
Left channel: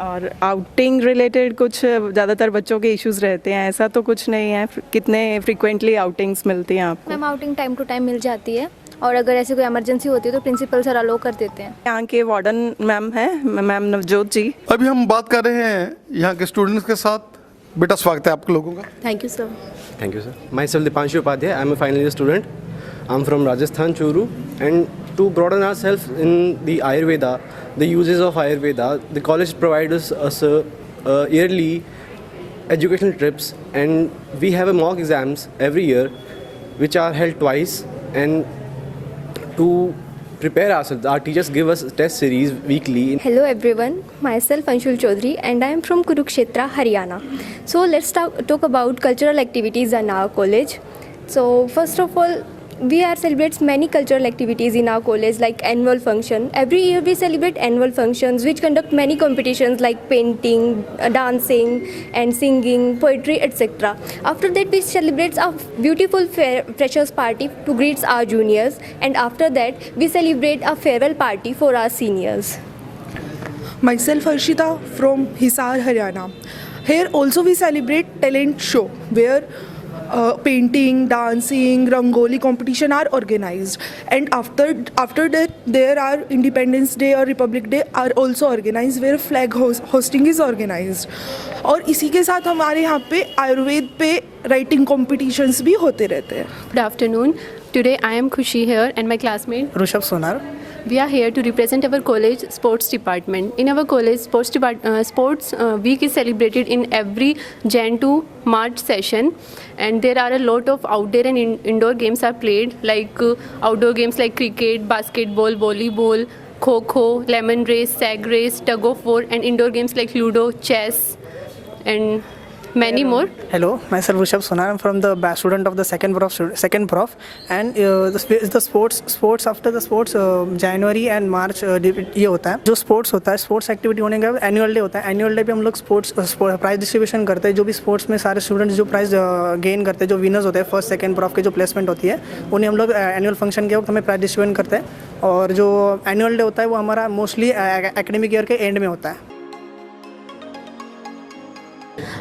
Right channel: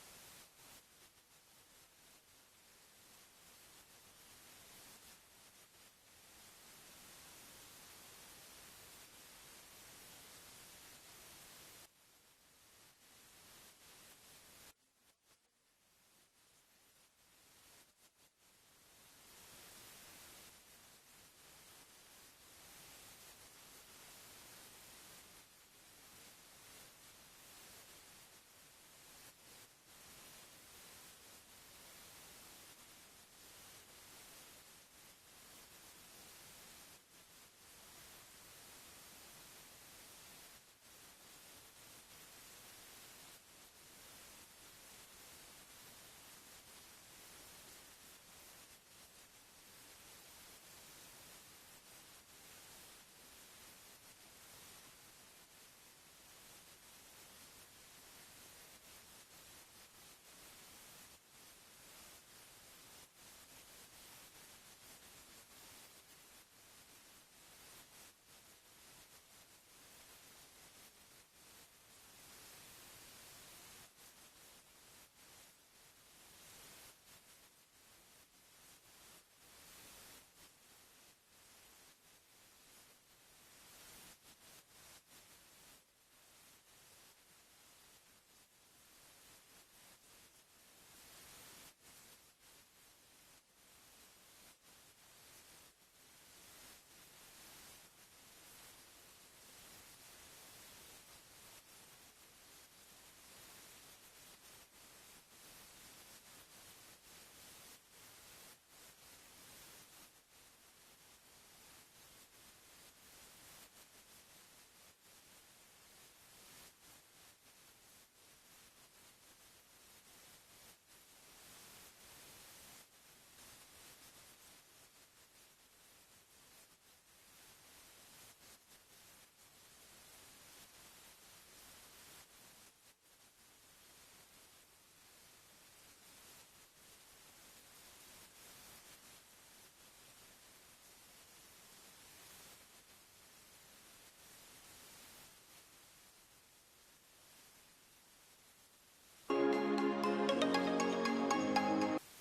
और आउटिंग रिलेटेड कुछ ज़्यादातर बच्चों के इश्यूज़ रहते हैं, ऐसा तो कुछ नहीं है? कितने फ्रीक्वेंटली आउटिंग्स मिलती हैं आपको? Ma'am outing time to time मिल जाती है और अगर ऐसे कोई इमरजेंसी होती है तो प्रिंसिपल सर अलो कर देते हैं। यहाँ के वार्डन मैम हैं, मैम नवजोत जी। अभी हम बात कर रहे हैं यहाँ के स्टूडेंट्स के साथ। बेटा स्वागत है आप लोगों का। Thank you sir. Thank you, sir. Myself, Dipanshu Upadhyay. I'm a final year student. I'm from Rajasthan, Churu. And to broaden ourselves in the Ayurveda, the uses of Ayurveda, the college provides us yearly educational trips, and we have a mock exams every year, which are held twice. And to prepare ourselves, our teachers give us test series weekly. Hello everyone, myself Anshul Chaudhary and I am from Kurukshetra, Haryana. So let's talk about cultural activities in our college. So first of all, we celebrate many cultural activities in our college like annual function. Every year we celebrate annual functions which conduct many competitions like painting, dancing and singing, poetry, etc. After that we celebrate a beautiful freshers party to greet our juniors, and after that we celebrate a farewell party for our seniors. Myself Harshita from Hisar, Haryana. Here also we celebrate talent show where painting, dancing, rangoli competition are organized, and after that there are Independence Day or Republic Day are also organized where flag hosting is organized. और इसी के साथ हमारे यहाँ पे आयुर्वेद पे writing competitions भी होते रहते हैं। Good afternoon. Today I am Khushi here and my classmate Rishabh Sonar. We are here to represent our college sports department. In our college, sports week is celebrated in every Jan to March session, and there are a lot of outdoor and indoor games are played, like outdoor games like cricket, basketball, volleyball, kho-kho, lemon race, sag race, tug of war, and indoor games like ludo, chess, and many more. Hello, myself Rishabh Sonar. I'm from the student of the second prof, and the sports after the sports January and March ये होता है। जो sports होता है, sports activity होने के बाद annual day होता है। एनुअल डे पे हम लोग स्पोर्ट्स प्राइज डिस्ट्रीब्यूशन करते हैं। जो भी स्पोर्ट्स में सारे स्टूडेंट्स जो प्राइज गेन करते हैं, जो विनर्स होते हैं फर्स्ट सेकंड प्रॉफ के जो प्लेसमेंट होती है, उन्हें हम लोग एनुअल फंक्शन के वक्त हमें प्राइज डिस्ट्रीब्यूशन करते हैं। और जो एनुअल डे होता है वो हमारा मोस्टली एकेडमिक ईयर के एंड में होता है।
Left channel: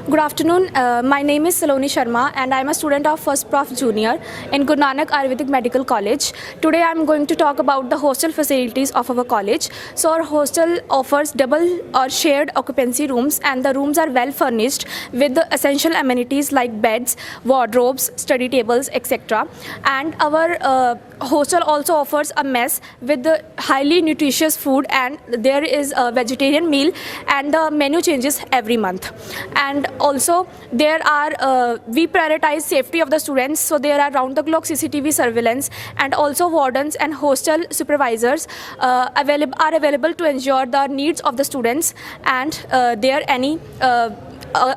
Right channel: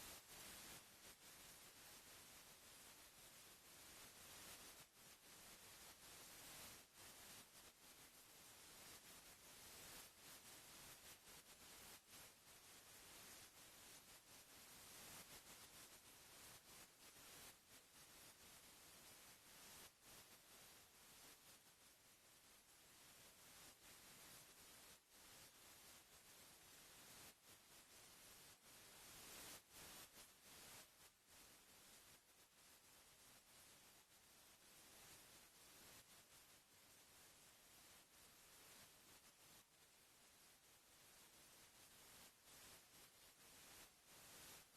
Good afternoon, my name is Saloni Sharma and I am a student of First Prof Junior in Guru Nanak Ayurvedic Medical College. Today I am going to talk about the hostel facilities of our college. So our hostel offers double or shared occupancy rooms, and the rooms are well furnished with the essential amenities like beds, wardrobes, study tables, etc. And our hostel also offers a mess with the highly nutritious food, and there is a vegetarian meal, and the menu changes every month. And also there are we prioritize safety of the students, so there are round the clock CCTV surveillance, and also wardens and hostel supervisors are available to ensure the needs of the students and there any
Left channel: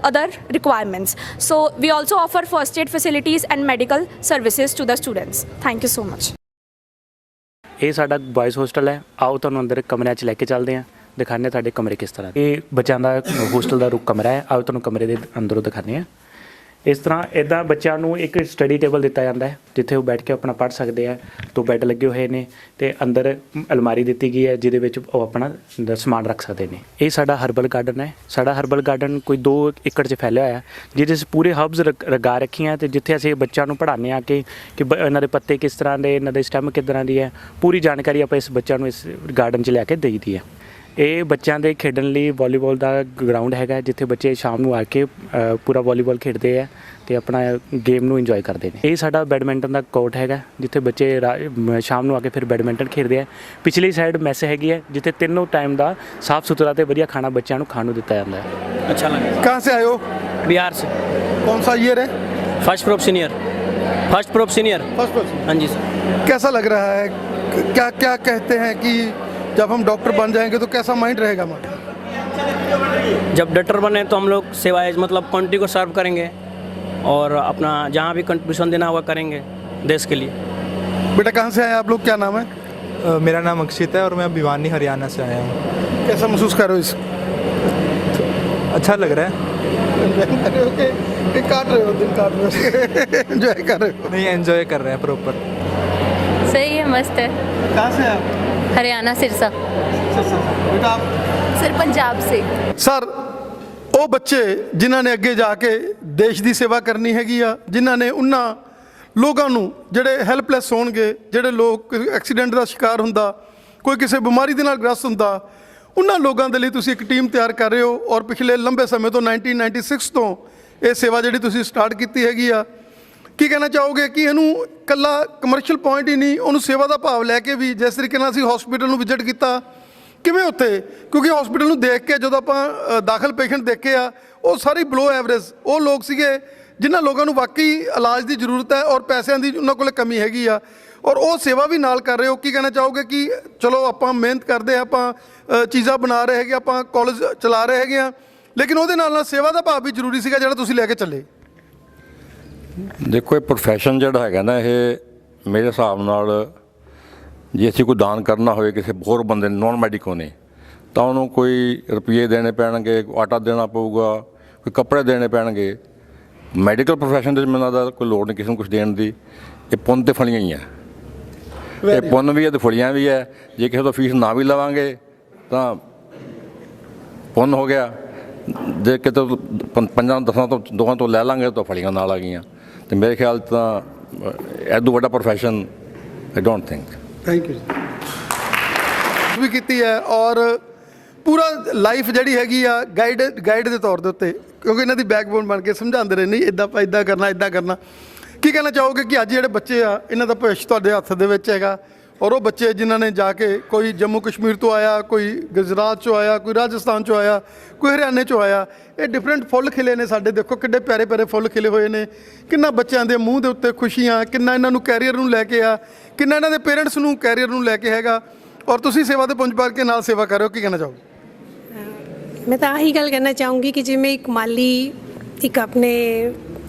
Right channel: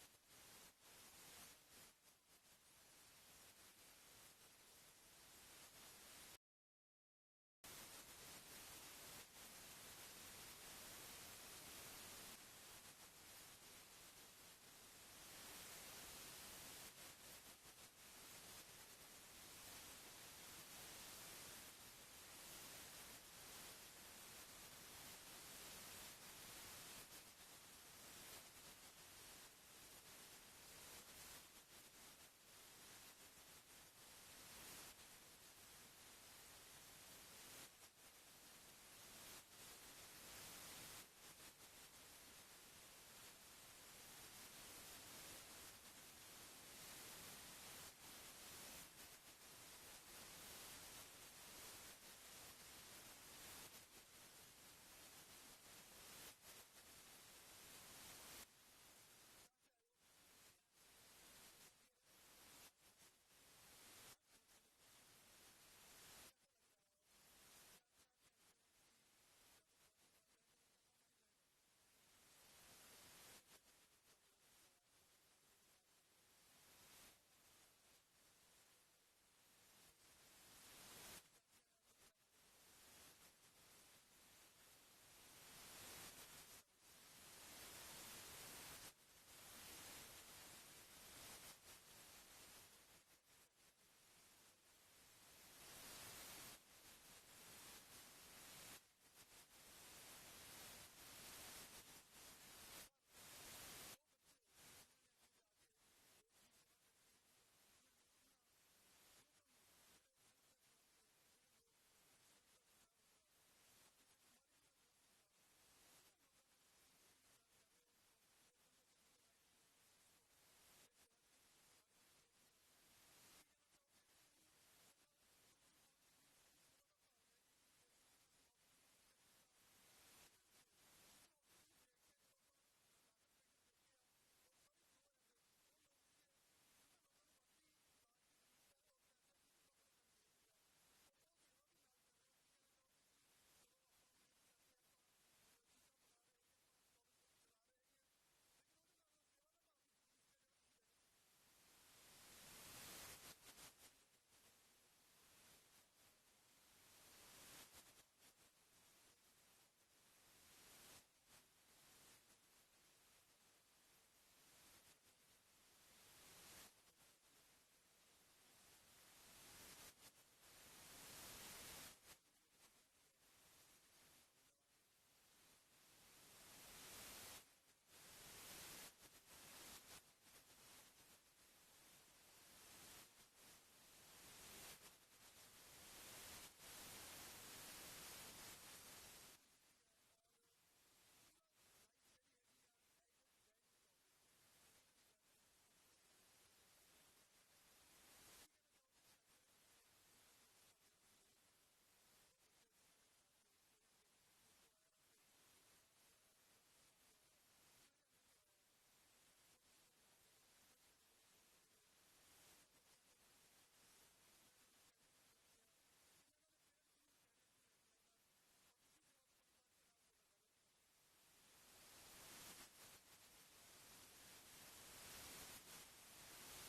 other requirements. So we also offer first aid facilities and medical services to the students. Thank you so much. ਇਹ ਸਾਡਾ ਬॉयਜ਼ hostel ਹੈ। ਆਓ ਤੁਹਾਨੂੰ ਅੰਦਰ ਕਮਰਿਆਂ 'ਚ ਲੈ ਕੇ ਚੱਲਦੇ ਹਾਂ, ਦਿਖਾਉਂਦੇ ਤੁਹਾਡੇ ਕਮਰੇ ਕਿਸ ਤਰ੍ਹਾਂ। ਇਹ ਬੱਚਿਆਂ ਦਾ ਹੋਸਟਲ ਦਾ ਰੁਕ ਕਮਰਾ ਹੈ। ਆਓ ਤੁਹਾਨੂੰ ਕਮਰੇ ਦੇ ਅੰਦਰੋਂ ਦਿਖਾਉਂਦੇ ਹਾਂ। ਇਸ ਤਰ੍ਹਾਂ ਇੱਦਾਂ ਬੱਚਿਆਂ ਨੂੰ ਇੱਕ ਸਟੱਡੀ ਟੇਬਲ ਦਿੱਤਾ ਜਾਂਦਾ ਹੈ ਜਿੱਥੇ ਉਹ ਬੈਠ ਕੇ ਆਪਣਾ ਪੜ੍ਹ ਸਕਦੇ ਹੈ। ਦੋ ਬੈੱਡ ਲੱਗੇ ਹੋਏ ਨੇ ਅਤੇ ਅੰਦਰ ਅਲਮਾਰੀ ਦਿੱਤੀ ਗਈ ਹੈ ਜਿਹਦੇ ਵਿੱਚ ਉਹ ਆਪਣਾ ਸਮਾਨ ਰੱਖ ਸਕਦੇ ਨੇ। ਇਹ ਸਾਡਾ ਹਰਬਲ ਗਾਰਡਨ ਹੈ। ਸਾਡਾ ਹਰਬਲ ਗਾਰਡਨ ਕੋਈ 2 ਏਕੜ 'ਚ ਫੈਲਿਆ ਹੋਇਆ ਜਿਹਦੇ 'ਚ ਪੂਰੇ ਹਰਬਸ ਲਗਾ ਰੱਖੀਆਂ ਅਤੇ ਜਿੱਥੇ ਅਸੀਂ ਬੱਚਿਆਂ ਨੂੰ ਪੜ੍ਹਾਉਂਦੇ ਹਾਂ ਕਿ ਇਹਨਾਂ ਦੇ ਪੱਤੇ ਕਿਸ ਤਰ੍ਹਾਂ ਦੇ, ਇਹਨਾਂ ਦੇ ਸਟੈਮ ਕਿਸ ਤਰ੍ਹਾਂ ਦੀ ਹੈ, ਪੂਰੀ ਜਾਣਕਾਰੀ ਆਪਾਂ ਇਸ ਬੱਚਿਆਂ ਨੂੰ ਇਸ ਗਾਰਡਨ 'ਚ ਲੈ ਕੇ ਦੇਈਦੀ ਹੈ। ਇਹ ਬੱਚਿਆਂ ਦੇ ਖੇਡਣ ਲਈ ਵਾਲੀਬਾਲ ਦਾ ਗਰਾਊਂਡ ਹੈਗਾ ਜਿੱਥੇ ਬੱਚੇ ਸ਼ਾਮ ਨੂੰ ਆ ਕੇ ਪੂਰਾ ਵਾਲੀਬਾਲ ਖੇਡਦੇ ਆ ਅਤੇ ਆਪਣਾ ਗੇਮ ਨੂੰ ਇੰਜੋਏ ਕਰਦੇ ਨੇ। ਇਹ ਸਾਡਾ ਬੈਡਮਿੰਟਨ ਦਾ ਕੋਰਟ ਹੈਗਾ ਜਿੱਥੇ ਬੱਚੇ ਸ਼ਾਮ ਨੂੰ ਆ ਕੇ ਫਿਰ ਬੈਡਮਿੰਟਨ ਖੇਡਦੇ ਆ। ਪਿਛਲੀ ਸਾਈਡ ਮੈਸ ਹੈਗੀ ਹੈ ਜਿੱਥੇ ਤਿੰਨੋਂ ਟਾਈਮ ਦਾ ਸਾਫ਼ ਸੁਥਰਾ ਅਤੇ ਵਧੀਆ ਖਾਣਾ ਬੱਚਿਆਂ ਨੂੰ ਖਾਣ ਨੂੰ ਦਿੱਤਾ ਜਾਂਦਾ ਹੈ। अच्छा लगा। कहाँ से आए हो? बिहार से। कौन सा ईयर है? First prof senior. First prof senior. हाँ जी सर। कैसा लग रहा है? क्या क्या कहते हैं कि जब हम डॉक्टर बन जाएंगे तो कैसा माइंड रहेगा हमारा? जब डॉक्टर बने तो हम लोग सेवाएं मतलब कंट्री को सर्व करेंगे और अपना जहाँ भी कंट्रीब्यूशन देना होगा करेंगे देश के लिए। बेटा कहाँ से आए आप लोग, क्या नाम है? मेरा नाम अक्षित है और मैं भिवानी हरियाणा से आया हूँ। कैसा महसूस कर रहे हो इस? अच्छा लग रहा है। काट रहे हो, दिल काट रहे हो, एंजॉय कर रहे हो? नहीं, एंजॉय कर रहे हैं प्रॉपर। सही है, मस्त है। कहाँ से आप? हरियाणा सिरसा। बेटा आप? सर पंजाब से। ਸਰ ਉਹ ਬੱਚੇ ਜਿਨ੍ਹਾਂ ਨੇ ਅੱਗੇ ਜਾ ਕੇ ਦੇਸ਼ ਦੀ ਸੇਵਾ ਕਰਨੀ ਹੈਗੀ ਆ, ਜਿਨ੍ਹਾਂ ਨੇ ਉਹਨਾਂ ਲੋਕਾਂ ਨੂੰ ਜਿਹੜੇ ਹੈਲਪਲੈਸ ਹੋਣਗੇ, ਜਿਹੜੇ ਲੋਕ ਐਕਸੀਡੈਂਟ ਦਾ ਸ਼ਿਕਾਰ ਹੁੰਦਾ, ਕੋਈ ਕਿਸੇ ਬਿਮਾਰੀ ਦੇ ਨਾਲ ਗ੍ਰਸਤ ਹੁੰਦਾ, ਉਹਨਾਂ ਲੋਕਾਂ ਦੇ ਲਈ ਤੁਸੀਂ ਇੱਕ ਟੀਮ ਤਿਆਰ ਕਰ ਰਹੇ ਹੋ ਔਰ ਪਿਛਲੇ ਲੰਬੇ ਸਮੇਂ ਤੋਂ 1996 ਤੋਂ ਇਹ ਸੇਵਾ ਜਿਹੜੀ ਤੁਸੀਂ ਸਟਾਰਟ ਕੀਤੀ ਹੈਗੀ ਆ। ਕੀ ਕਹਿਣਾ ਚਾਹੋਗੇ ਕਿ ਇਹਨੂੰ ਇਕੱਲਾ ਕਮਰਸ਼ੀਅਲ ਪੁਆਇੰਟ ਹੀ ਨਹੀਂ, ਉਹਨੂੰ ਸੇਵਾ ਦਾ ਭਾਵ ਲੈ ਕੇ ਵੀ ਜਿਸ ਤਰੀਕੇ ਨਾਲ ਅਸੀਂ ਹਸਪੀਟਲ ਨੂੰ ਵਿਜ਼ਿਟ ਕੀਤਾ, ਕਿਵੇਂ ਉੱਥੇ, ਕਿਉਂਕਿ ਹਸਪੀਟਲ ਨੂੰ ਦੇਖ ਕੇ ਜਦੋਂ ਆਪਾਂ ਦਾਖਲ ਪੇਸ਼ੈਂਟ ਦੇਖੇ ਆ ਉਹ ਸਾਰੀ ਬਲੋ ਐਵਰੇਜ ਉਹ ਲੋਕ ਸੀਗੇ ਜਿਨ੍ਹਾਂ ਲੋਕਾਂ ਨੂੰ ਵਾਕਈ ਇਲਾਜ ਦੀ ਜ਼ਰੂਰਤ ਹੈ ਔਰ ਪੈਸਿਆਂ ਦੀ ਉਹਨਾਂ ਕੋਲ ਕਮੀ ਹੈਗੀ ਆ, ਔਰ ਉਹ ਸੇਵਾ ਵੀ ਨਾਲ ਕਰ ਰਹੇ ਹੋ। ਕੀ ਕਹਿਣਾ ਚਾਹੋਗੇ ਕਿ ਚਲੋ ਆਪਾਂ ਮਿਹਨਤ ਕਰਦੇ ਹਾਂ, ਆਪਾਂ ਚੀਜ਼ਾਂ ਬਣਾ ਰਹੇ ਹੈਗੇ, ਆਪਾਂ ਕਾਲਜ ਚਲਾ ਰਹੇ ਹੈਗੇ ਆ, ਲੇਕਿਨ ਉਹਦੇ ਨਾਲ ਨਾਲ ਸੇਵਾ ਦਾ ਭਾਵ ਵੀ ਜ਼ਰੂਰੀ ਸੀਗਾ ਜਿਹੜਾ ਤੁਸੀਂ ਲੈ ਕੇ ਚੱਲੇ? ਦੇਖੋ ਇਹ ਪ੍ਰੋਫੈਸ਼ਨ ਜਿਹੜਾ ਹੈਗਾ ਨਾ, ਇਹ ਮੇਰੇ ਹਿਸਾਬ ਨਾਲ ਜੇ ਅਸੀਂ ਕੋਈ ਦਾਨ ਕਰਨਾ ਹੋਵੇ ਕਿਸੇ ਹੋਰ ਬੰਦੇ ਨੋਨ ਮੈਡੀਕਲ ਨੇ ਤਾਂ ਉਹਨੂੰ ਕੋਈ ਰੁਪਈਏ ਦੇਣੇ ਪੈਣਗੇ, ਆਟਾ ਦੇਣਾ ਪਊਗਾ, ਕੋਈ ਕੱਪੜੇ ਦੇਣੇ ਪੈਣਗੇ। ਮੈਡੀਕਲ ਪ੍ਰੋਫੈਸ਼ਨ ਦੇ ਵਿੱਚ ਮੈਨੂੰ ਲੱਗਦਾ ਕੋਈ ਲੋੜ ਨਹੀਂ ਕਿਸੇ ਨੂੰ ਕੁਝ ਦੇਣ ਦੀ। ਇਹ ਪੁੰਨ ਤੇ ਫਲੀਆਂ ਹੀ ਹੈ, ਇਹ ਪੁੰਨ ਵੀ ਹੈ ਤੇ ਫਲੀਆਂ ਵੀ ਹੈ। ਜੇ ਕਿਸੇ ਤੋਂ ਫੀਸ ਨਾ ਵੀ ਲਵਾਂਗੇ ਤਾਂ ਪੁੰਨ ਹੋ ਗਿਆ, ਜੇ ਕਿਤੇ 5-10 ਤੋਂ 2 ਤੋਂ ਲੈ ਲਾਂਗੇ ਤਾਂ ਫਲੀਆਂ ਨਾਲ ਆ ਗਈਆਂ। ਤੇ ਮੇਰੇ ਖਿਆਲ ਤਾਂ ਐਦੋਂ ਵੱਡਾ profession I don't think. Thank you ਵੀ ਕੀਤੀ ਹੈ ਔਰ ਪੂਰਾ ਲਾਈਫ ਜਿਹੜੀ ਹੈਗੀ ਆ ਗਾਈਡ ਦੇ ਤੌਰ ਦੇ ਉੱਤੇ, ਕਿਉਂਕਿ ਇਹਨਾਂ ਦੀ ਬੈਕਬੋਨ ਬਣ ਕੇ ਸਮਝਾਉਂਦੇ ਰਹੇ, ਨਹੀਂ ਇੱਦਾਂ ਆਪਾਂ ਇੱਦਾਂ ਕਰਨਾ ਇੱਦਾਂ ਕਰਨਾ। ਕੀ ਕਹਿਣਾ ਚਾਹੋਗੇ ਕਿ ਅੱਜ ਜਿਹੜੇ ਬੱਚੇ ਆ ਇਹਨਾਂ ਦਾ ਭਵਿੱਖ ਤੁਹਾਡੇ ਹੱਥ ਦੇ ਵਿੱਚ ਹੈਗਾ, ਔਰ ਉਹ ਬੱਚੇ ਜਿਨ੍ਹਾਂ ਨੇ ਜਾ ਕੇ ਕੋਈ ਜੰਮੂ ਕਸ਼ਮੀਰ ਤੋਂ ਆਇਆ, ਕੋਈ ਗੁਜਰਾਤ 'ਚੋਂ ਆਇਆ, ਕੋਈ ਰਾਜਸਥਾਨ 'ਚੋਂ ਆਇਆ, ਕੋਈ ਹਰਿਆਣੇ 'ਚੋਂ ਆਇਆ, ਇਹ ਡਿਫਰੈਂਟ ਫੁੱਲ ਖਿਲੇ ਨੇ ਸਾਡੇ, ਦੇਖੋ ਕਿੱਡੇ ਪਿਆਰੇ ਪਿਆਰੇ ਫੁੱਲ ਖਿਲੇ ਹੋਏ ਨੇ, ਕਿੰਨਾ ਬੱਚਿਆਂ ਦੇ ਮੂੰਹ ਦੇ ਉੱਤੇ ਖੁਸ਼ੀਆਂ, ਕਿੰਨਾ ਇਹਨਾਂ ਨੂੰ ਕੈਰੀਅਰ ਨੂੰ ਲੈ ਕੇ ਆ, ਕਿੰਨਾ ਇਹਨਾਂ ਦੇ ਪੇਰੈਂਟਸ ਨੂੰ ਕੈਰੀਅਰ ਨੂੰ ਲੈ ਕੇ ਹੈਗਾ, ਔਰ ਤੁਸੀਂ ਸੇਵਾ ਦੇ ਪੁੰਜ ਭਰ ਕੇ ਨਾਲ ਸੇਵਾ ਕਰ ਰਹੇ ਹੋ। ਕੀ ਕਹਿਣਾ ਚਾਹੋਗੇ? मैं तो आही गल कहना चाहूँगी कि जिमें एक माली एक अपने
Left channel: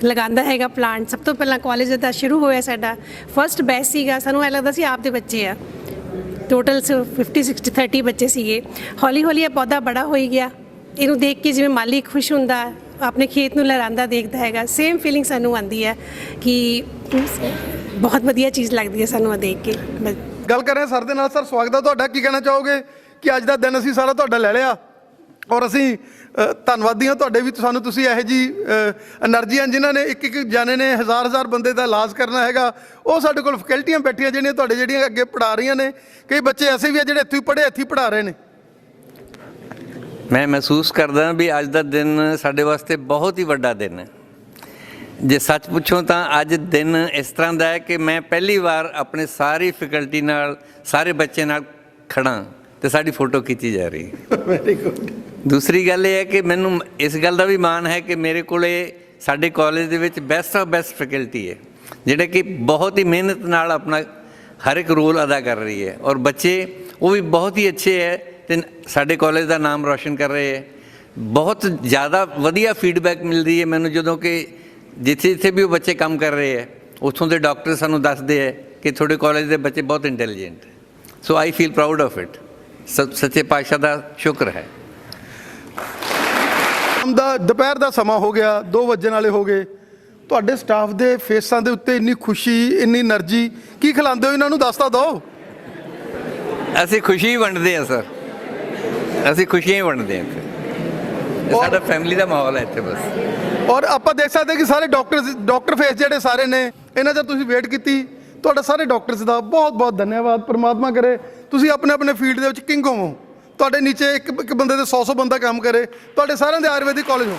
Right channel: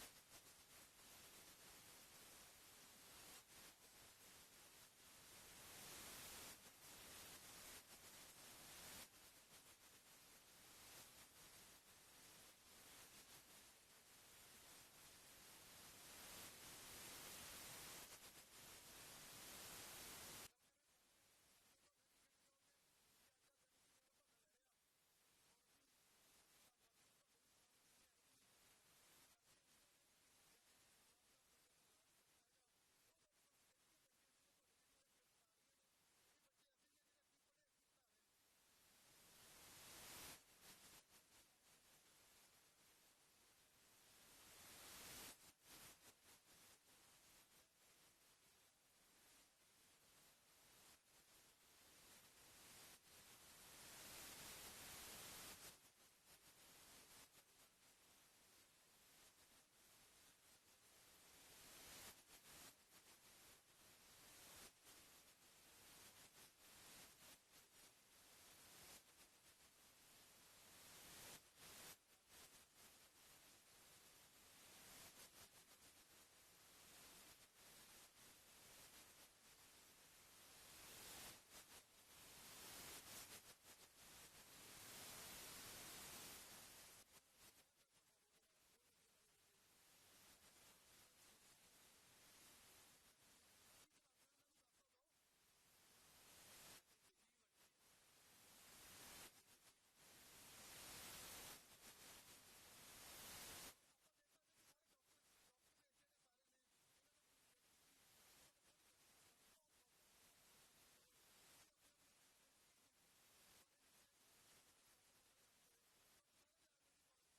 ਲਗਾਉਂਦਾ ਹੈਗਾ ਪਲਾਂਟ। ਸਭ ਤੋਂ ਪਹਿਲਾਂ ਕਾਲਜ ਦਾ ਸ਼ੁਰੂ ਹੋਇਆ, ਸਾਡਾ ਫਸਟ ਬੈਚ ਸੀਗਾ, ਸਾਨੂੰ ਐਂ ਲੱਗਦਾ ਸੀ ਆਪਦੇ ਬੱਚੇ ਆ। ਟੋਟਲ 50-60-30 ਬੱਚੇ ਸੀਗੇ। ਹੌਲੀ ਹੌਲੀ ਇਹ ਪੌਦਾ ਬੜਾ ਹੋਈ ਗਿਆ। ਇਹਨੂੰ ਦੇਖ ਕੇ ਜਿਵੇਂ ਮਾਲੀ ਖੁਸ਼ ਹੁੰਦਾ, ਆਪਣੇ ਖੇਤ ਨੂੰ ਲਹਿਰਾਉਂਦਾ ਦੇਖਦਾ ਹੈਗਾ, ਸੇਮ ਫੀਲਿੰਗ ਸਾਨੂੰ ਆਉਂਦੀ ਹੈ ਕਿ ਬਹੁਤ ਵਧੀਆ ਚੀਜ਼ ਲੱਗਦੀ ਹੈ ਸਾਨੂੰ ਇਹ ਦੇਖ ਕੇ। ਗੱਲ ਕਰ ਰਹੇ ਸਰ ਦੇ ਨਾਲ। ਸਰ ਸਵਾਗਤ ਹੈ ਤੁਹਾਡਾ। ਕੀ ਕਹਿਣਾ ਚਾਹੋਗੇ ਕਿ ਅੱਜ ਦਾ ਦਿਨ ਅਸੀਂ ਸਾਰਾ ਤੁਹਾਡਾ ਲੈ ਲਿਆ, ਔਰ ਅਸੀਂ ਧੰਨਵਾਦੀ ਹਾਂ ਤੁਹਾਡੇ ਵੀ, ਸਾਨੂੰ ਤੁਸੀਂ ਇਹੋ ਜਿਹੀ ਐਨਰਜੀ ਜਿਨ੍ਹਾਂ ਨੇ ਇੱਕ ਜਾਣੇ ਨੇ ਹਜ਼ਾਰ ਬੰਦੇ ਦਾ ਇਲਾਜ ਕਰਨਾ ਹੈਗਾ। ਉਹ ਸਾਡੇ ਕੋਲ ਫੈਕਲਟੀਆਂ ਬੈਠੀਆਂ ਜਿਹੜੀਆਂ ਤੁਹਾਡੇ ਜਿਹੜੀਆਂ ਅੱਗੇ ਪੜ੍ਹਾ ਰਹੀਆਂ ਨੇ। ਕਈ ਬੱਚੇ ਐਸੇ ਵੀ ਆ ਜਿਹੜੇ ਇੱਥੇ ਹੀ ਪੜ੍ਹੇ, ਇੱਥੇ ਹੀ ਪੜ੍ਹਾ ਰਹੇ ਨੇ। ਮੈਂ ਮਹਿਸੂਸ ਕਰਦਾ ਵੀ ਅੱਜ ਦਾ ਦਿਨ ਸਾਡੇ ਵਾਸਤੇ ਬਹੁਤ ਹੀ ਵੱਡਾ ਦਿਨ ਹੈ। ਜੇ ਸੱਚ ਪੁੱਛੋ ਤਾਂ ਅੱਜ ਦਿਨ ਇਸ ਤਰ੍ਹਾਂ ਦਾ ਹੈ ਕਿ ਮੈਂ ਪਹਿਲੀ ਵਾਰ ਆਪਣੇ ਸਾਰੀ ਫੈਕਲਟੀ ਨਾਲ, ਸਾਰੇ ਬੱਚੇ ਨਾਲ ਖੜ੍ਹਾ ਅਤੇ ਸਾਡੀ ਫੋਟੋ ਖਿੱਚੀ ਜਾ ਰਹੀ ਹੈ। Very good. ਦੂਸਰੀ ਗੱਲ ਇਹ ਹੈ ਕਿ ਮੈਨੂੰ ਇਸ ਗੱਲ ਦਾ ਵੀ ਮਾਣ ਹੈ ਕਿ ਮੇਰੇ ਕੋਲੇ ਸਾਡੇ ਕਾਲਜ ਦੇ ਵਿੱਚ ਬੈਸਟ ਆਫ ਬੈਸਟ ਫੈਕਲਟੀ ਹੈ, ਜਿਹੜੇ ਕਿ ਬਹੁਤ ਹੀ ਮਿਹਨਤ ਨਾਲ ਆਪਣਾ ਹਰ ਇੱਕ ਰੋਲ ਅਦਾ ਕਰ ਰਹੀ ਹੈ, ਔਰ ਬੱਚੇ ਉਹ ਵੀ ਬਹੁਤ ਹੀ ਅੱਛੇ ਹੈ ਅਤੇ ਸਾਡੇ ਕਾਲਜ ਦਾ ਨਾਮ ਰੌਸ਼ਨ ਕਰ ਰਹੇ ਹੈ। ਬਹੁਤ ਜ਼ਿਆਦਾ ਵਧੀਆ ਫੀਡਬੈਕ ਮਿਲਦੀ ਹੈ ਮੈਨੂੰ, ਜਦੋਂ ਕਿ ਜਿੱਥੇ ਜਿੱਥੇ ਵੀ ਉਹ ਬੱਚੇ ਕੰਮ ਕਰ ਰਹੇ ਹੈ ਉੱਥੋਂ ਦੇ ਡਾਕਟਰ ਸਾਨੂੰ ਦੱਸਦੇ ਹੈ ਕਿ ਤੁਹਾਡੇ ਕਾਲਜ ਦੇ ਬੱਚੇ ਬਹੁਤ ਇੰਟੈਲੀਜੈਂਟ ਹੈ। So I feel proud of it. ਸੱਚੇ ਪਾਤਸ਼ਾਹ ਦਾ ਸ਼ੁਕਰ ਹੈ। ਦੁਪਹਿਰ ਦਾ ਸਮਾਂ ਹੋ ਗਿਆ, 2 ਵੱਜਣ ਵਾਲੇ ਹੋ ਗਏ। ਤੁਹਾਡੇ ਸਟਾਫ ਦੇ ਫੇਸਾਂ ਦੇ ਉੱਤੇ ਇੰਨੀ ਖੁਸ਼ੀ, ਇੰਨੀ એનર્ਜੀ, ਕੀ ਖਿਲਾਉਂਦੇ ਹੋ ਇਹਨਾਂ ਨੂੰ ਦੱਸ ਤਾਂ ਦਿਓ। ਅਸੀਂ ਖੁਸ਼ੀ ਵੰਡਦੇ ਹਾਂ ਸਰ, ਅਸੀਂ ਖੁਸ਼ੀਆਂ ਹੀ ਵੰਡਦੇ ਹਾਂ ਇੱਥੇ। ਸਾਡਾ ਫੈਮਿਲੀ ਦਾ ਮਾਹੌਲ ਹੈ ਇੱਥੇ ਬਸ। ਔਰ ਆਪਾਂ ਦੇਖ ਸਕਦੇ ਕਿ ਸਾਰੇ ਡਾਕਟਰ ਫੇਸ ਜਿਹੜੇ ਸਾਰੇ ਨੇ, ਇਹਨਾਂ ਦਾ ਤੁਸੀਂ ਵੇਟ ਕੀਤੀ। ਤੁਹਾਡਾ ਸਾਰੇ ਡਾਕਟਰਸ ਦਾ ਬਹੁਤ ਬਹੁਤ ਧੰਨਵਾਦ। ਪਰਮਾਤਮਾ ਕਰੇ ਤੁਸੀਂ ਆਪਣੇ ਆਪਣੇ ਫੀਲਡ ਦੇ ਵਿੱਚ ਕਿੰਗ ਹੋਵੋ, ਤੁਹਾਡੇ ਨੀਚੇ ਇੱਕ ਬੰਦੇ ਦੇ 100 ਬੰਦਾ ਕੰਮ ਕਰੇ, ਤੁਹਾਡੇ ਸਾਰਿਆਂ ਦੇ ਆਯੁਰਵੈਦਿਕ ਕਾਲਜ ਹੋ।